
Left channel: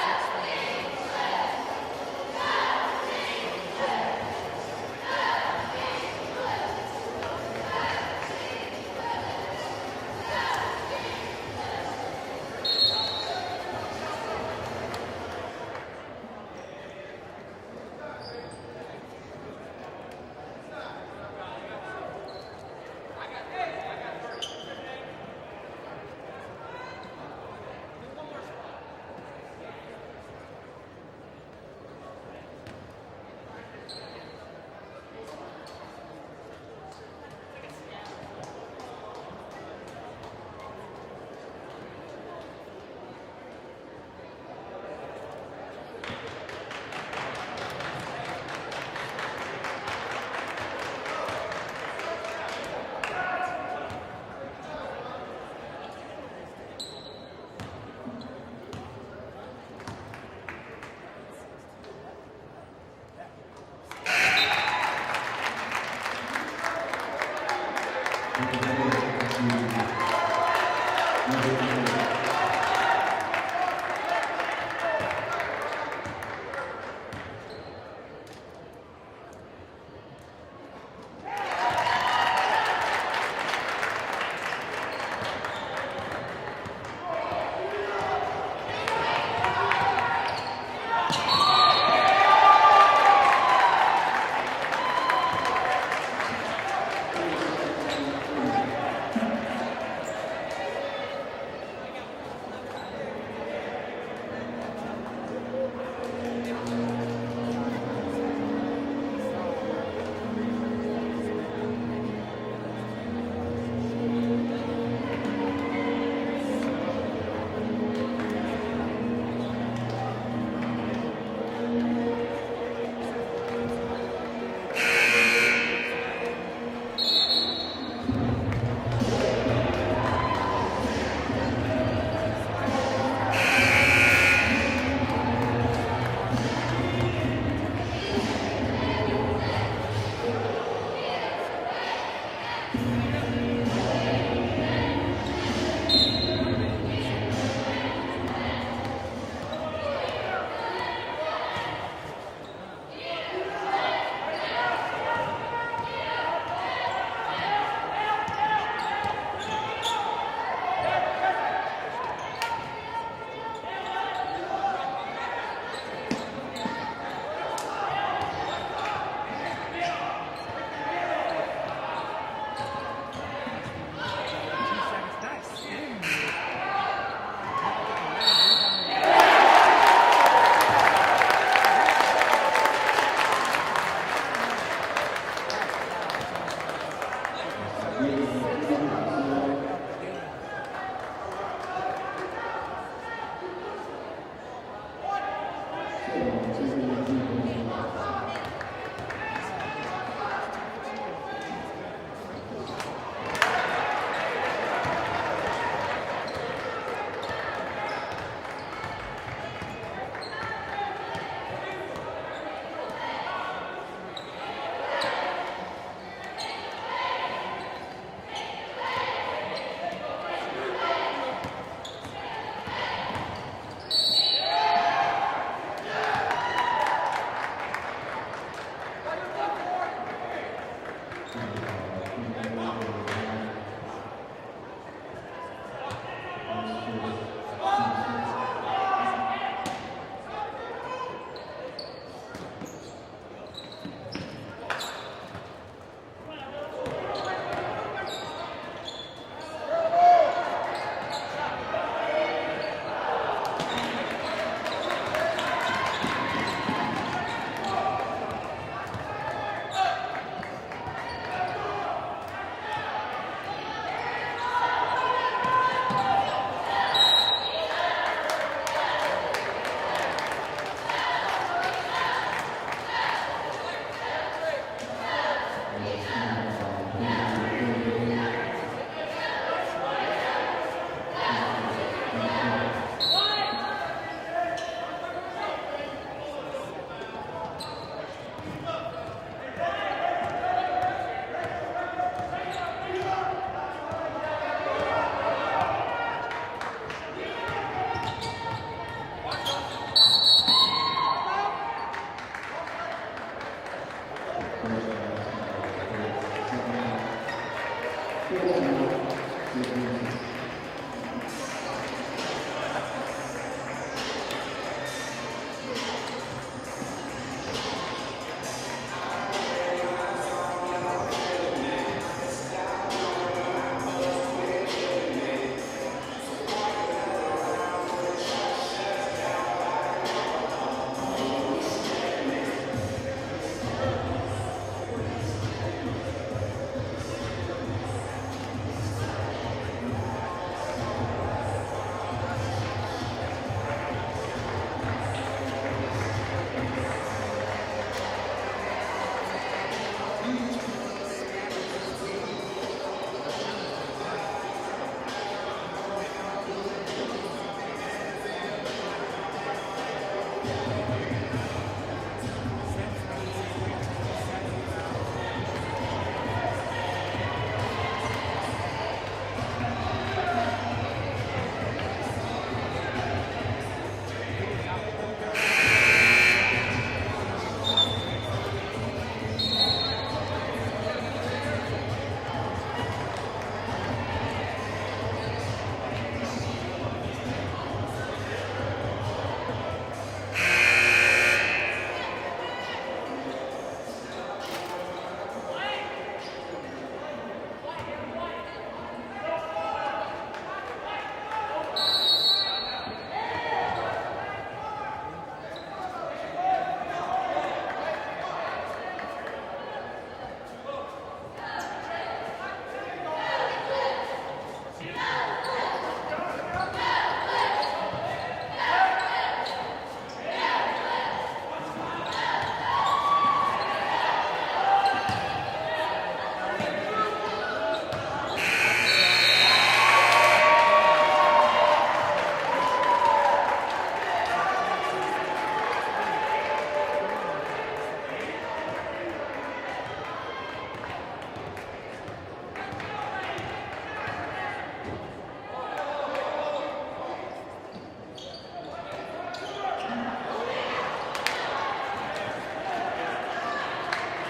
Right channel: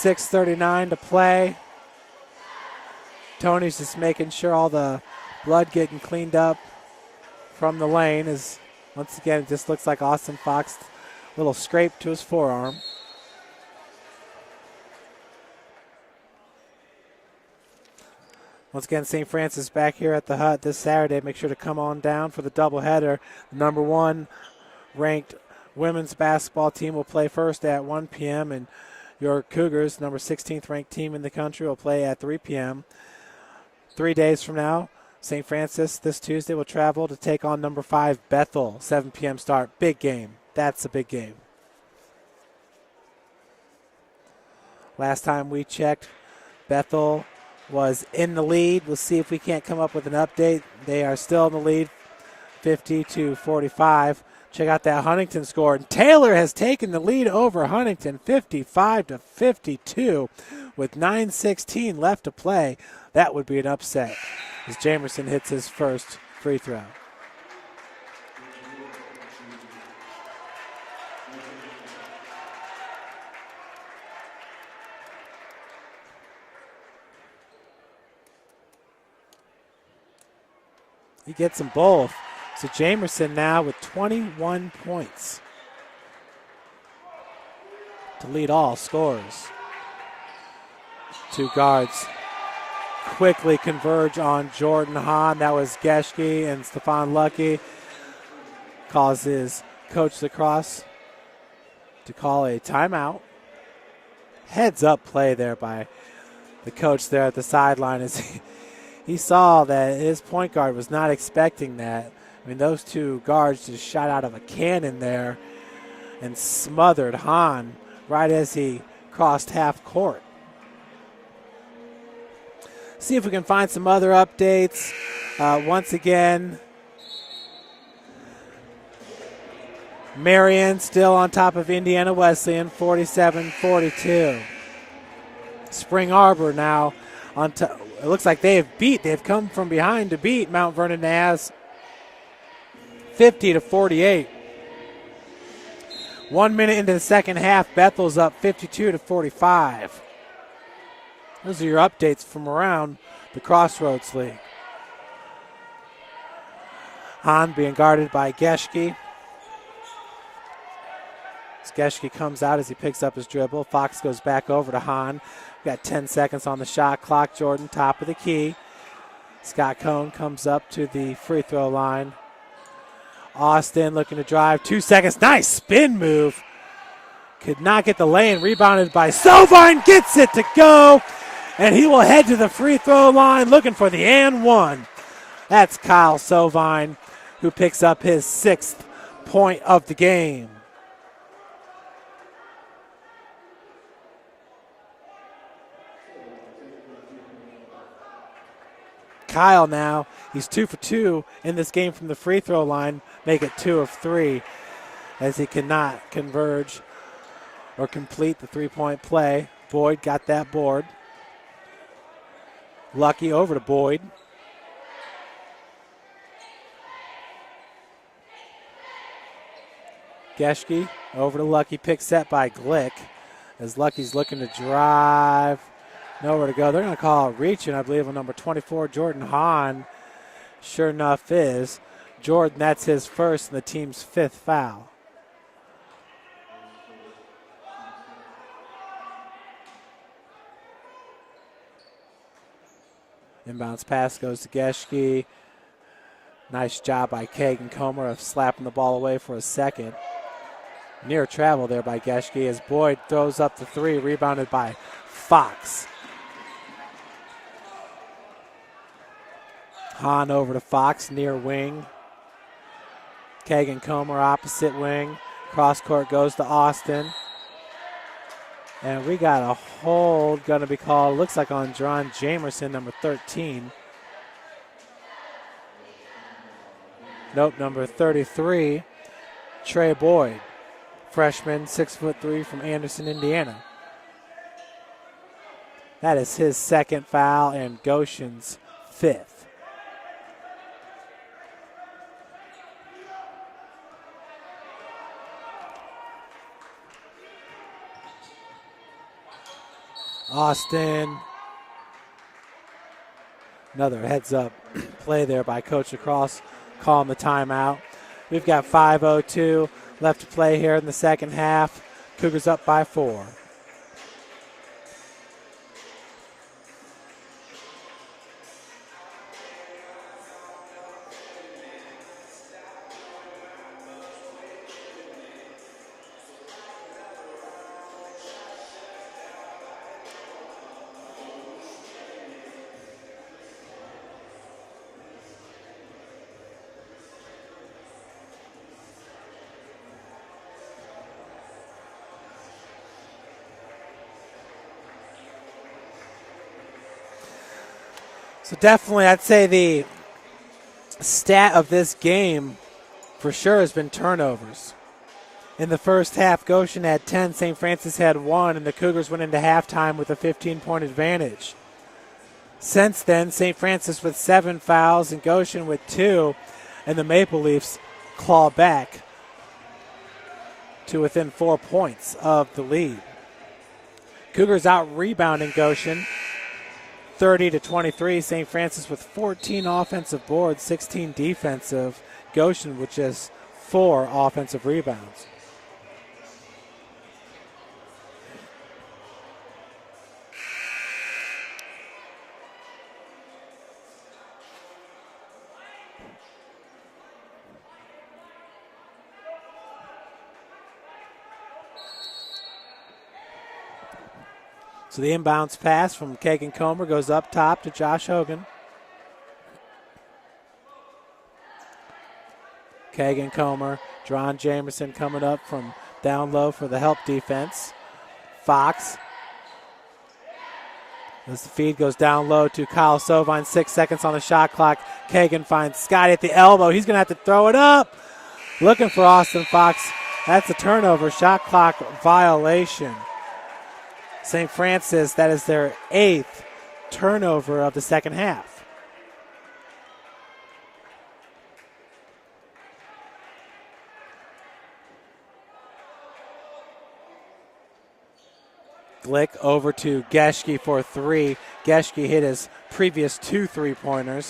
6:39 to play. Tony's just making sure all the blood getting cleaned up from the lane. Is once again, this looks like Austin Fox, little scrape to his forearm. Once again, St. Francis back here at the Hut this Saturday. Make sure to come on down for the doubleheader. Number 1 ranked women's basketball team will play first at 1 p.m. and your Cougars, number 16th ranked team in the country, will play at 3 p.m. 3 days from now, St. Francis this Tuesday will travel to take on number 5 Bethel, 7 p.m. start. Big game. That's a big game. Last time we checked, Bethel was in the lead. We'll see if we can't come up with an update. They are still in the lead, 50-45. Check out that Huntington score. Taylor has taken the lead over Huntington, 55-52, with 9:16 left to play. That would be an upset as Jamerson hits his first free throw. He gets them both. So Jamerson now with 21 points to lead all scorers. 2 guards quickly converge on Jordan Hahn. That was Geschke and Stephon Lucky. Causes Coach Lacrosse to call a timeout. Heads up play there by the coach there at the sideline. As he saw that his point guard was not expecting that. I mean, those two guards just shot out of a cannon there and smothered Hahn right as he crossed half court. See if we can find some other updates. Once again, Marion still on top of Indiana Wesleyan, 47-42. Spring Arbor now on top. It looks like they've come from behind to beat Mount Vernon Naz 50-48. 1 minute into the second half, Bethel's up 52-45. Those are your updates from around the Crossroads League. Hahn being guarded by Geschke. As Geschke comes out as he picks up his dribble. Fox goes back over to Hahn. Got 10 seconds on the shot clock. Jordan, top of the key. Scott Cohn comes up to the free throw line. Austin looking to drive. 2 seconds. Nice spin move. Could not get the lane. Rebounded by Sovine. Gets it to go. And he will head to the free throw line looking for the and one. That's Kyle Sovine, who picks up his 6th point of the game. Kyle now, he's 2 for 2 in this game from the free throw line, make it 2 of 3 as he cannot converge or complete the three-point play. Boyd got that board. Lucky over to Boyd. Geschke over to Lucky, pick set by Glick. As Lucky's looking to drive. Nowhere to go. They're going to call it reaching, I believe, with number 24, Jordan Hahn. Sure enough is. Jordan, that's his first and the team's 5th foul. Inbounds pass goes to Geschke. Nice job by Kagan Comer of slapping the ball away for a second. Near travel there by Geschke as Boyd throws up the 3, rebounded by Fox. Hahn over to Fox, near wing. Kagan Comer opposite wing. Cross court goes to Austin. And we got a hold going to be called, looks like on John Jamerson, number 13. Nope, number 33, Trey Boyd. Freshman, 6'3" from Anderson, Indiana. That is his 2nd foul and Goshen's 5th. Austin. Another heads up play there by Coach Lacrosse, calling the timeout. We've got 5:02 left to play here in the second half. Cougars up by 4. Definitely, I'd say the stat of this game for sure has been turnovers. In the first half, Goshen had 10, St. Francis had 1, and the Cougars went into halftime with a 15-point advantage. Since then, St. Francis with 7 fouls and Goshen with 2, and the Maple Leafs claw back to within 4 points of the lead. Cougars out rebounding Goshen 30-23. St. Francis with 14 offensive boards, 16 defensive. Goshen with just 4 offensive rebounds. So the inbounds pass from Kagan Comer goes up top to Josh Hogan. Kagan Comer, Dron Jamerson coming up from down low for the help defense. Fox. As the feed goes down low to Kyle Sovine, 6 seconds on the shot clock. Kagan finds Scotty at the elbow. He's going to have to throw it up. Looking for Austin Fox. That's a turnover, shot clock violation. St. Francis, that is their 8th turnover of the second half. Glick over to Geschke for 3. Geschke hit his previous 2 3-pointers.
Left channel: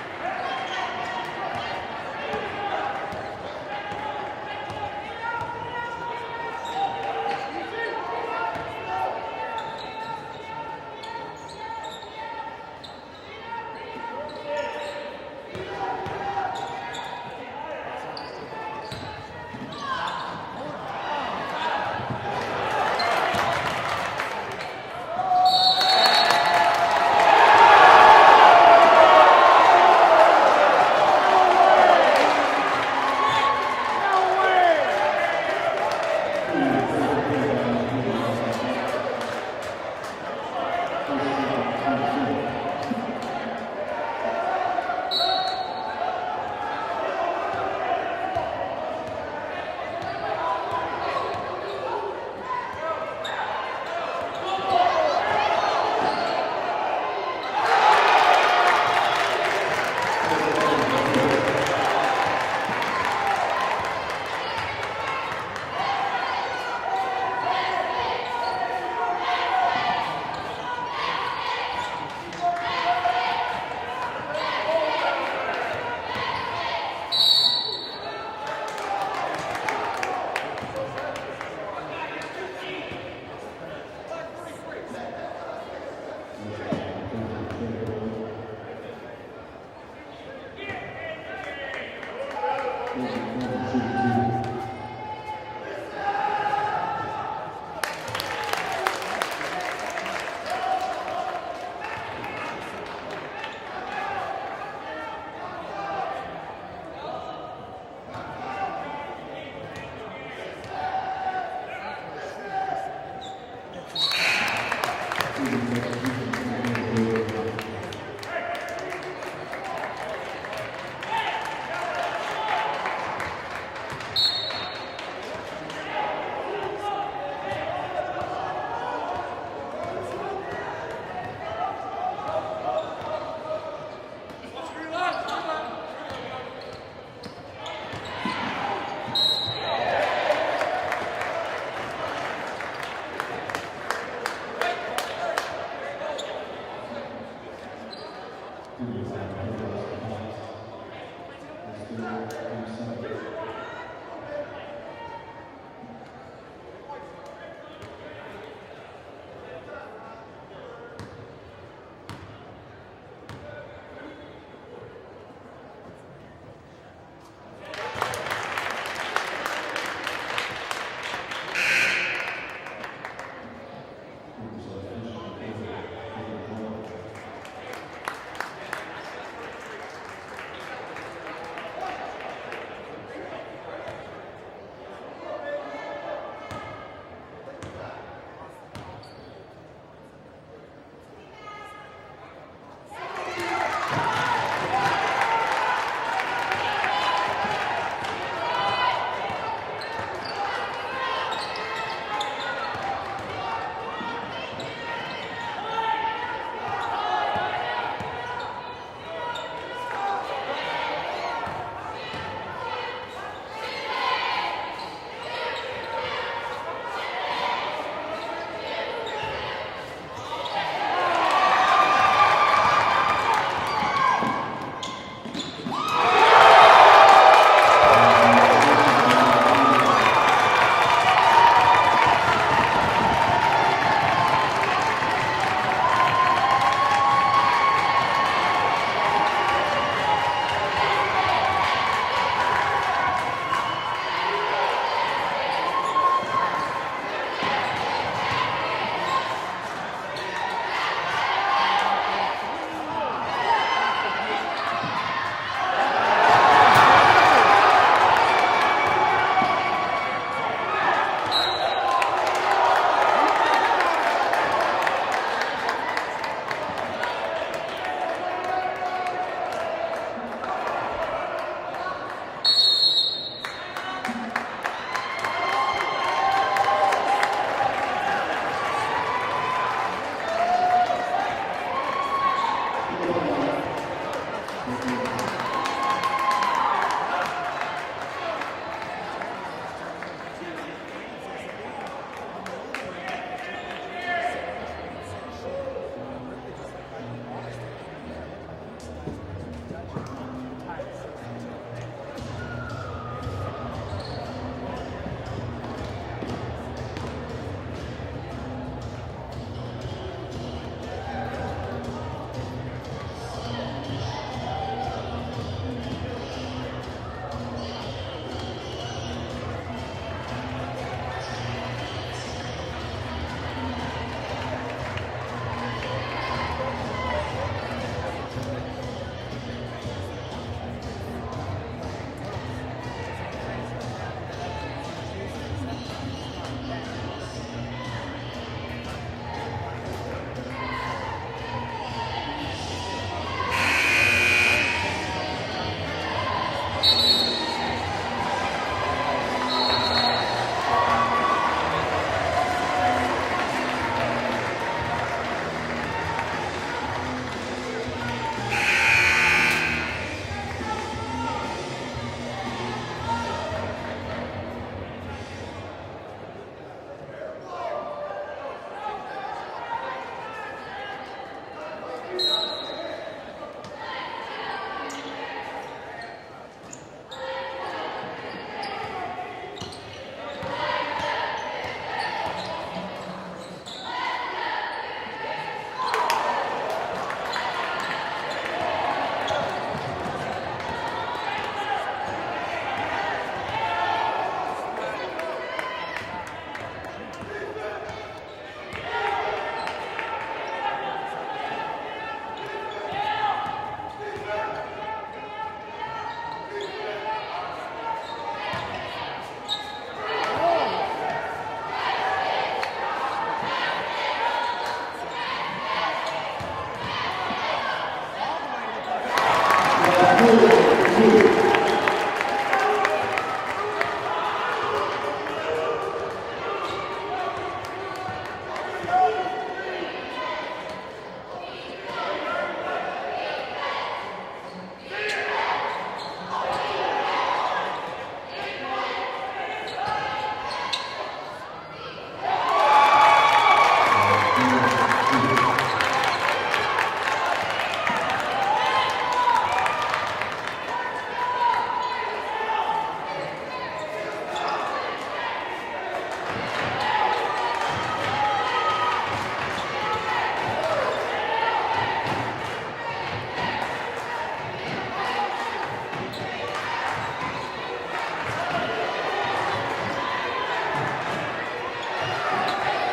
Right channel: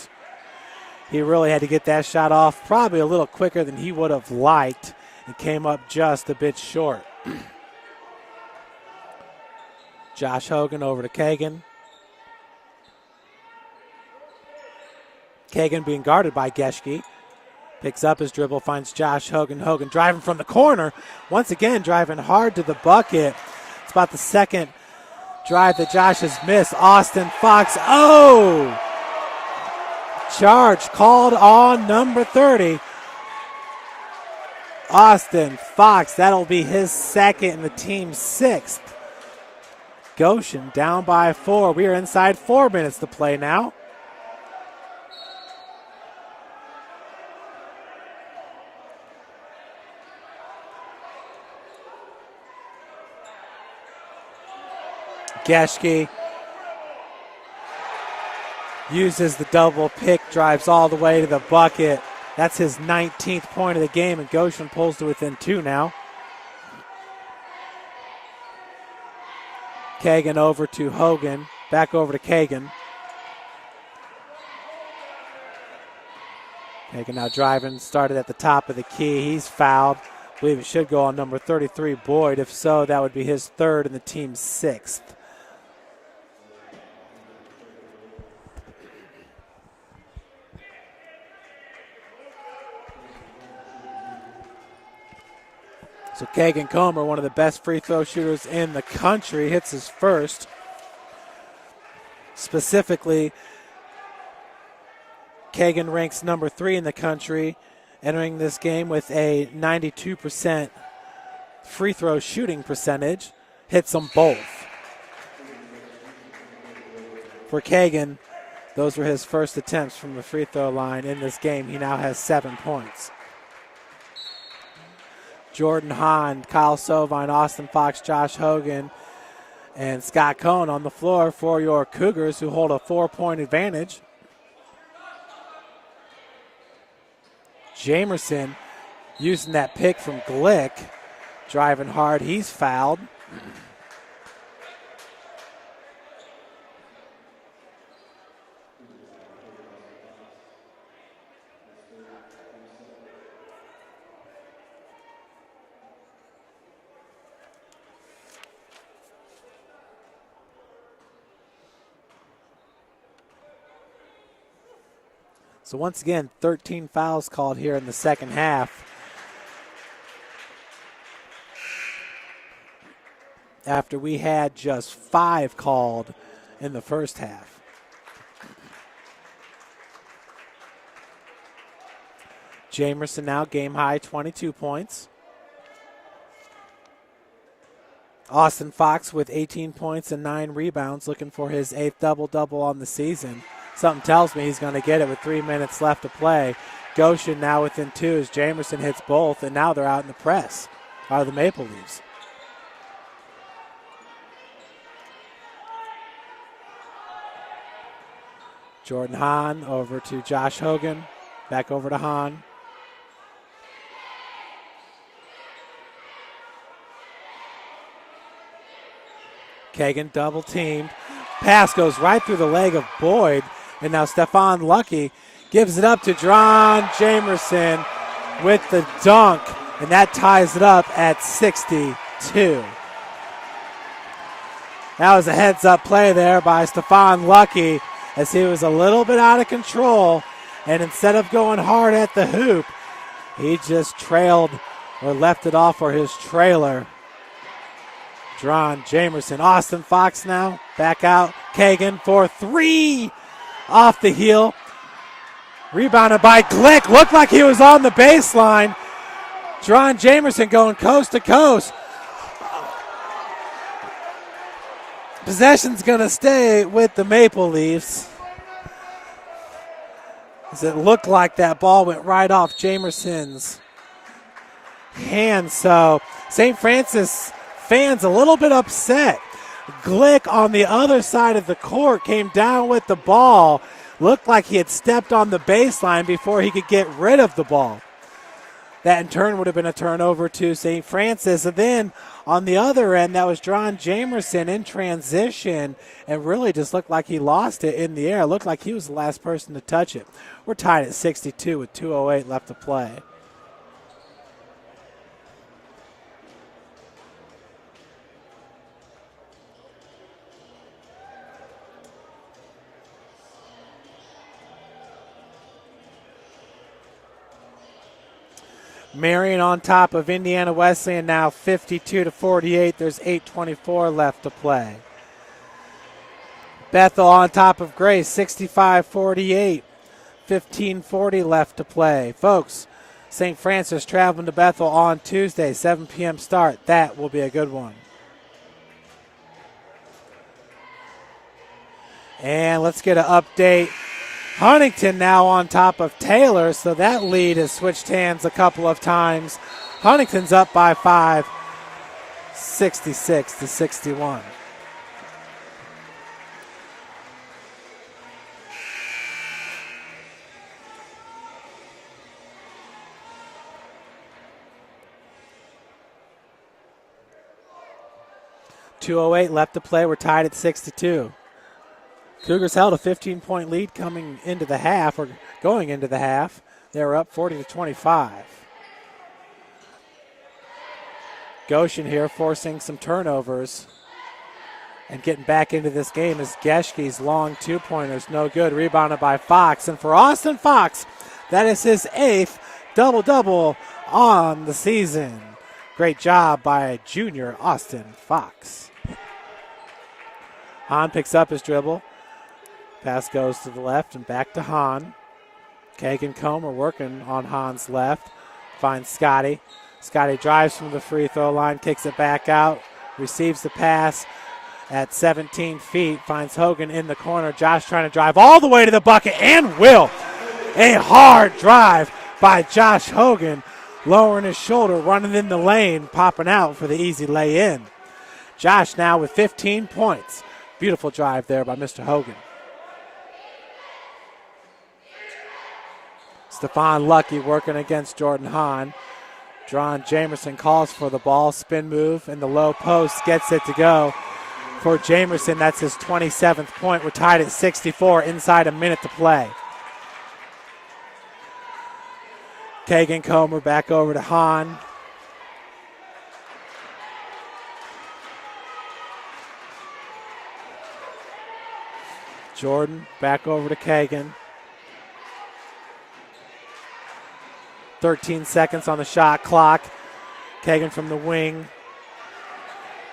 He really had to get that shot off probably a little quicker than he would have liked and came up just a bit short. Josh Hogan over to Kagan. Kagan being guarded by Geschke. Picks up his dribble, finds Josh Hogan. Hogan driving from the corner. Once again, driving hard to the bucket. It's about the second drive that Josh has missed. Austin Fox, oh! Charge called on number 30. Austin Fox, that'll be his second, the team's 6th. Goshen down by 4. We are inside 4 minutes to play now. Geschke uses the double pick, drives all the way to the bucket. That's his 19th point of the game, and Goshen pulls to within 2 now. Kagan over to Hogan, back over to Kagan. Hogan now driving, started at the top of the key. He's fouled. I believe it should go on number 33, Boyd. If so, that would be his 3rd and the team's 6th. So Kagan Comer, one of the best free throw shooters in the country, hits his first. Specifically, Kagan ranks number 3 in the country, entering this game with a 92% free throw shooting percentage. Hits them both. For Kagan, those were his first attempts from the free throw line in this game. He now has 7 points. Jordan Hahn, Kyle Sovine, Austin Fox, Josh Hogan, and Scott Cohn on the floor for your Cougars, who hold a 4-point advantage. Jamerson using that pick from Glick, driving hard, he's fouled. So once again, 13 fouls called here in the second half. After we had just 5 called in the first half. Jamerson now game high, 22 points. Austin Fox with 18 points and 9 rebounds, looking for his 8th double-double on the season. Something tells me he's going to get it with 3 minutes left to play. Goshen now within 2 as Jamerson hits both, and now they're out in the press, are the Maple Leafs. Jordan Hahn over to Josh Hogan, back over to Hahn. Kagan double teamed. Pass goes right through the leg of Boyd. And now Stephon Lucky gives it up to Dron Jamerson with the dunk. And that ties it up at 62. That was a heads-up play there by Stephon Lucky as he was a little bit out of control. And instead of going hard at the hoop, he just trailed or left it off for his trailer. Dron Jamerson. Austin Fox now back out. Kagan for 3 off the heel. Rebounded by Glick. Looked like he was on the baseline. John Jamerson going coast to coast. Possession's going to stay with the Maple Leafs. As it looked like that ball went right off Jamerson's hand. So St. Francis fans a little bit upset. Glick on the other side of the court came down with the ball. Looked like he had stepped on the baseline before he could get rid of the ball. That in turn would have been a turnover to St. Francis. And then on the other end, that was John Jamerson in transition and really just looked like he lost it in the air. It looked like he was the last person to touch it. We're tied at 62 with 2:08 left to play. Marion on top of Indiana Wesleyan now 52-48. There's 8:24 left to play. Bethel on top of Grace 65-48. 15:40 left to play. Folks, St. Francis traveling to Bethel on Tuesday, 7 p.m. start. That will be a good one. And let's get an update. Huntington now on top of Taylor, so that lead has switched hands a couple of times. Huntington's up by 5, 66-61. .208 left to play. We're tied at 62. Cougars held a 15-point lead coming into the half, or going into the half. They were up 40-25. Goshen here forcing some turnovers and getting back into this game as Geschke's long two-pointers no good. Rebounded by Fox. And for Austin Fox, that is his 8th double-double on the season. Great job by junior Austin Fox. Hahn picks up his dribble. Pass goes to the left and back to Hahn. Kagan Comer working on Hahn's left. Finds Scotty. Scotty drives from the free throw line, takes it back out, receives the pass at 17 feet, finds Hogan in the corner. Josh trying to drive all the way to the bucket and will. A hard drive by Josh Hogan, lowering his shoulder, running in the lane, popping out for the easy lay-in. Josh now with 15 points. Beautiful drive there by Mr. Hogan. Stephon Lucky working against Jordan Hahn. John Jamerson calls for the ball. Spin move in the low post. Gets it to go. For Jamerson, that's his 27th point. We're tied at 64 inside a minute to play. Kagan Comer back over to Hahn. Jordan back over to Kagan. 13 seconds on the shot clock. Kagan from the wing.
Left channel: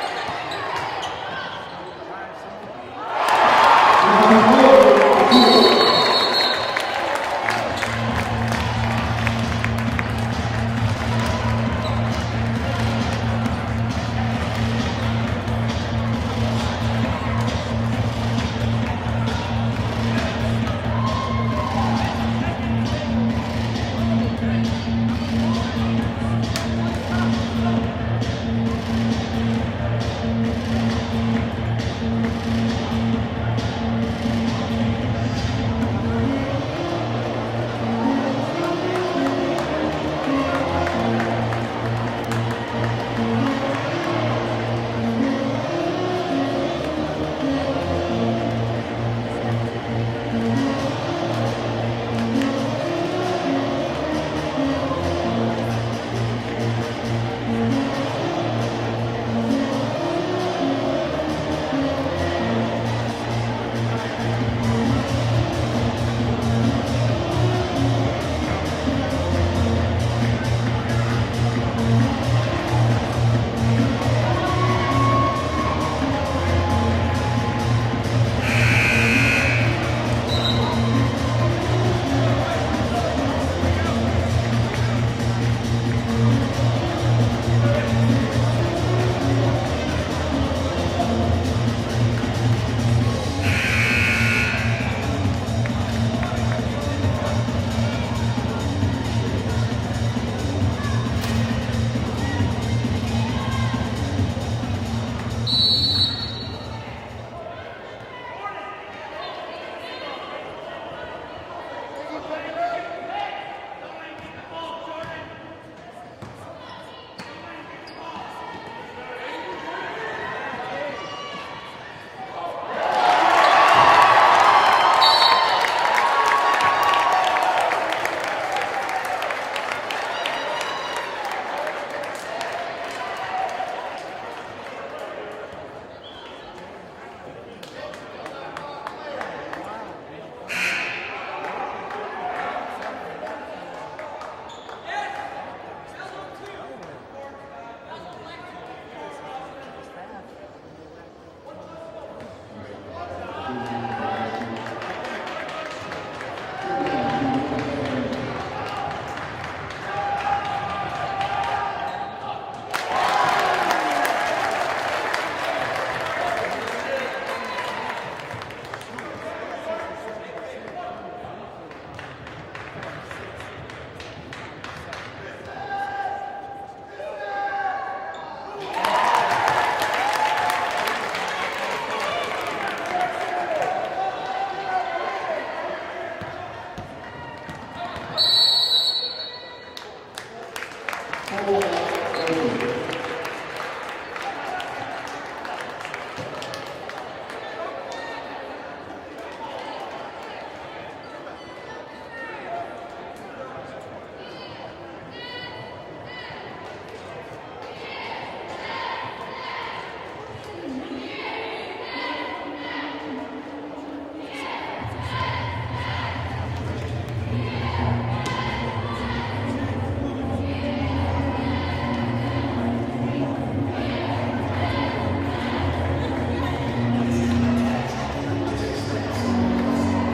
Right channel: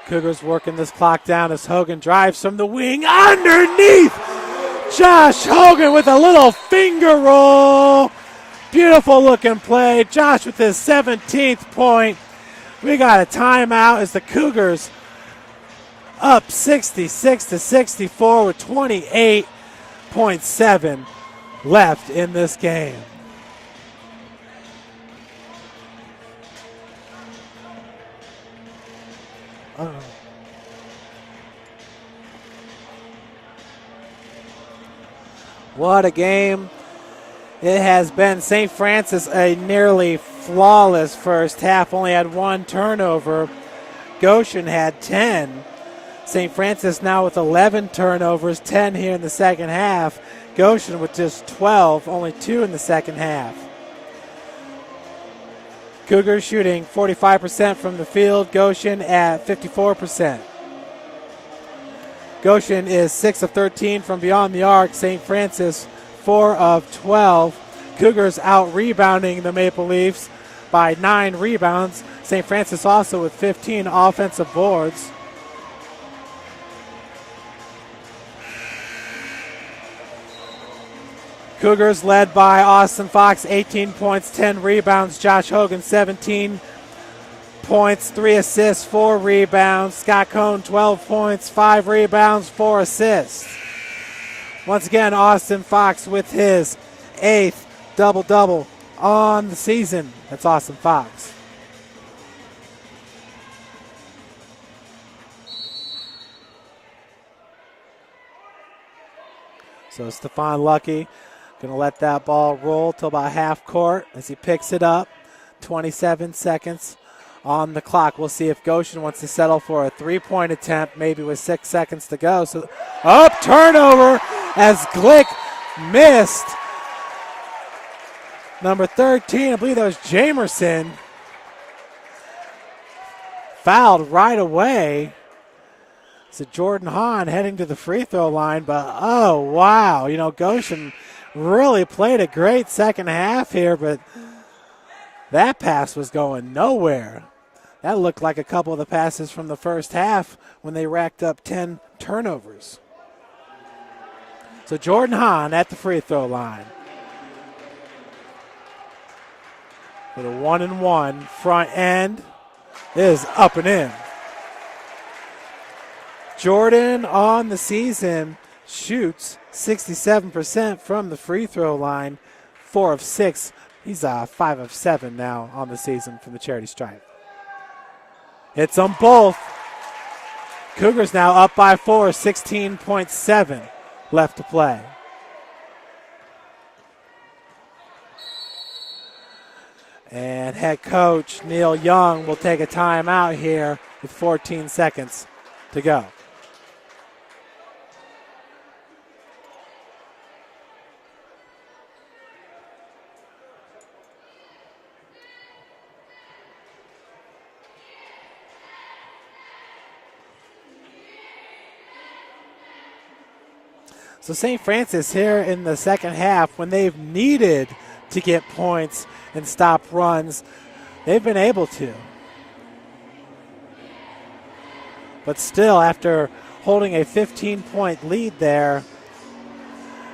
Cougars working this clock down as Hogan drives from the wing underneath. Josh Hogan with a little finger roll. Beautiful looking play. Josh with his 17th point. We got a timeout as the Cougars up 66-64 with 28.7 left in this game. What a game it has been. St. Francis, a nearly flawless first half, only had 1 turnover. Goshen had 10. St. Francis now with 11 turnovers, 10 here in the second half. Goshen with just 12, only 2 in the second half. Cougars shooting 45% from the field, Goshen at 54%. Goshen is 6 of 13 from beyond the arc. St. Francis 4 of 12. Cougars out rebounding the Maple Leafs by 9 rebounds. St. Francis also with 15 offensive boards. Cougars led by Austin Fox, 18 points, 10 rebounds. Josh Hogan, 17 points, 3 assists, 4 rebounds. Scott Cohn, 12 points, 5 rebounds, 4 assists. Once again, Austin Fox with his 8th double-double on the season. That's Austin Fox. So Stephon Lucky going to let that ball roll till about half court as he picks it up. 27 seconds on the clock. We'll see if Goshen wants to settle for a 3-point attempt, maybe with 6 seconds to go. So up, turnover as Glick missed. Number 13, I believe that was Jamerson, fouled right away. So Jordan Hahn heading to the free throw line, but oh wow, you know, Goshen really played a great second half here, but that pass was going nowhere. That looked like a couple of the passes from the first half when they racked up 10 turnovers. So Jordan Hahn at the free throw line. The 1-and-1 front end is up and in. Jordan on the season shoots 67% from the free throw line, 4 of 6. He's 5 of 7 now on the season from the charity stripe. Hits them both. Cougars now up by 4, 16.7 left to play. And head coach Neil Young will take a timeout here with 14 seconds to go. So St. Francis here in the second half, when they've needed to get points and stop runs, they've been able to. But still, after holding a 15-point lead there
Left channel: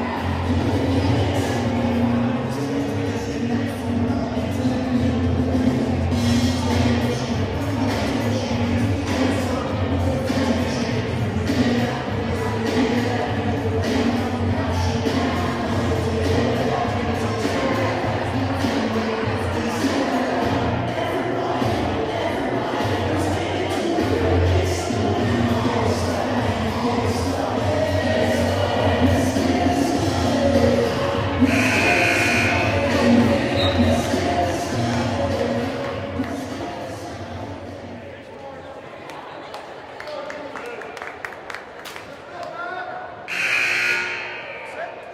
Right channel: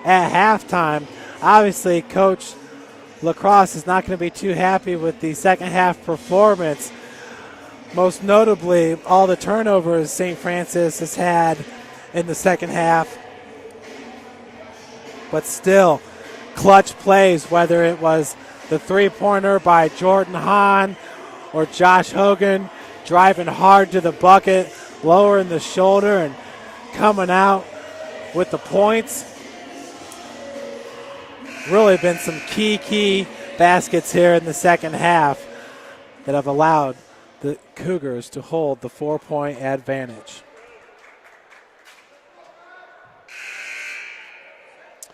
at halftime, obviously Coach Lacrosse is not going to be too happy with the second half performance. Most notably, all the turnovers St. Francis has had in the second half. But still, clutch plays, whether it was the three-pointer by Jordan Hahn or Josh Hogan driving hard to the bucket, lowering the shoulder and coming out with the points. Really been some key baskets here in the second half that have allowed the Cougars to hold the 4-point advantage.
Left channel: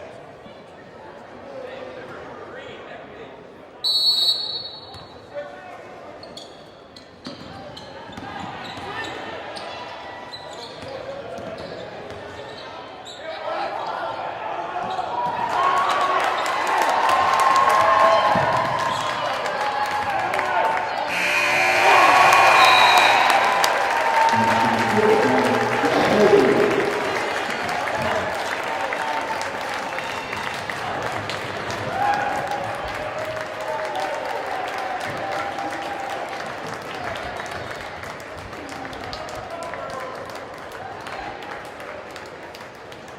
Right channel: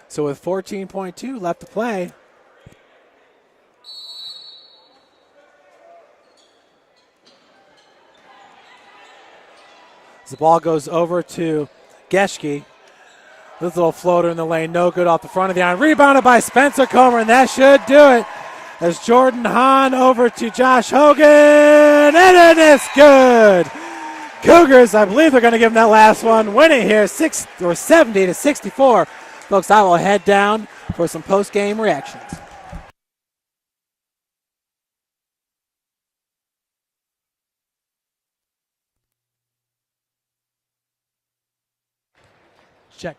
So with 14.2 left to play, the ball goes over to Geschke. This little floater in the lane, no good off the front of the iron. Rebounded by Spencer Comer, and that should do it. As Jordan Hahn over to Josh Hogan, and it is good. Cougars, I believe they're going to give them that last one, winning here 70-64. Folks, I will head down for some post-game reactions. Check.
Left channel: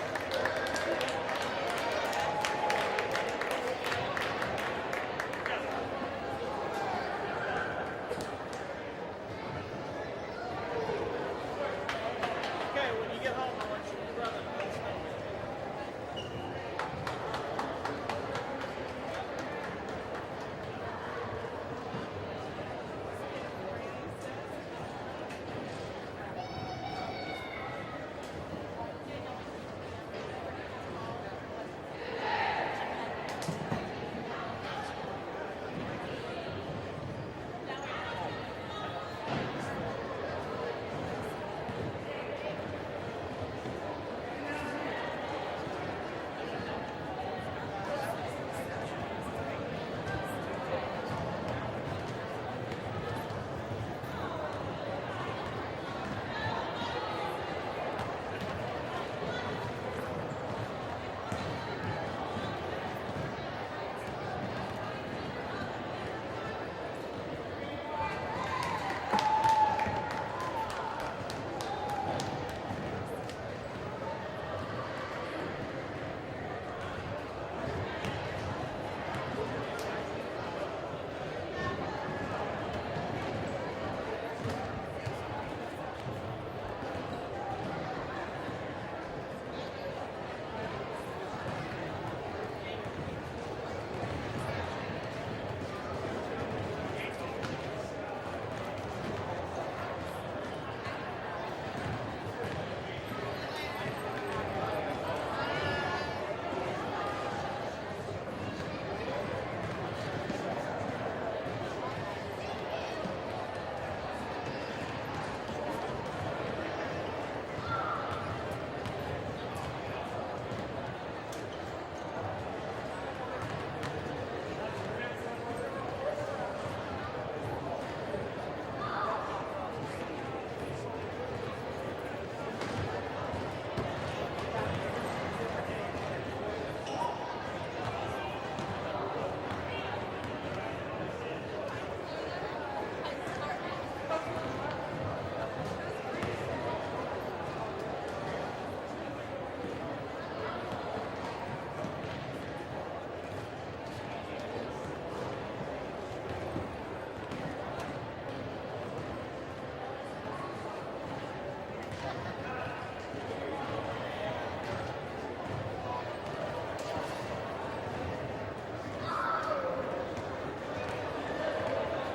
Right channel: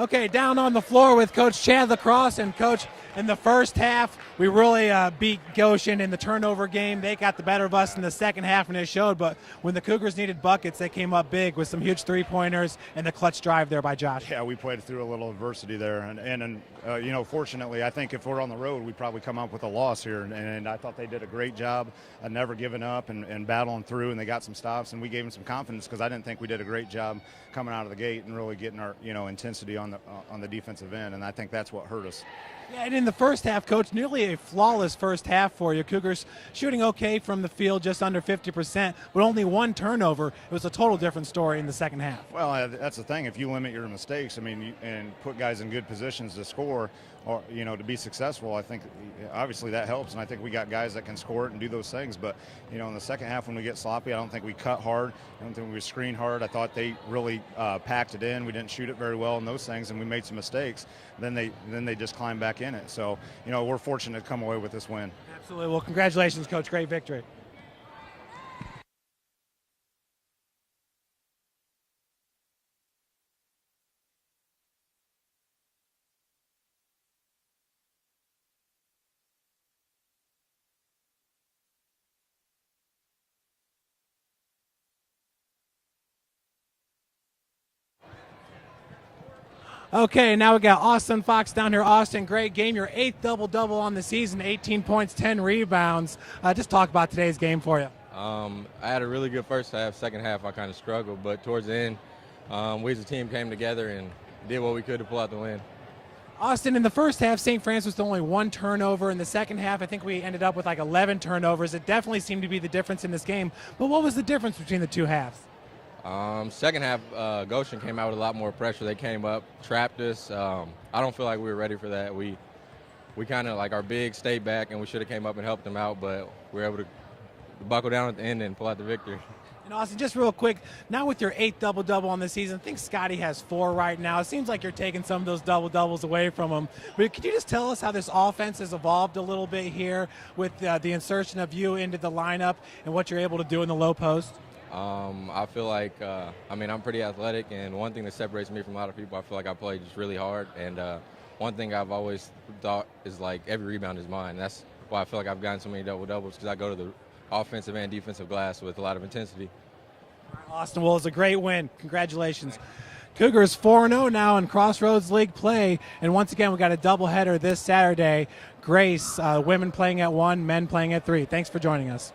Okay, down on the floor with Coach Chad Lacrosse. And Coach, in the first half, we really beat Goshen in the turnover game. They got the better of us in the second half, and it showed. But when the Cougars needed buckets, they came up big with some huge three-pointers and the clutch drive there by Josh. Yeah, we played through a little adversity there. And you know, fortunately, I think if we're on the road, we probably come up with a loss here. And I thought they did a great job of never giving up and battling through, and they got some stops, and we gave them some confidence because I didn't think we did a great job coming out of the gate and really getting our intensity on the defensive end, and I think that's what hurt us. And in the first half, Coach, nearly a flawless first half for you. Cougars shooting okay from the field, just under 50%, but only one turnover. It was a total different story in the second half. Well, that's the thing. If you limit your mistakes, I mean, and put guys in good positions to score, or to be successful, I think obviously that helps, and I think we got guys that can score and do those things. But in the second half when we get sloppy, I don't think we cut hard. I don't think we screen hard. I thought they really packed it in. We didn't shoot it very well and those things, and we made some mistakes. Then they just climbed back in it. So we're fortunate to come away with this win. Absolutely. Well, congratulations, Coach. Great victory. Okay, now we got Austin Fox down here. Austin, great game. Your 8th double-double on the season, 18 points, 10 rebounds. Just talk about today's game for you. I had a really good first half. Second half, I kind of struggled, but towards the end, we as a team came together and did what we could to pull out the win. Austin, in the first half, St. Francis was only 1 turnover. In the second half, I think we ended up with like 11 turnovers. It definitely seemed to be the difference in this game. But what was the difference between the two halves? Second half, Goshen came out with a lot more pressure. They came up, trapped us. I don't feel like we were ready for that. We kind of like our big stayed back, and we should have came up and helped them out, but we were able to buckle down at the end and pull out the victory. Austin, just real quick, now with your 8th double-double on the season, I think Scotty has 4 right now. It seems like you're taking some of those double-doubles away from him. But could you just tell us how this offense has evolved a little bit here with the insertion of you into the lineup and what you're able to do in the low post? I feel like, I'm pretty athletic, and one thing that separates me from a lot of people, I feel like I play just really hard. And one thing I've always thought is like every rebound is mine. That's why I feel like I've gotten so many double-doubles, because I go to the offensive and defensive glass with a lot of intensity. Austin, well, it's a great win. Congratulations. Cougars 4-0 now in Crossroads League play. And once again, we got a doubleheader this Saturday. Grace, women playing at 1, men playing at 3. Thanks for joining us.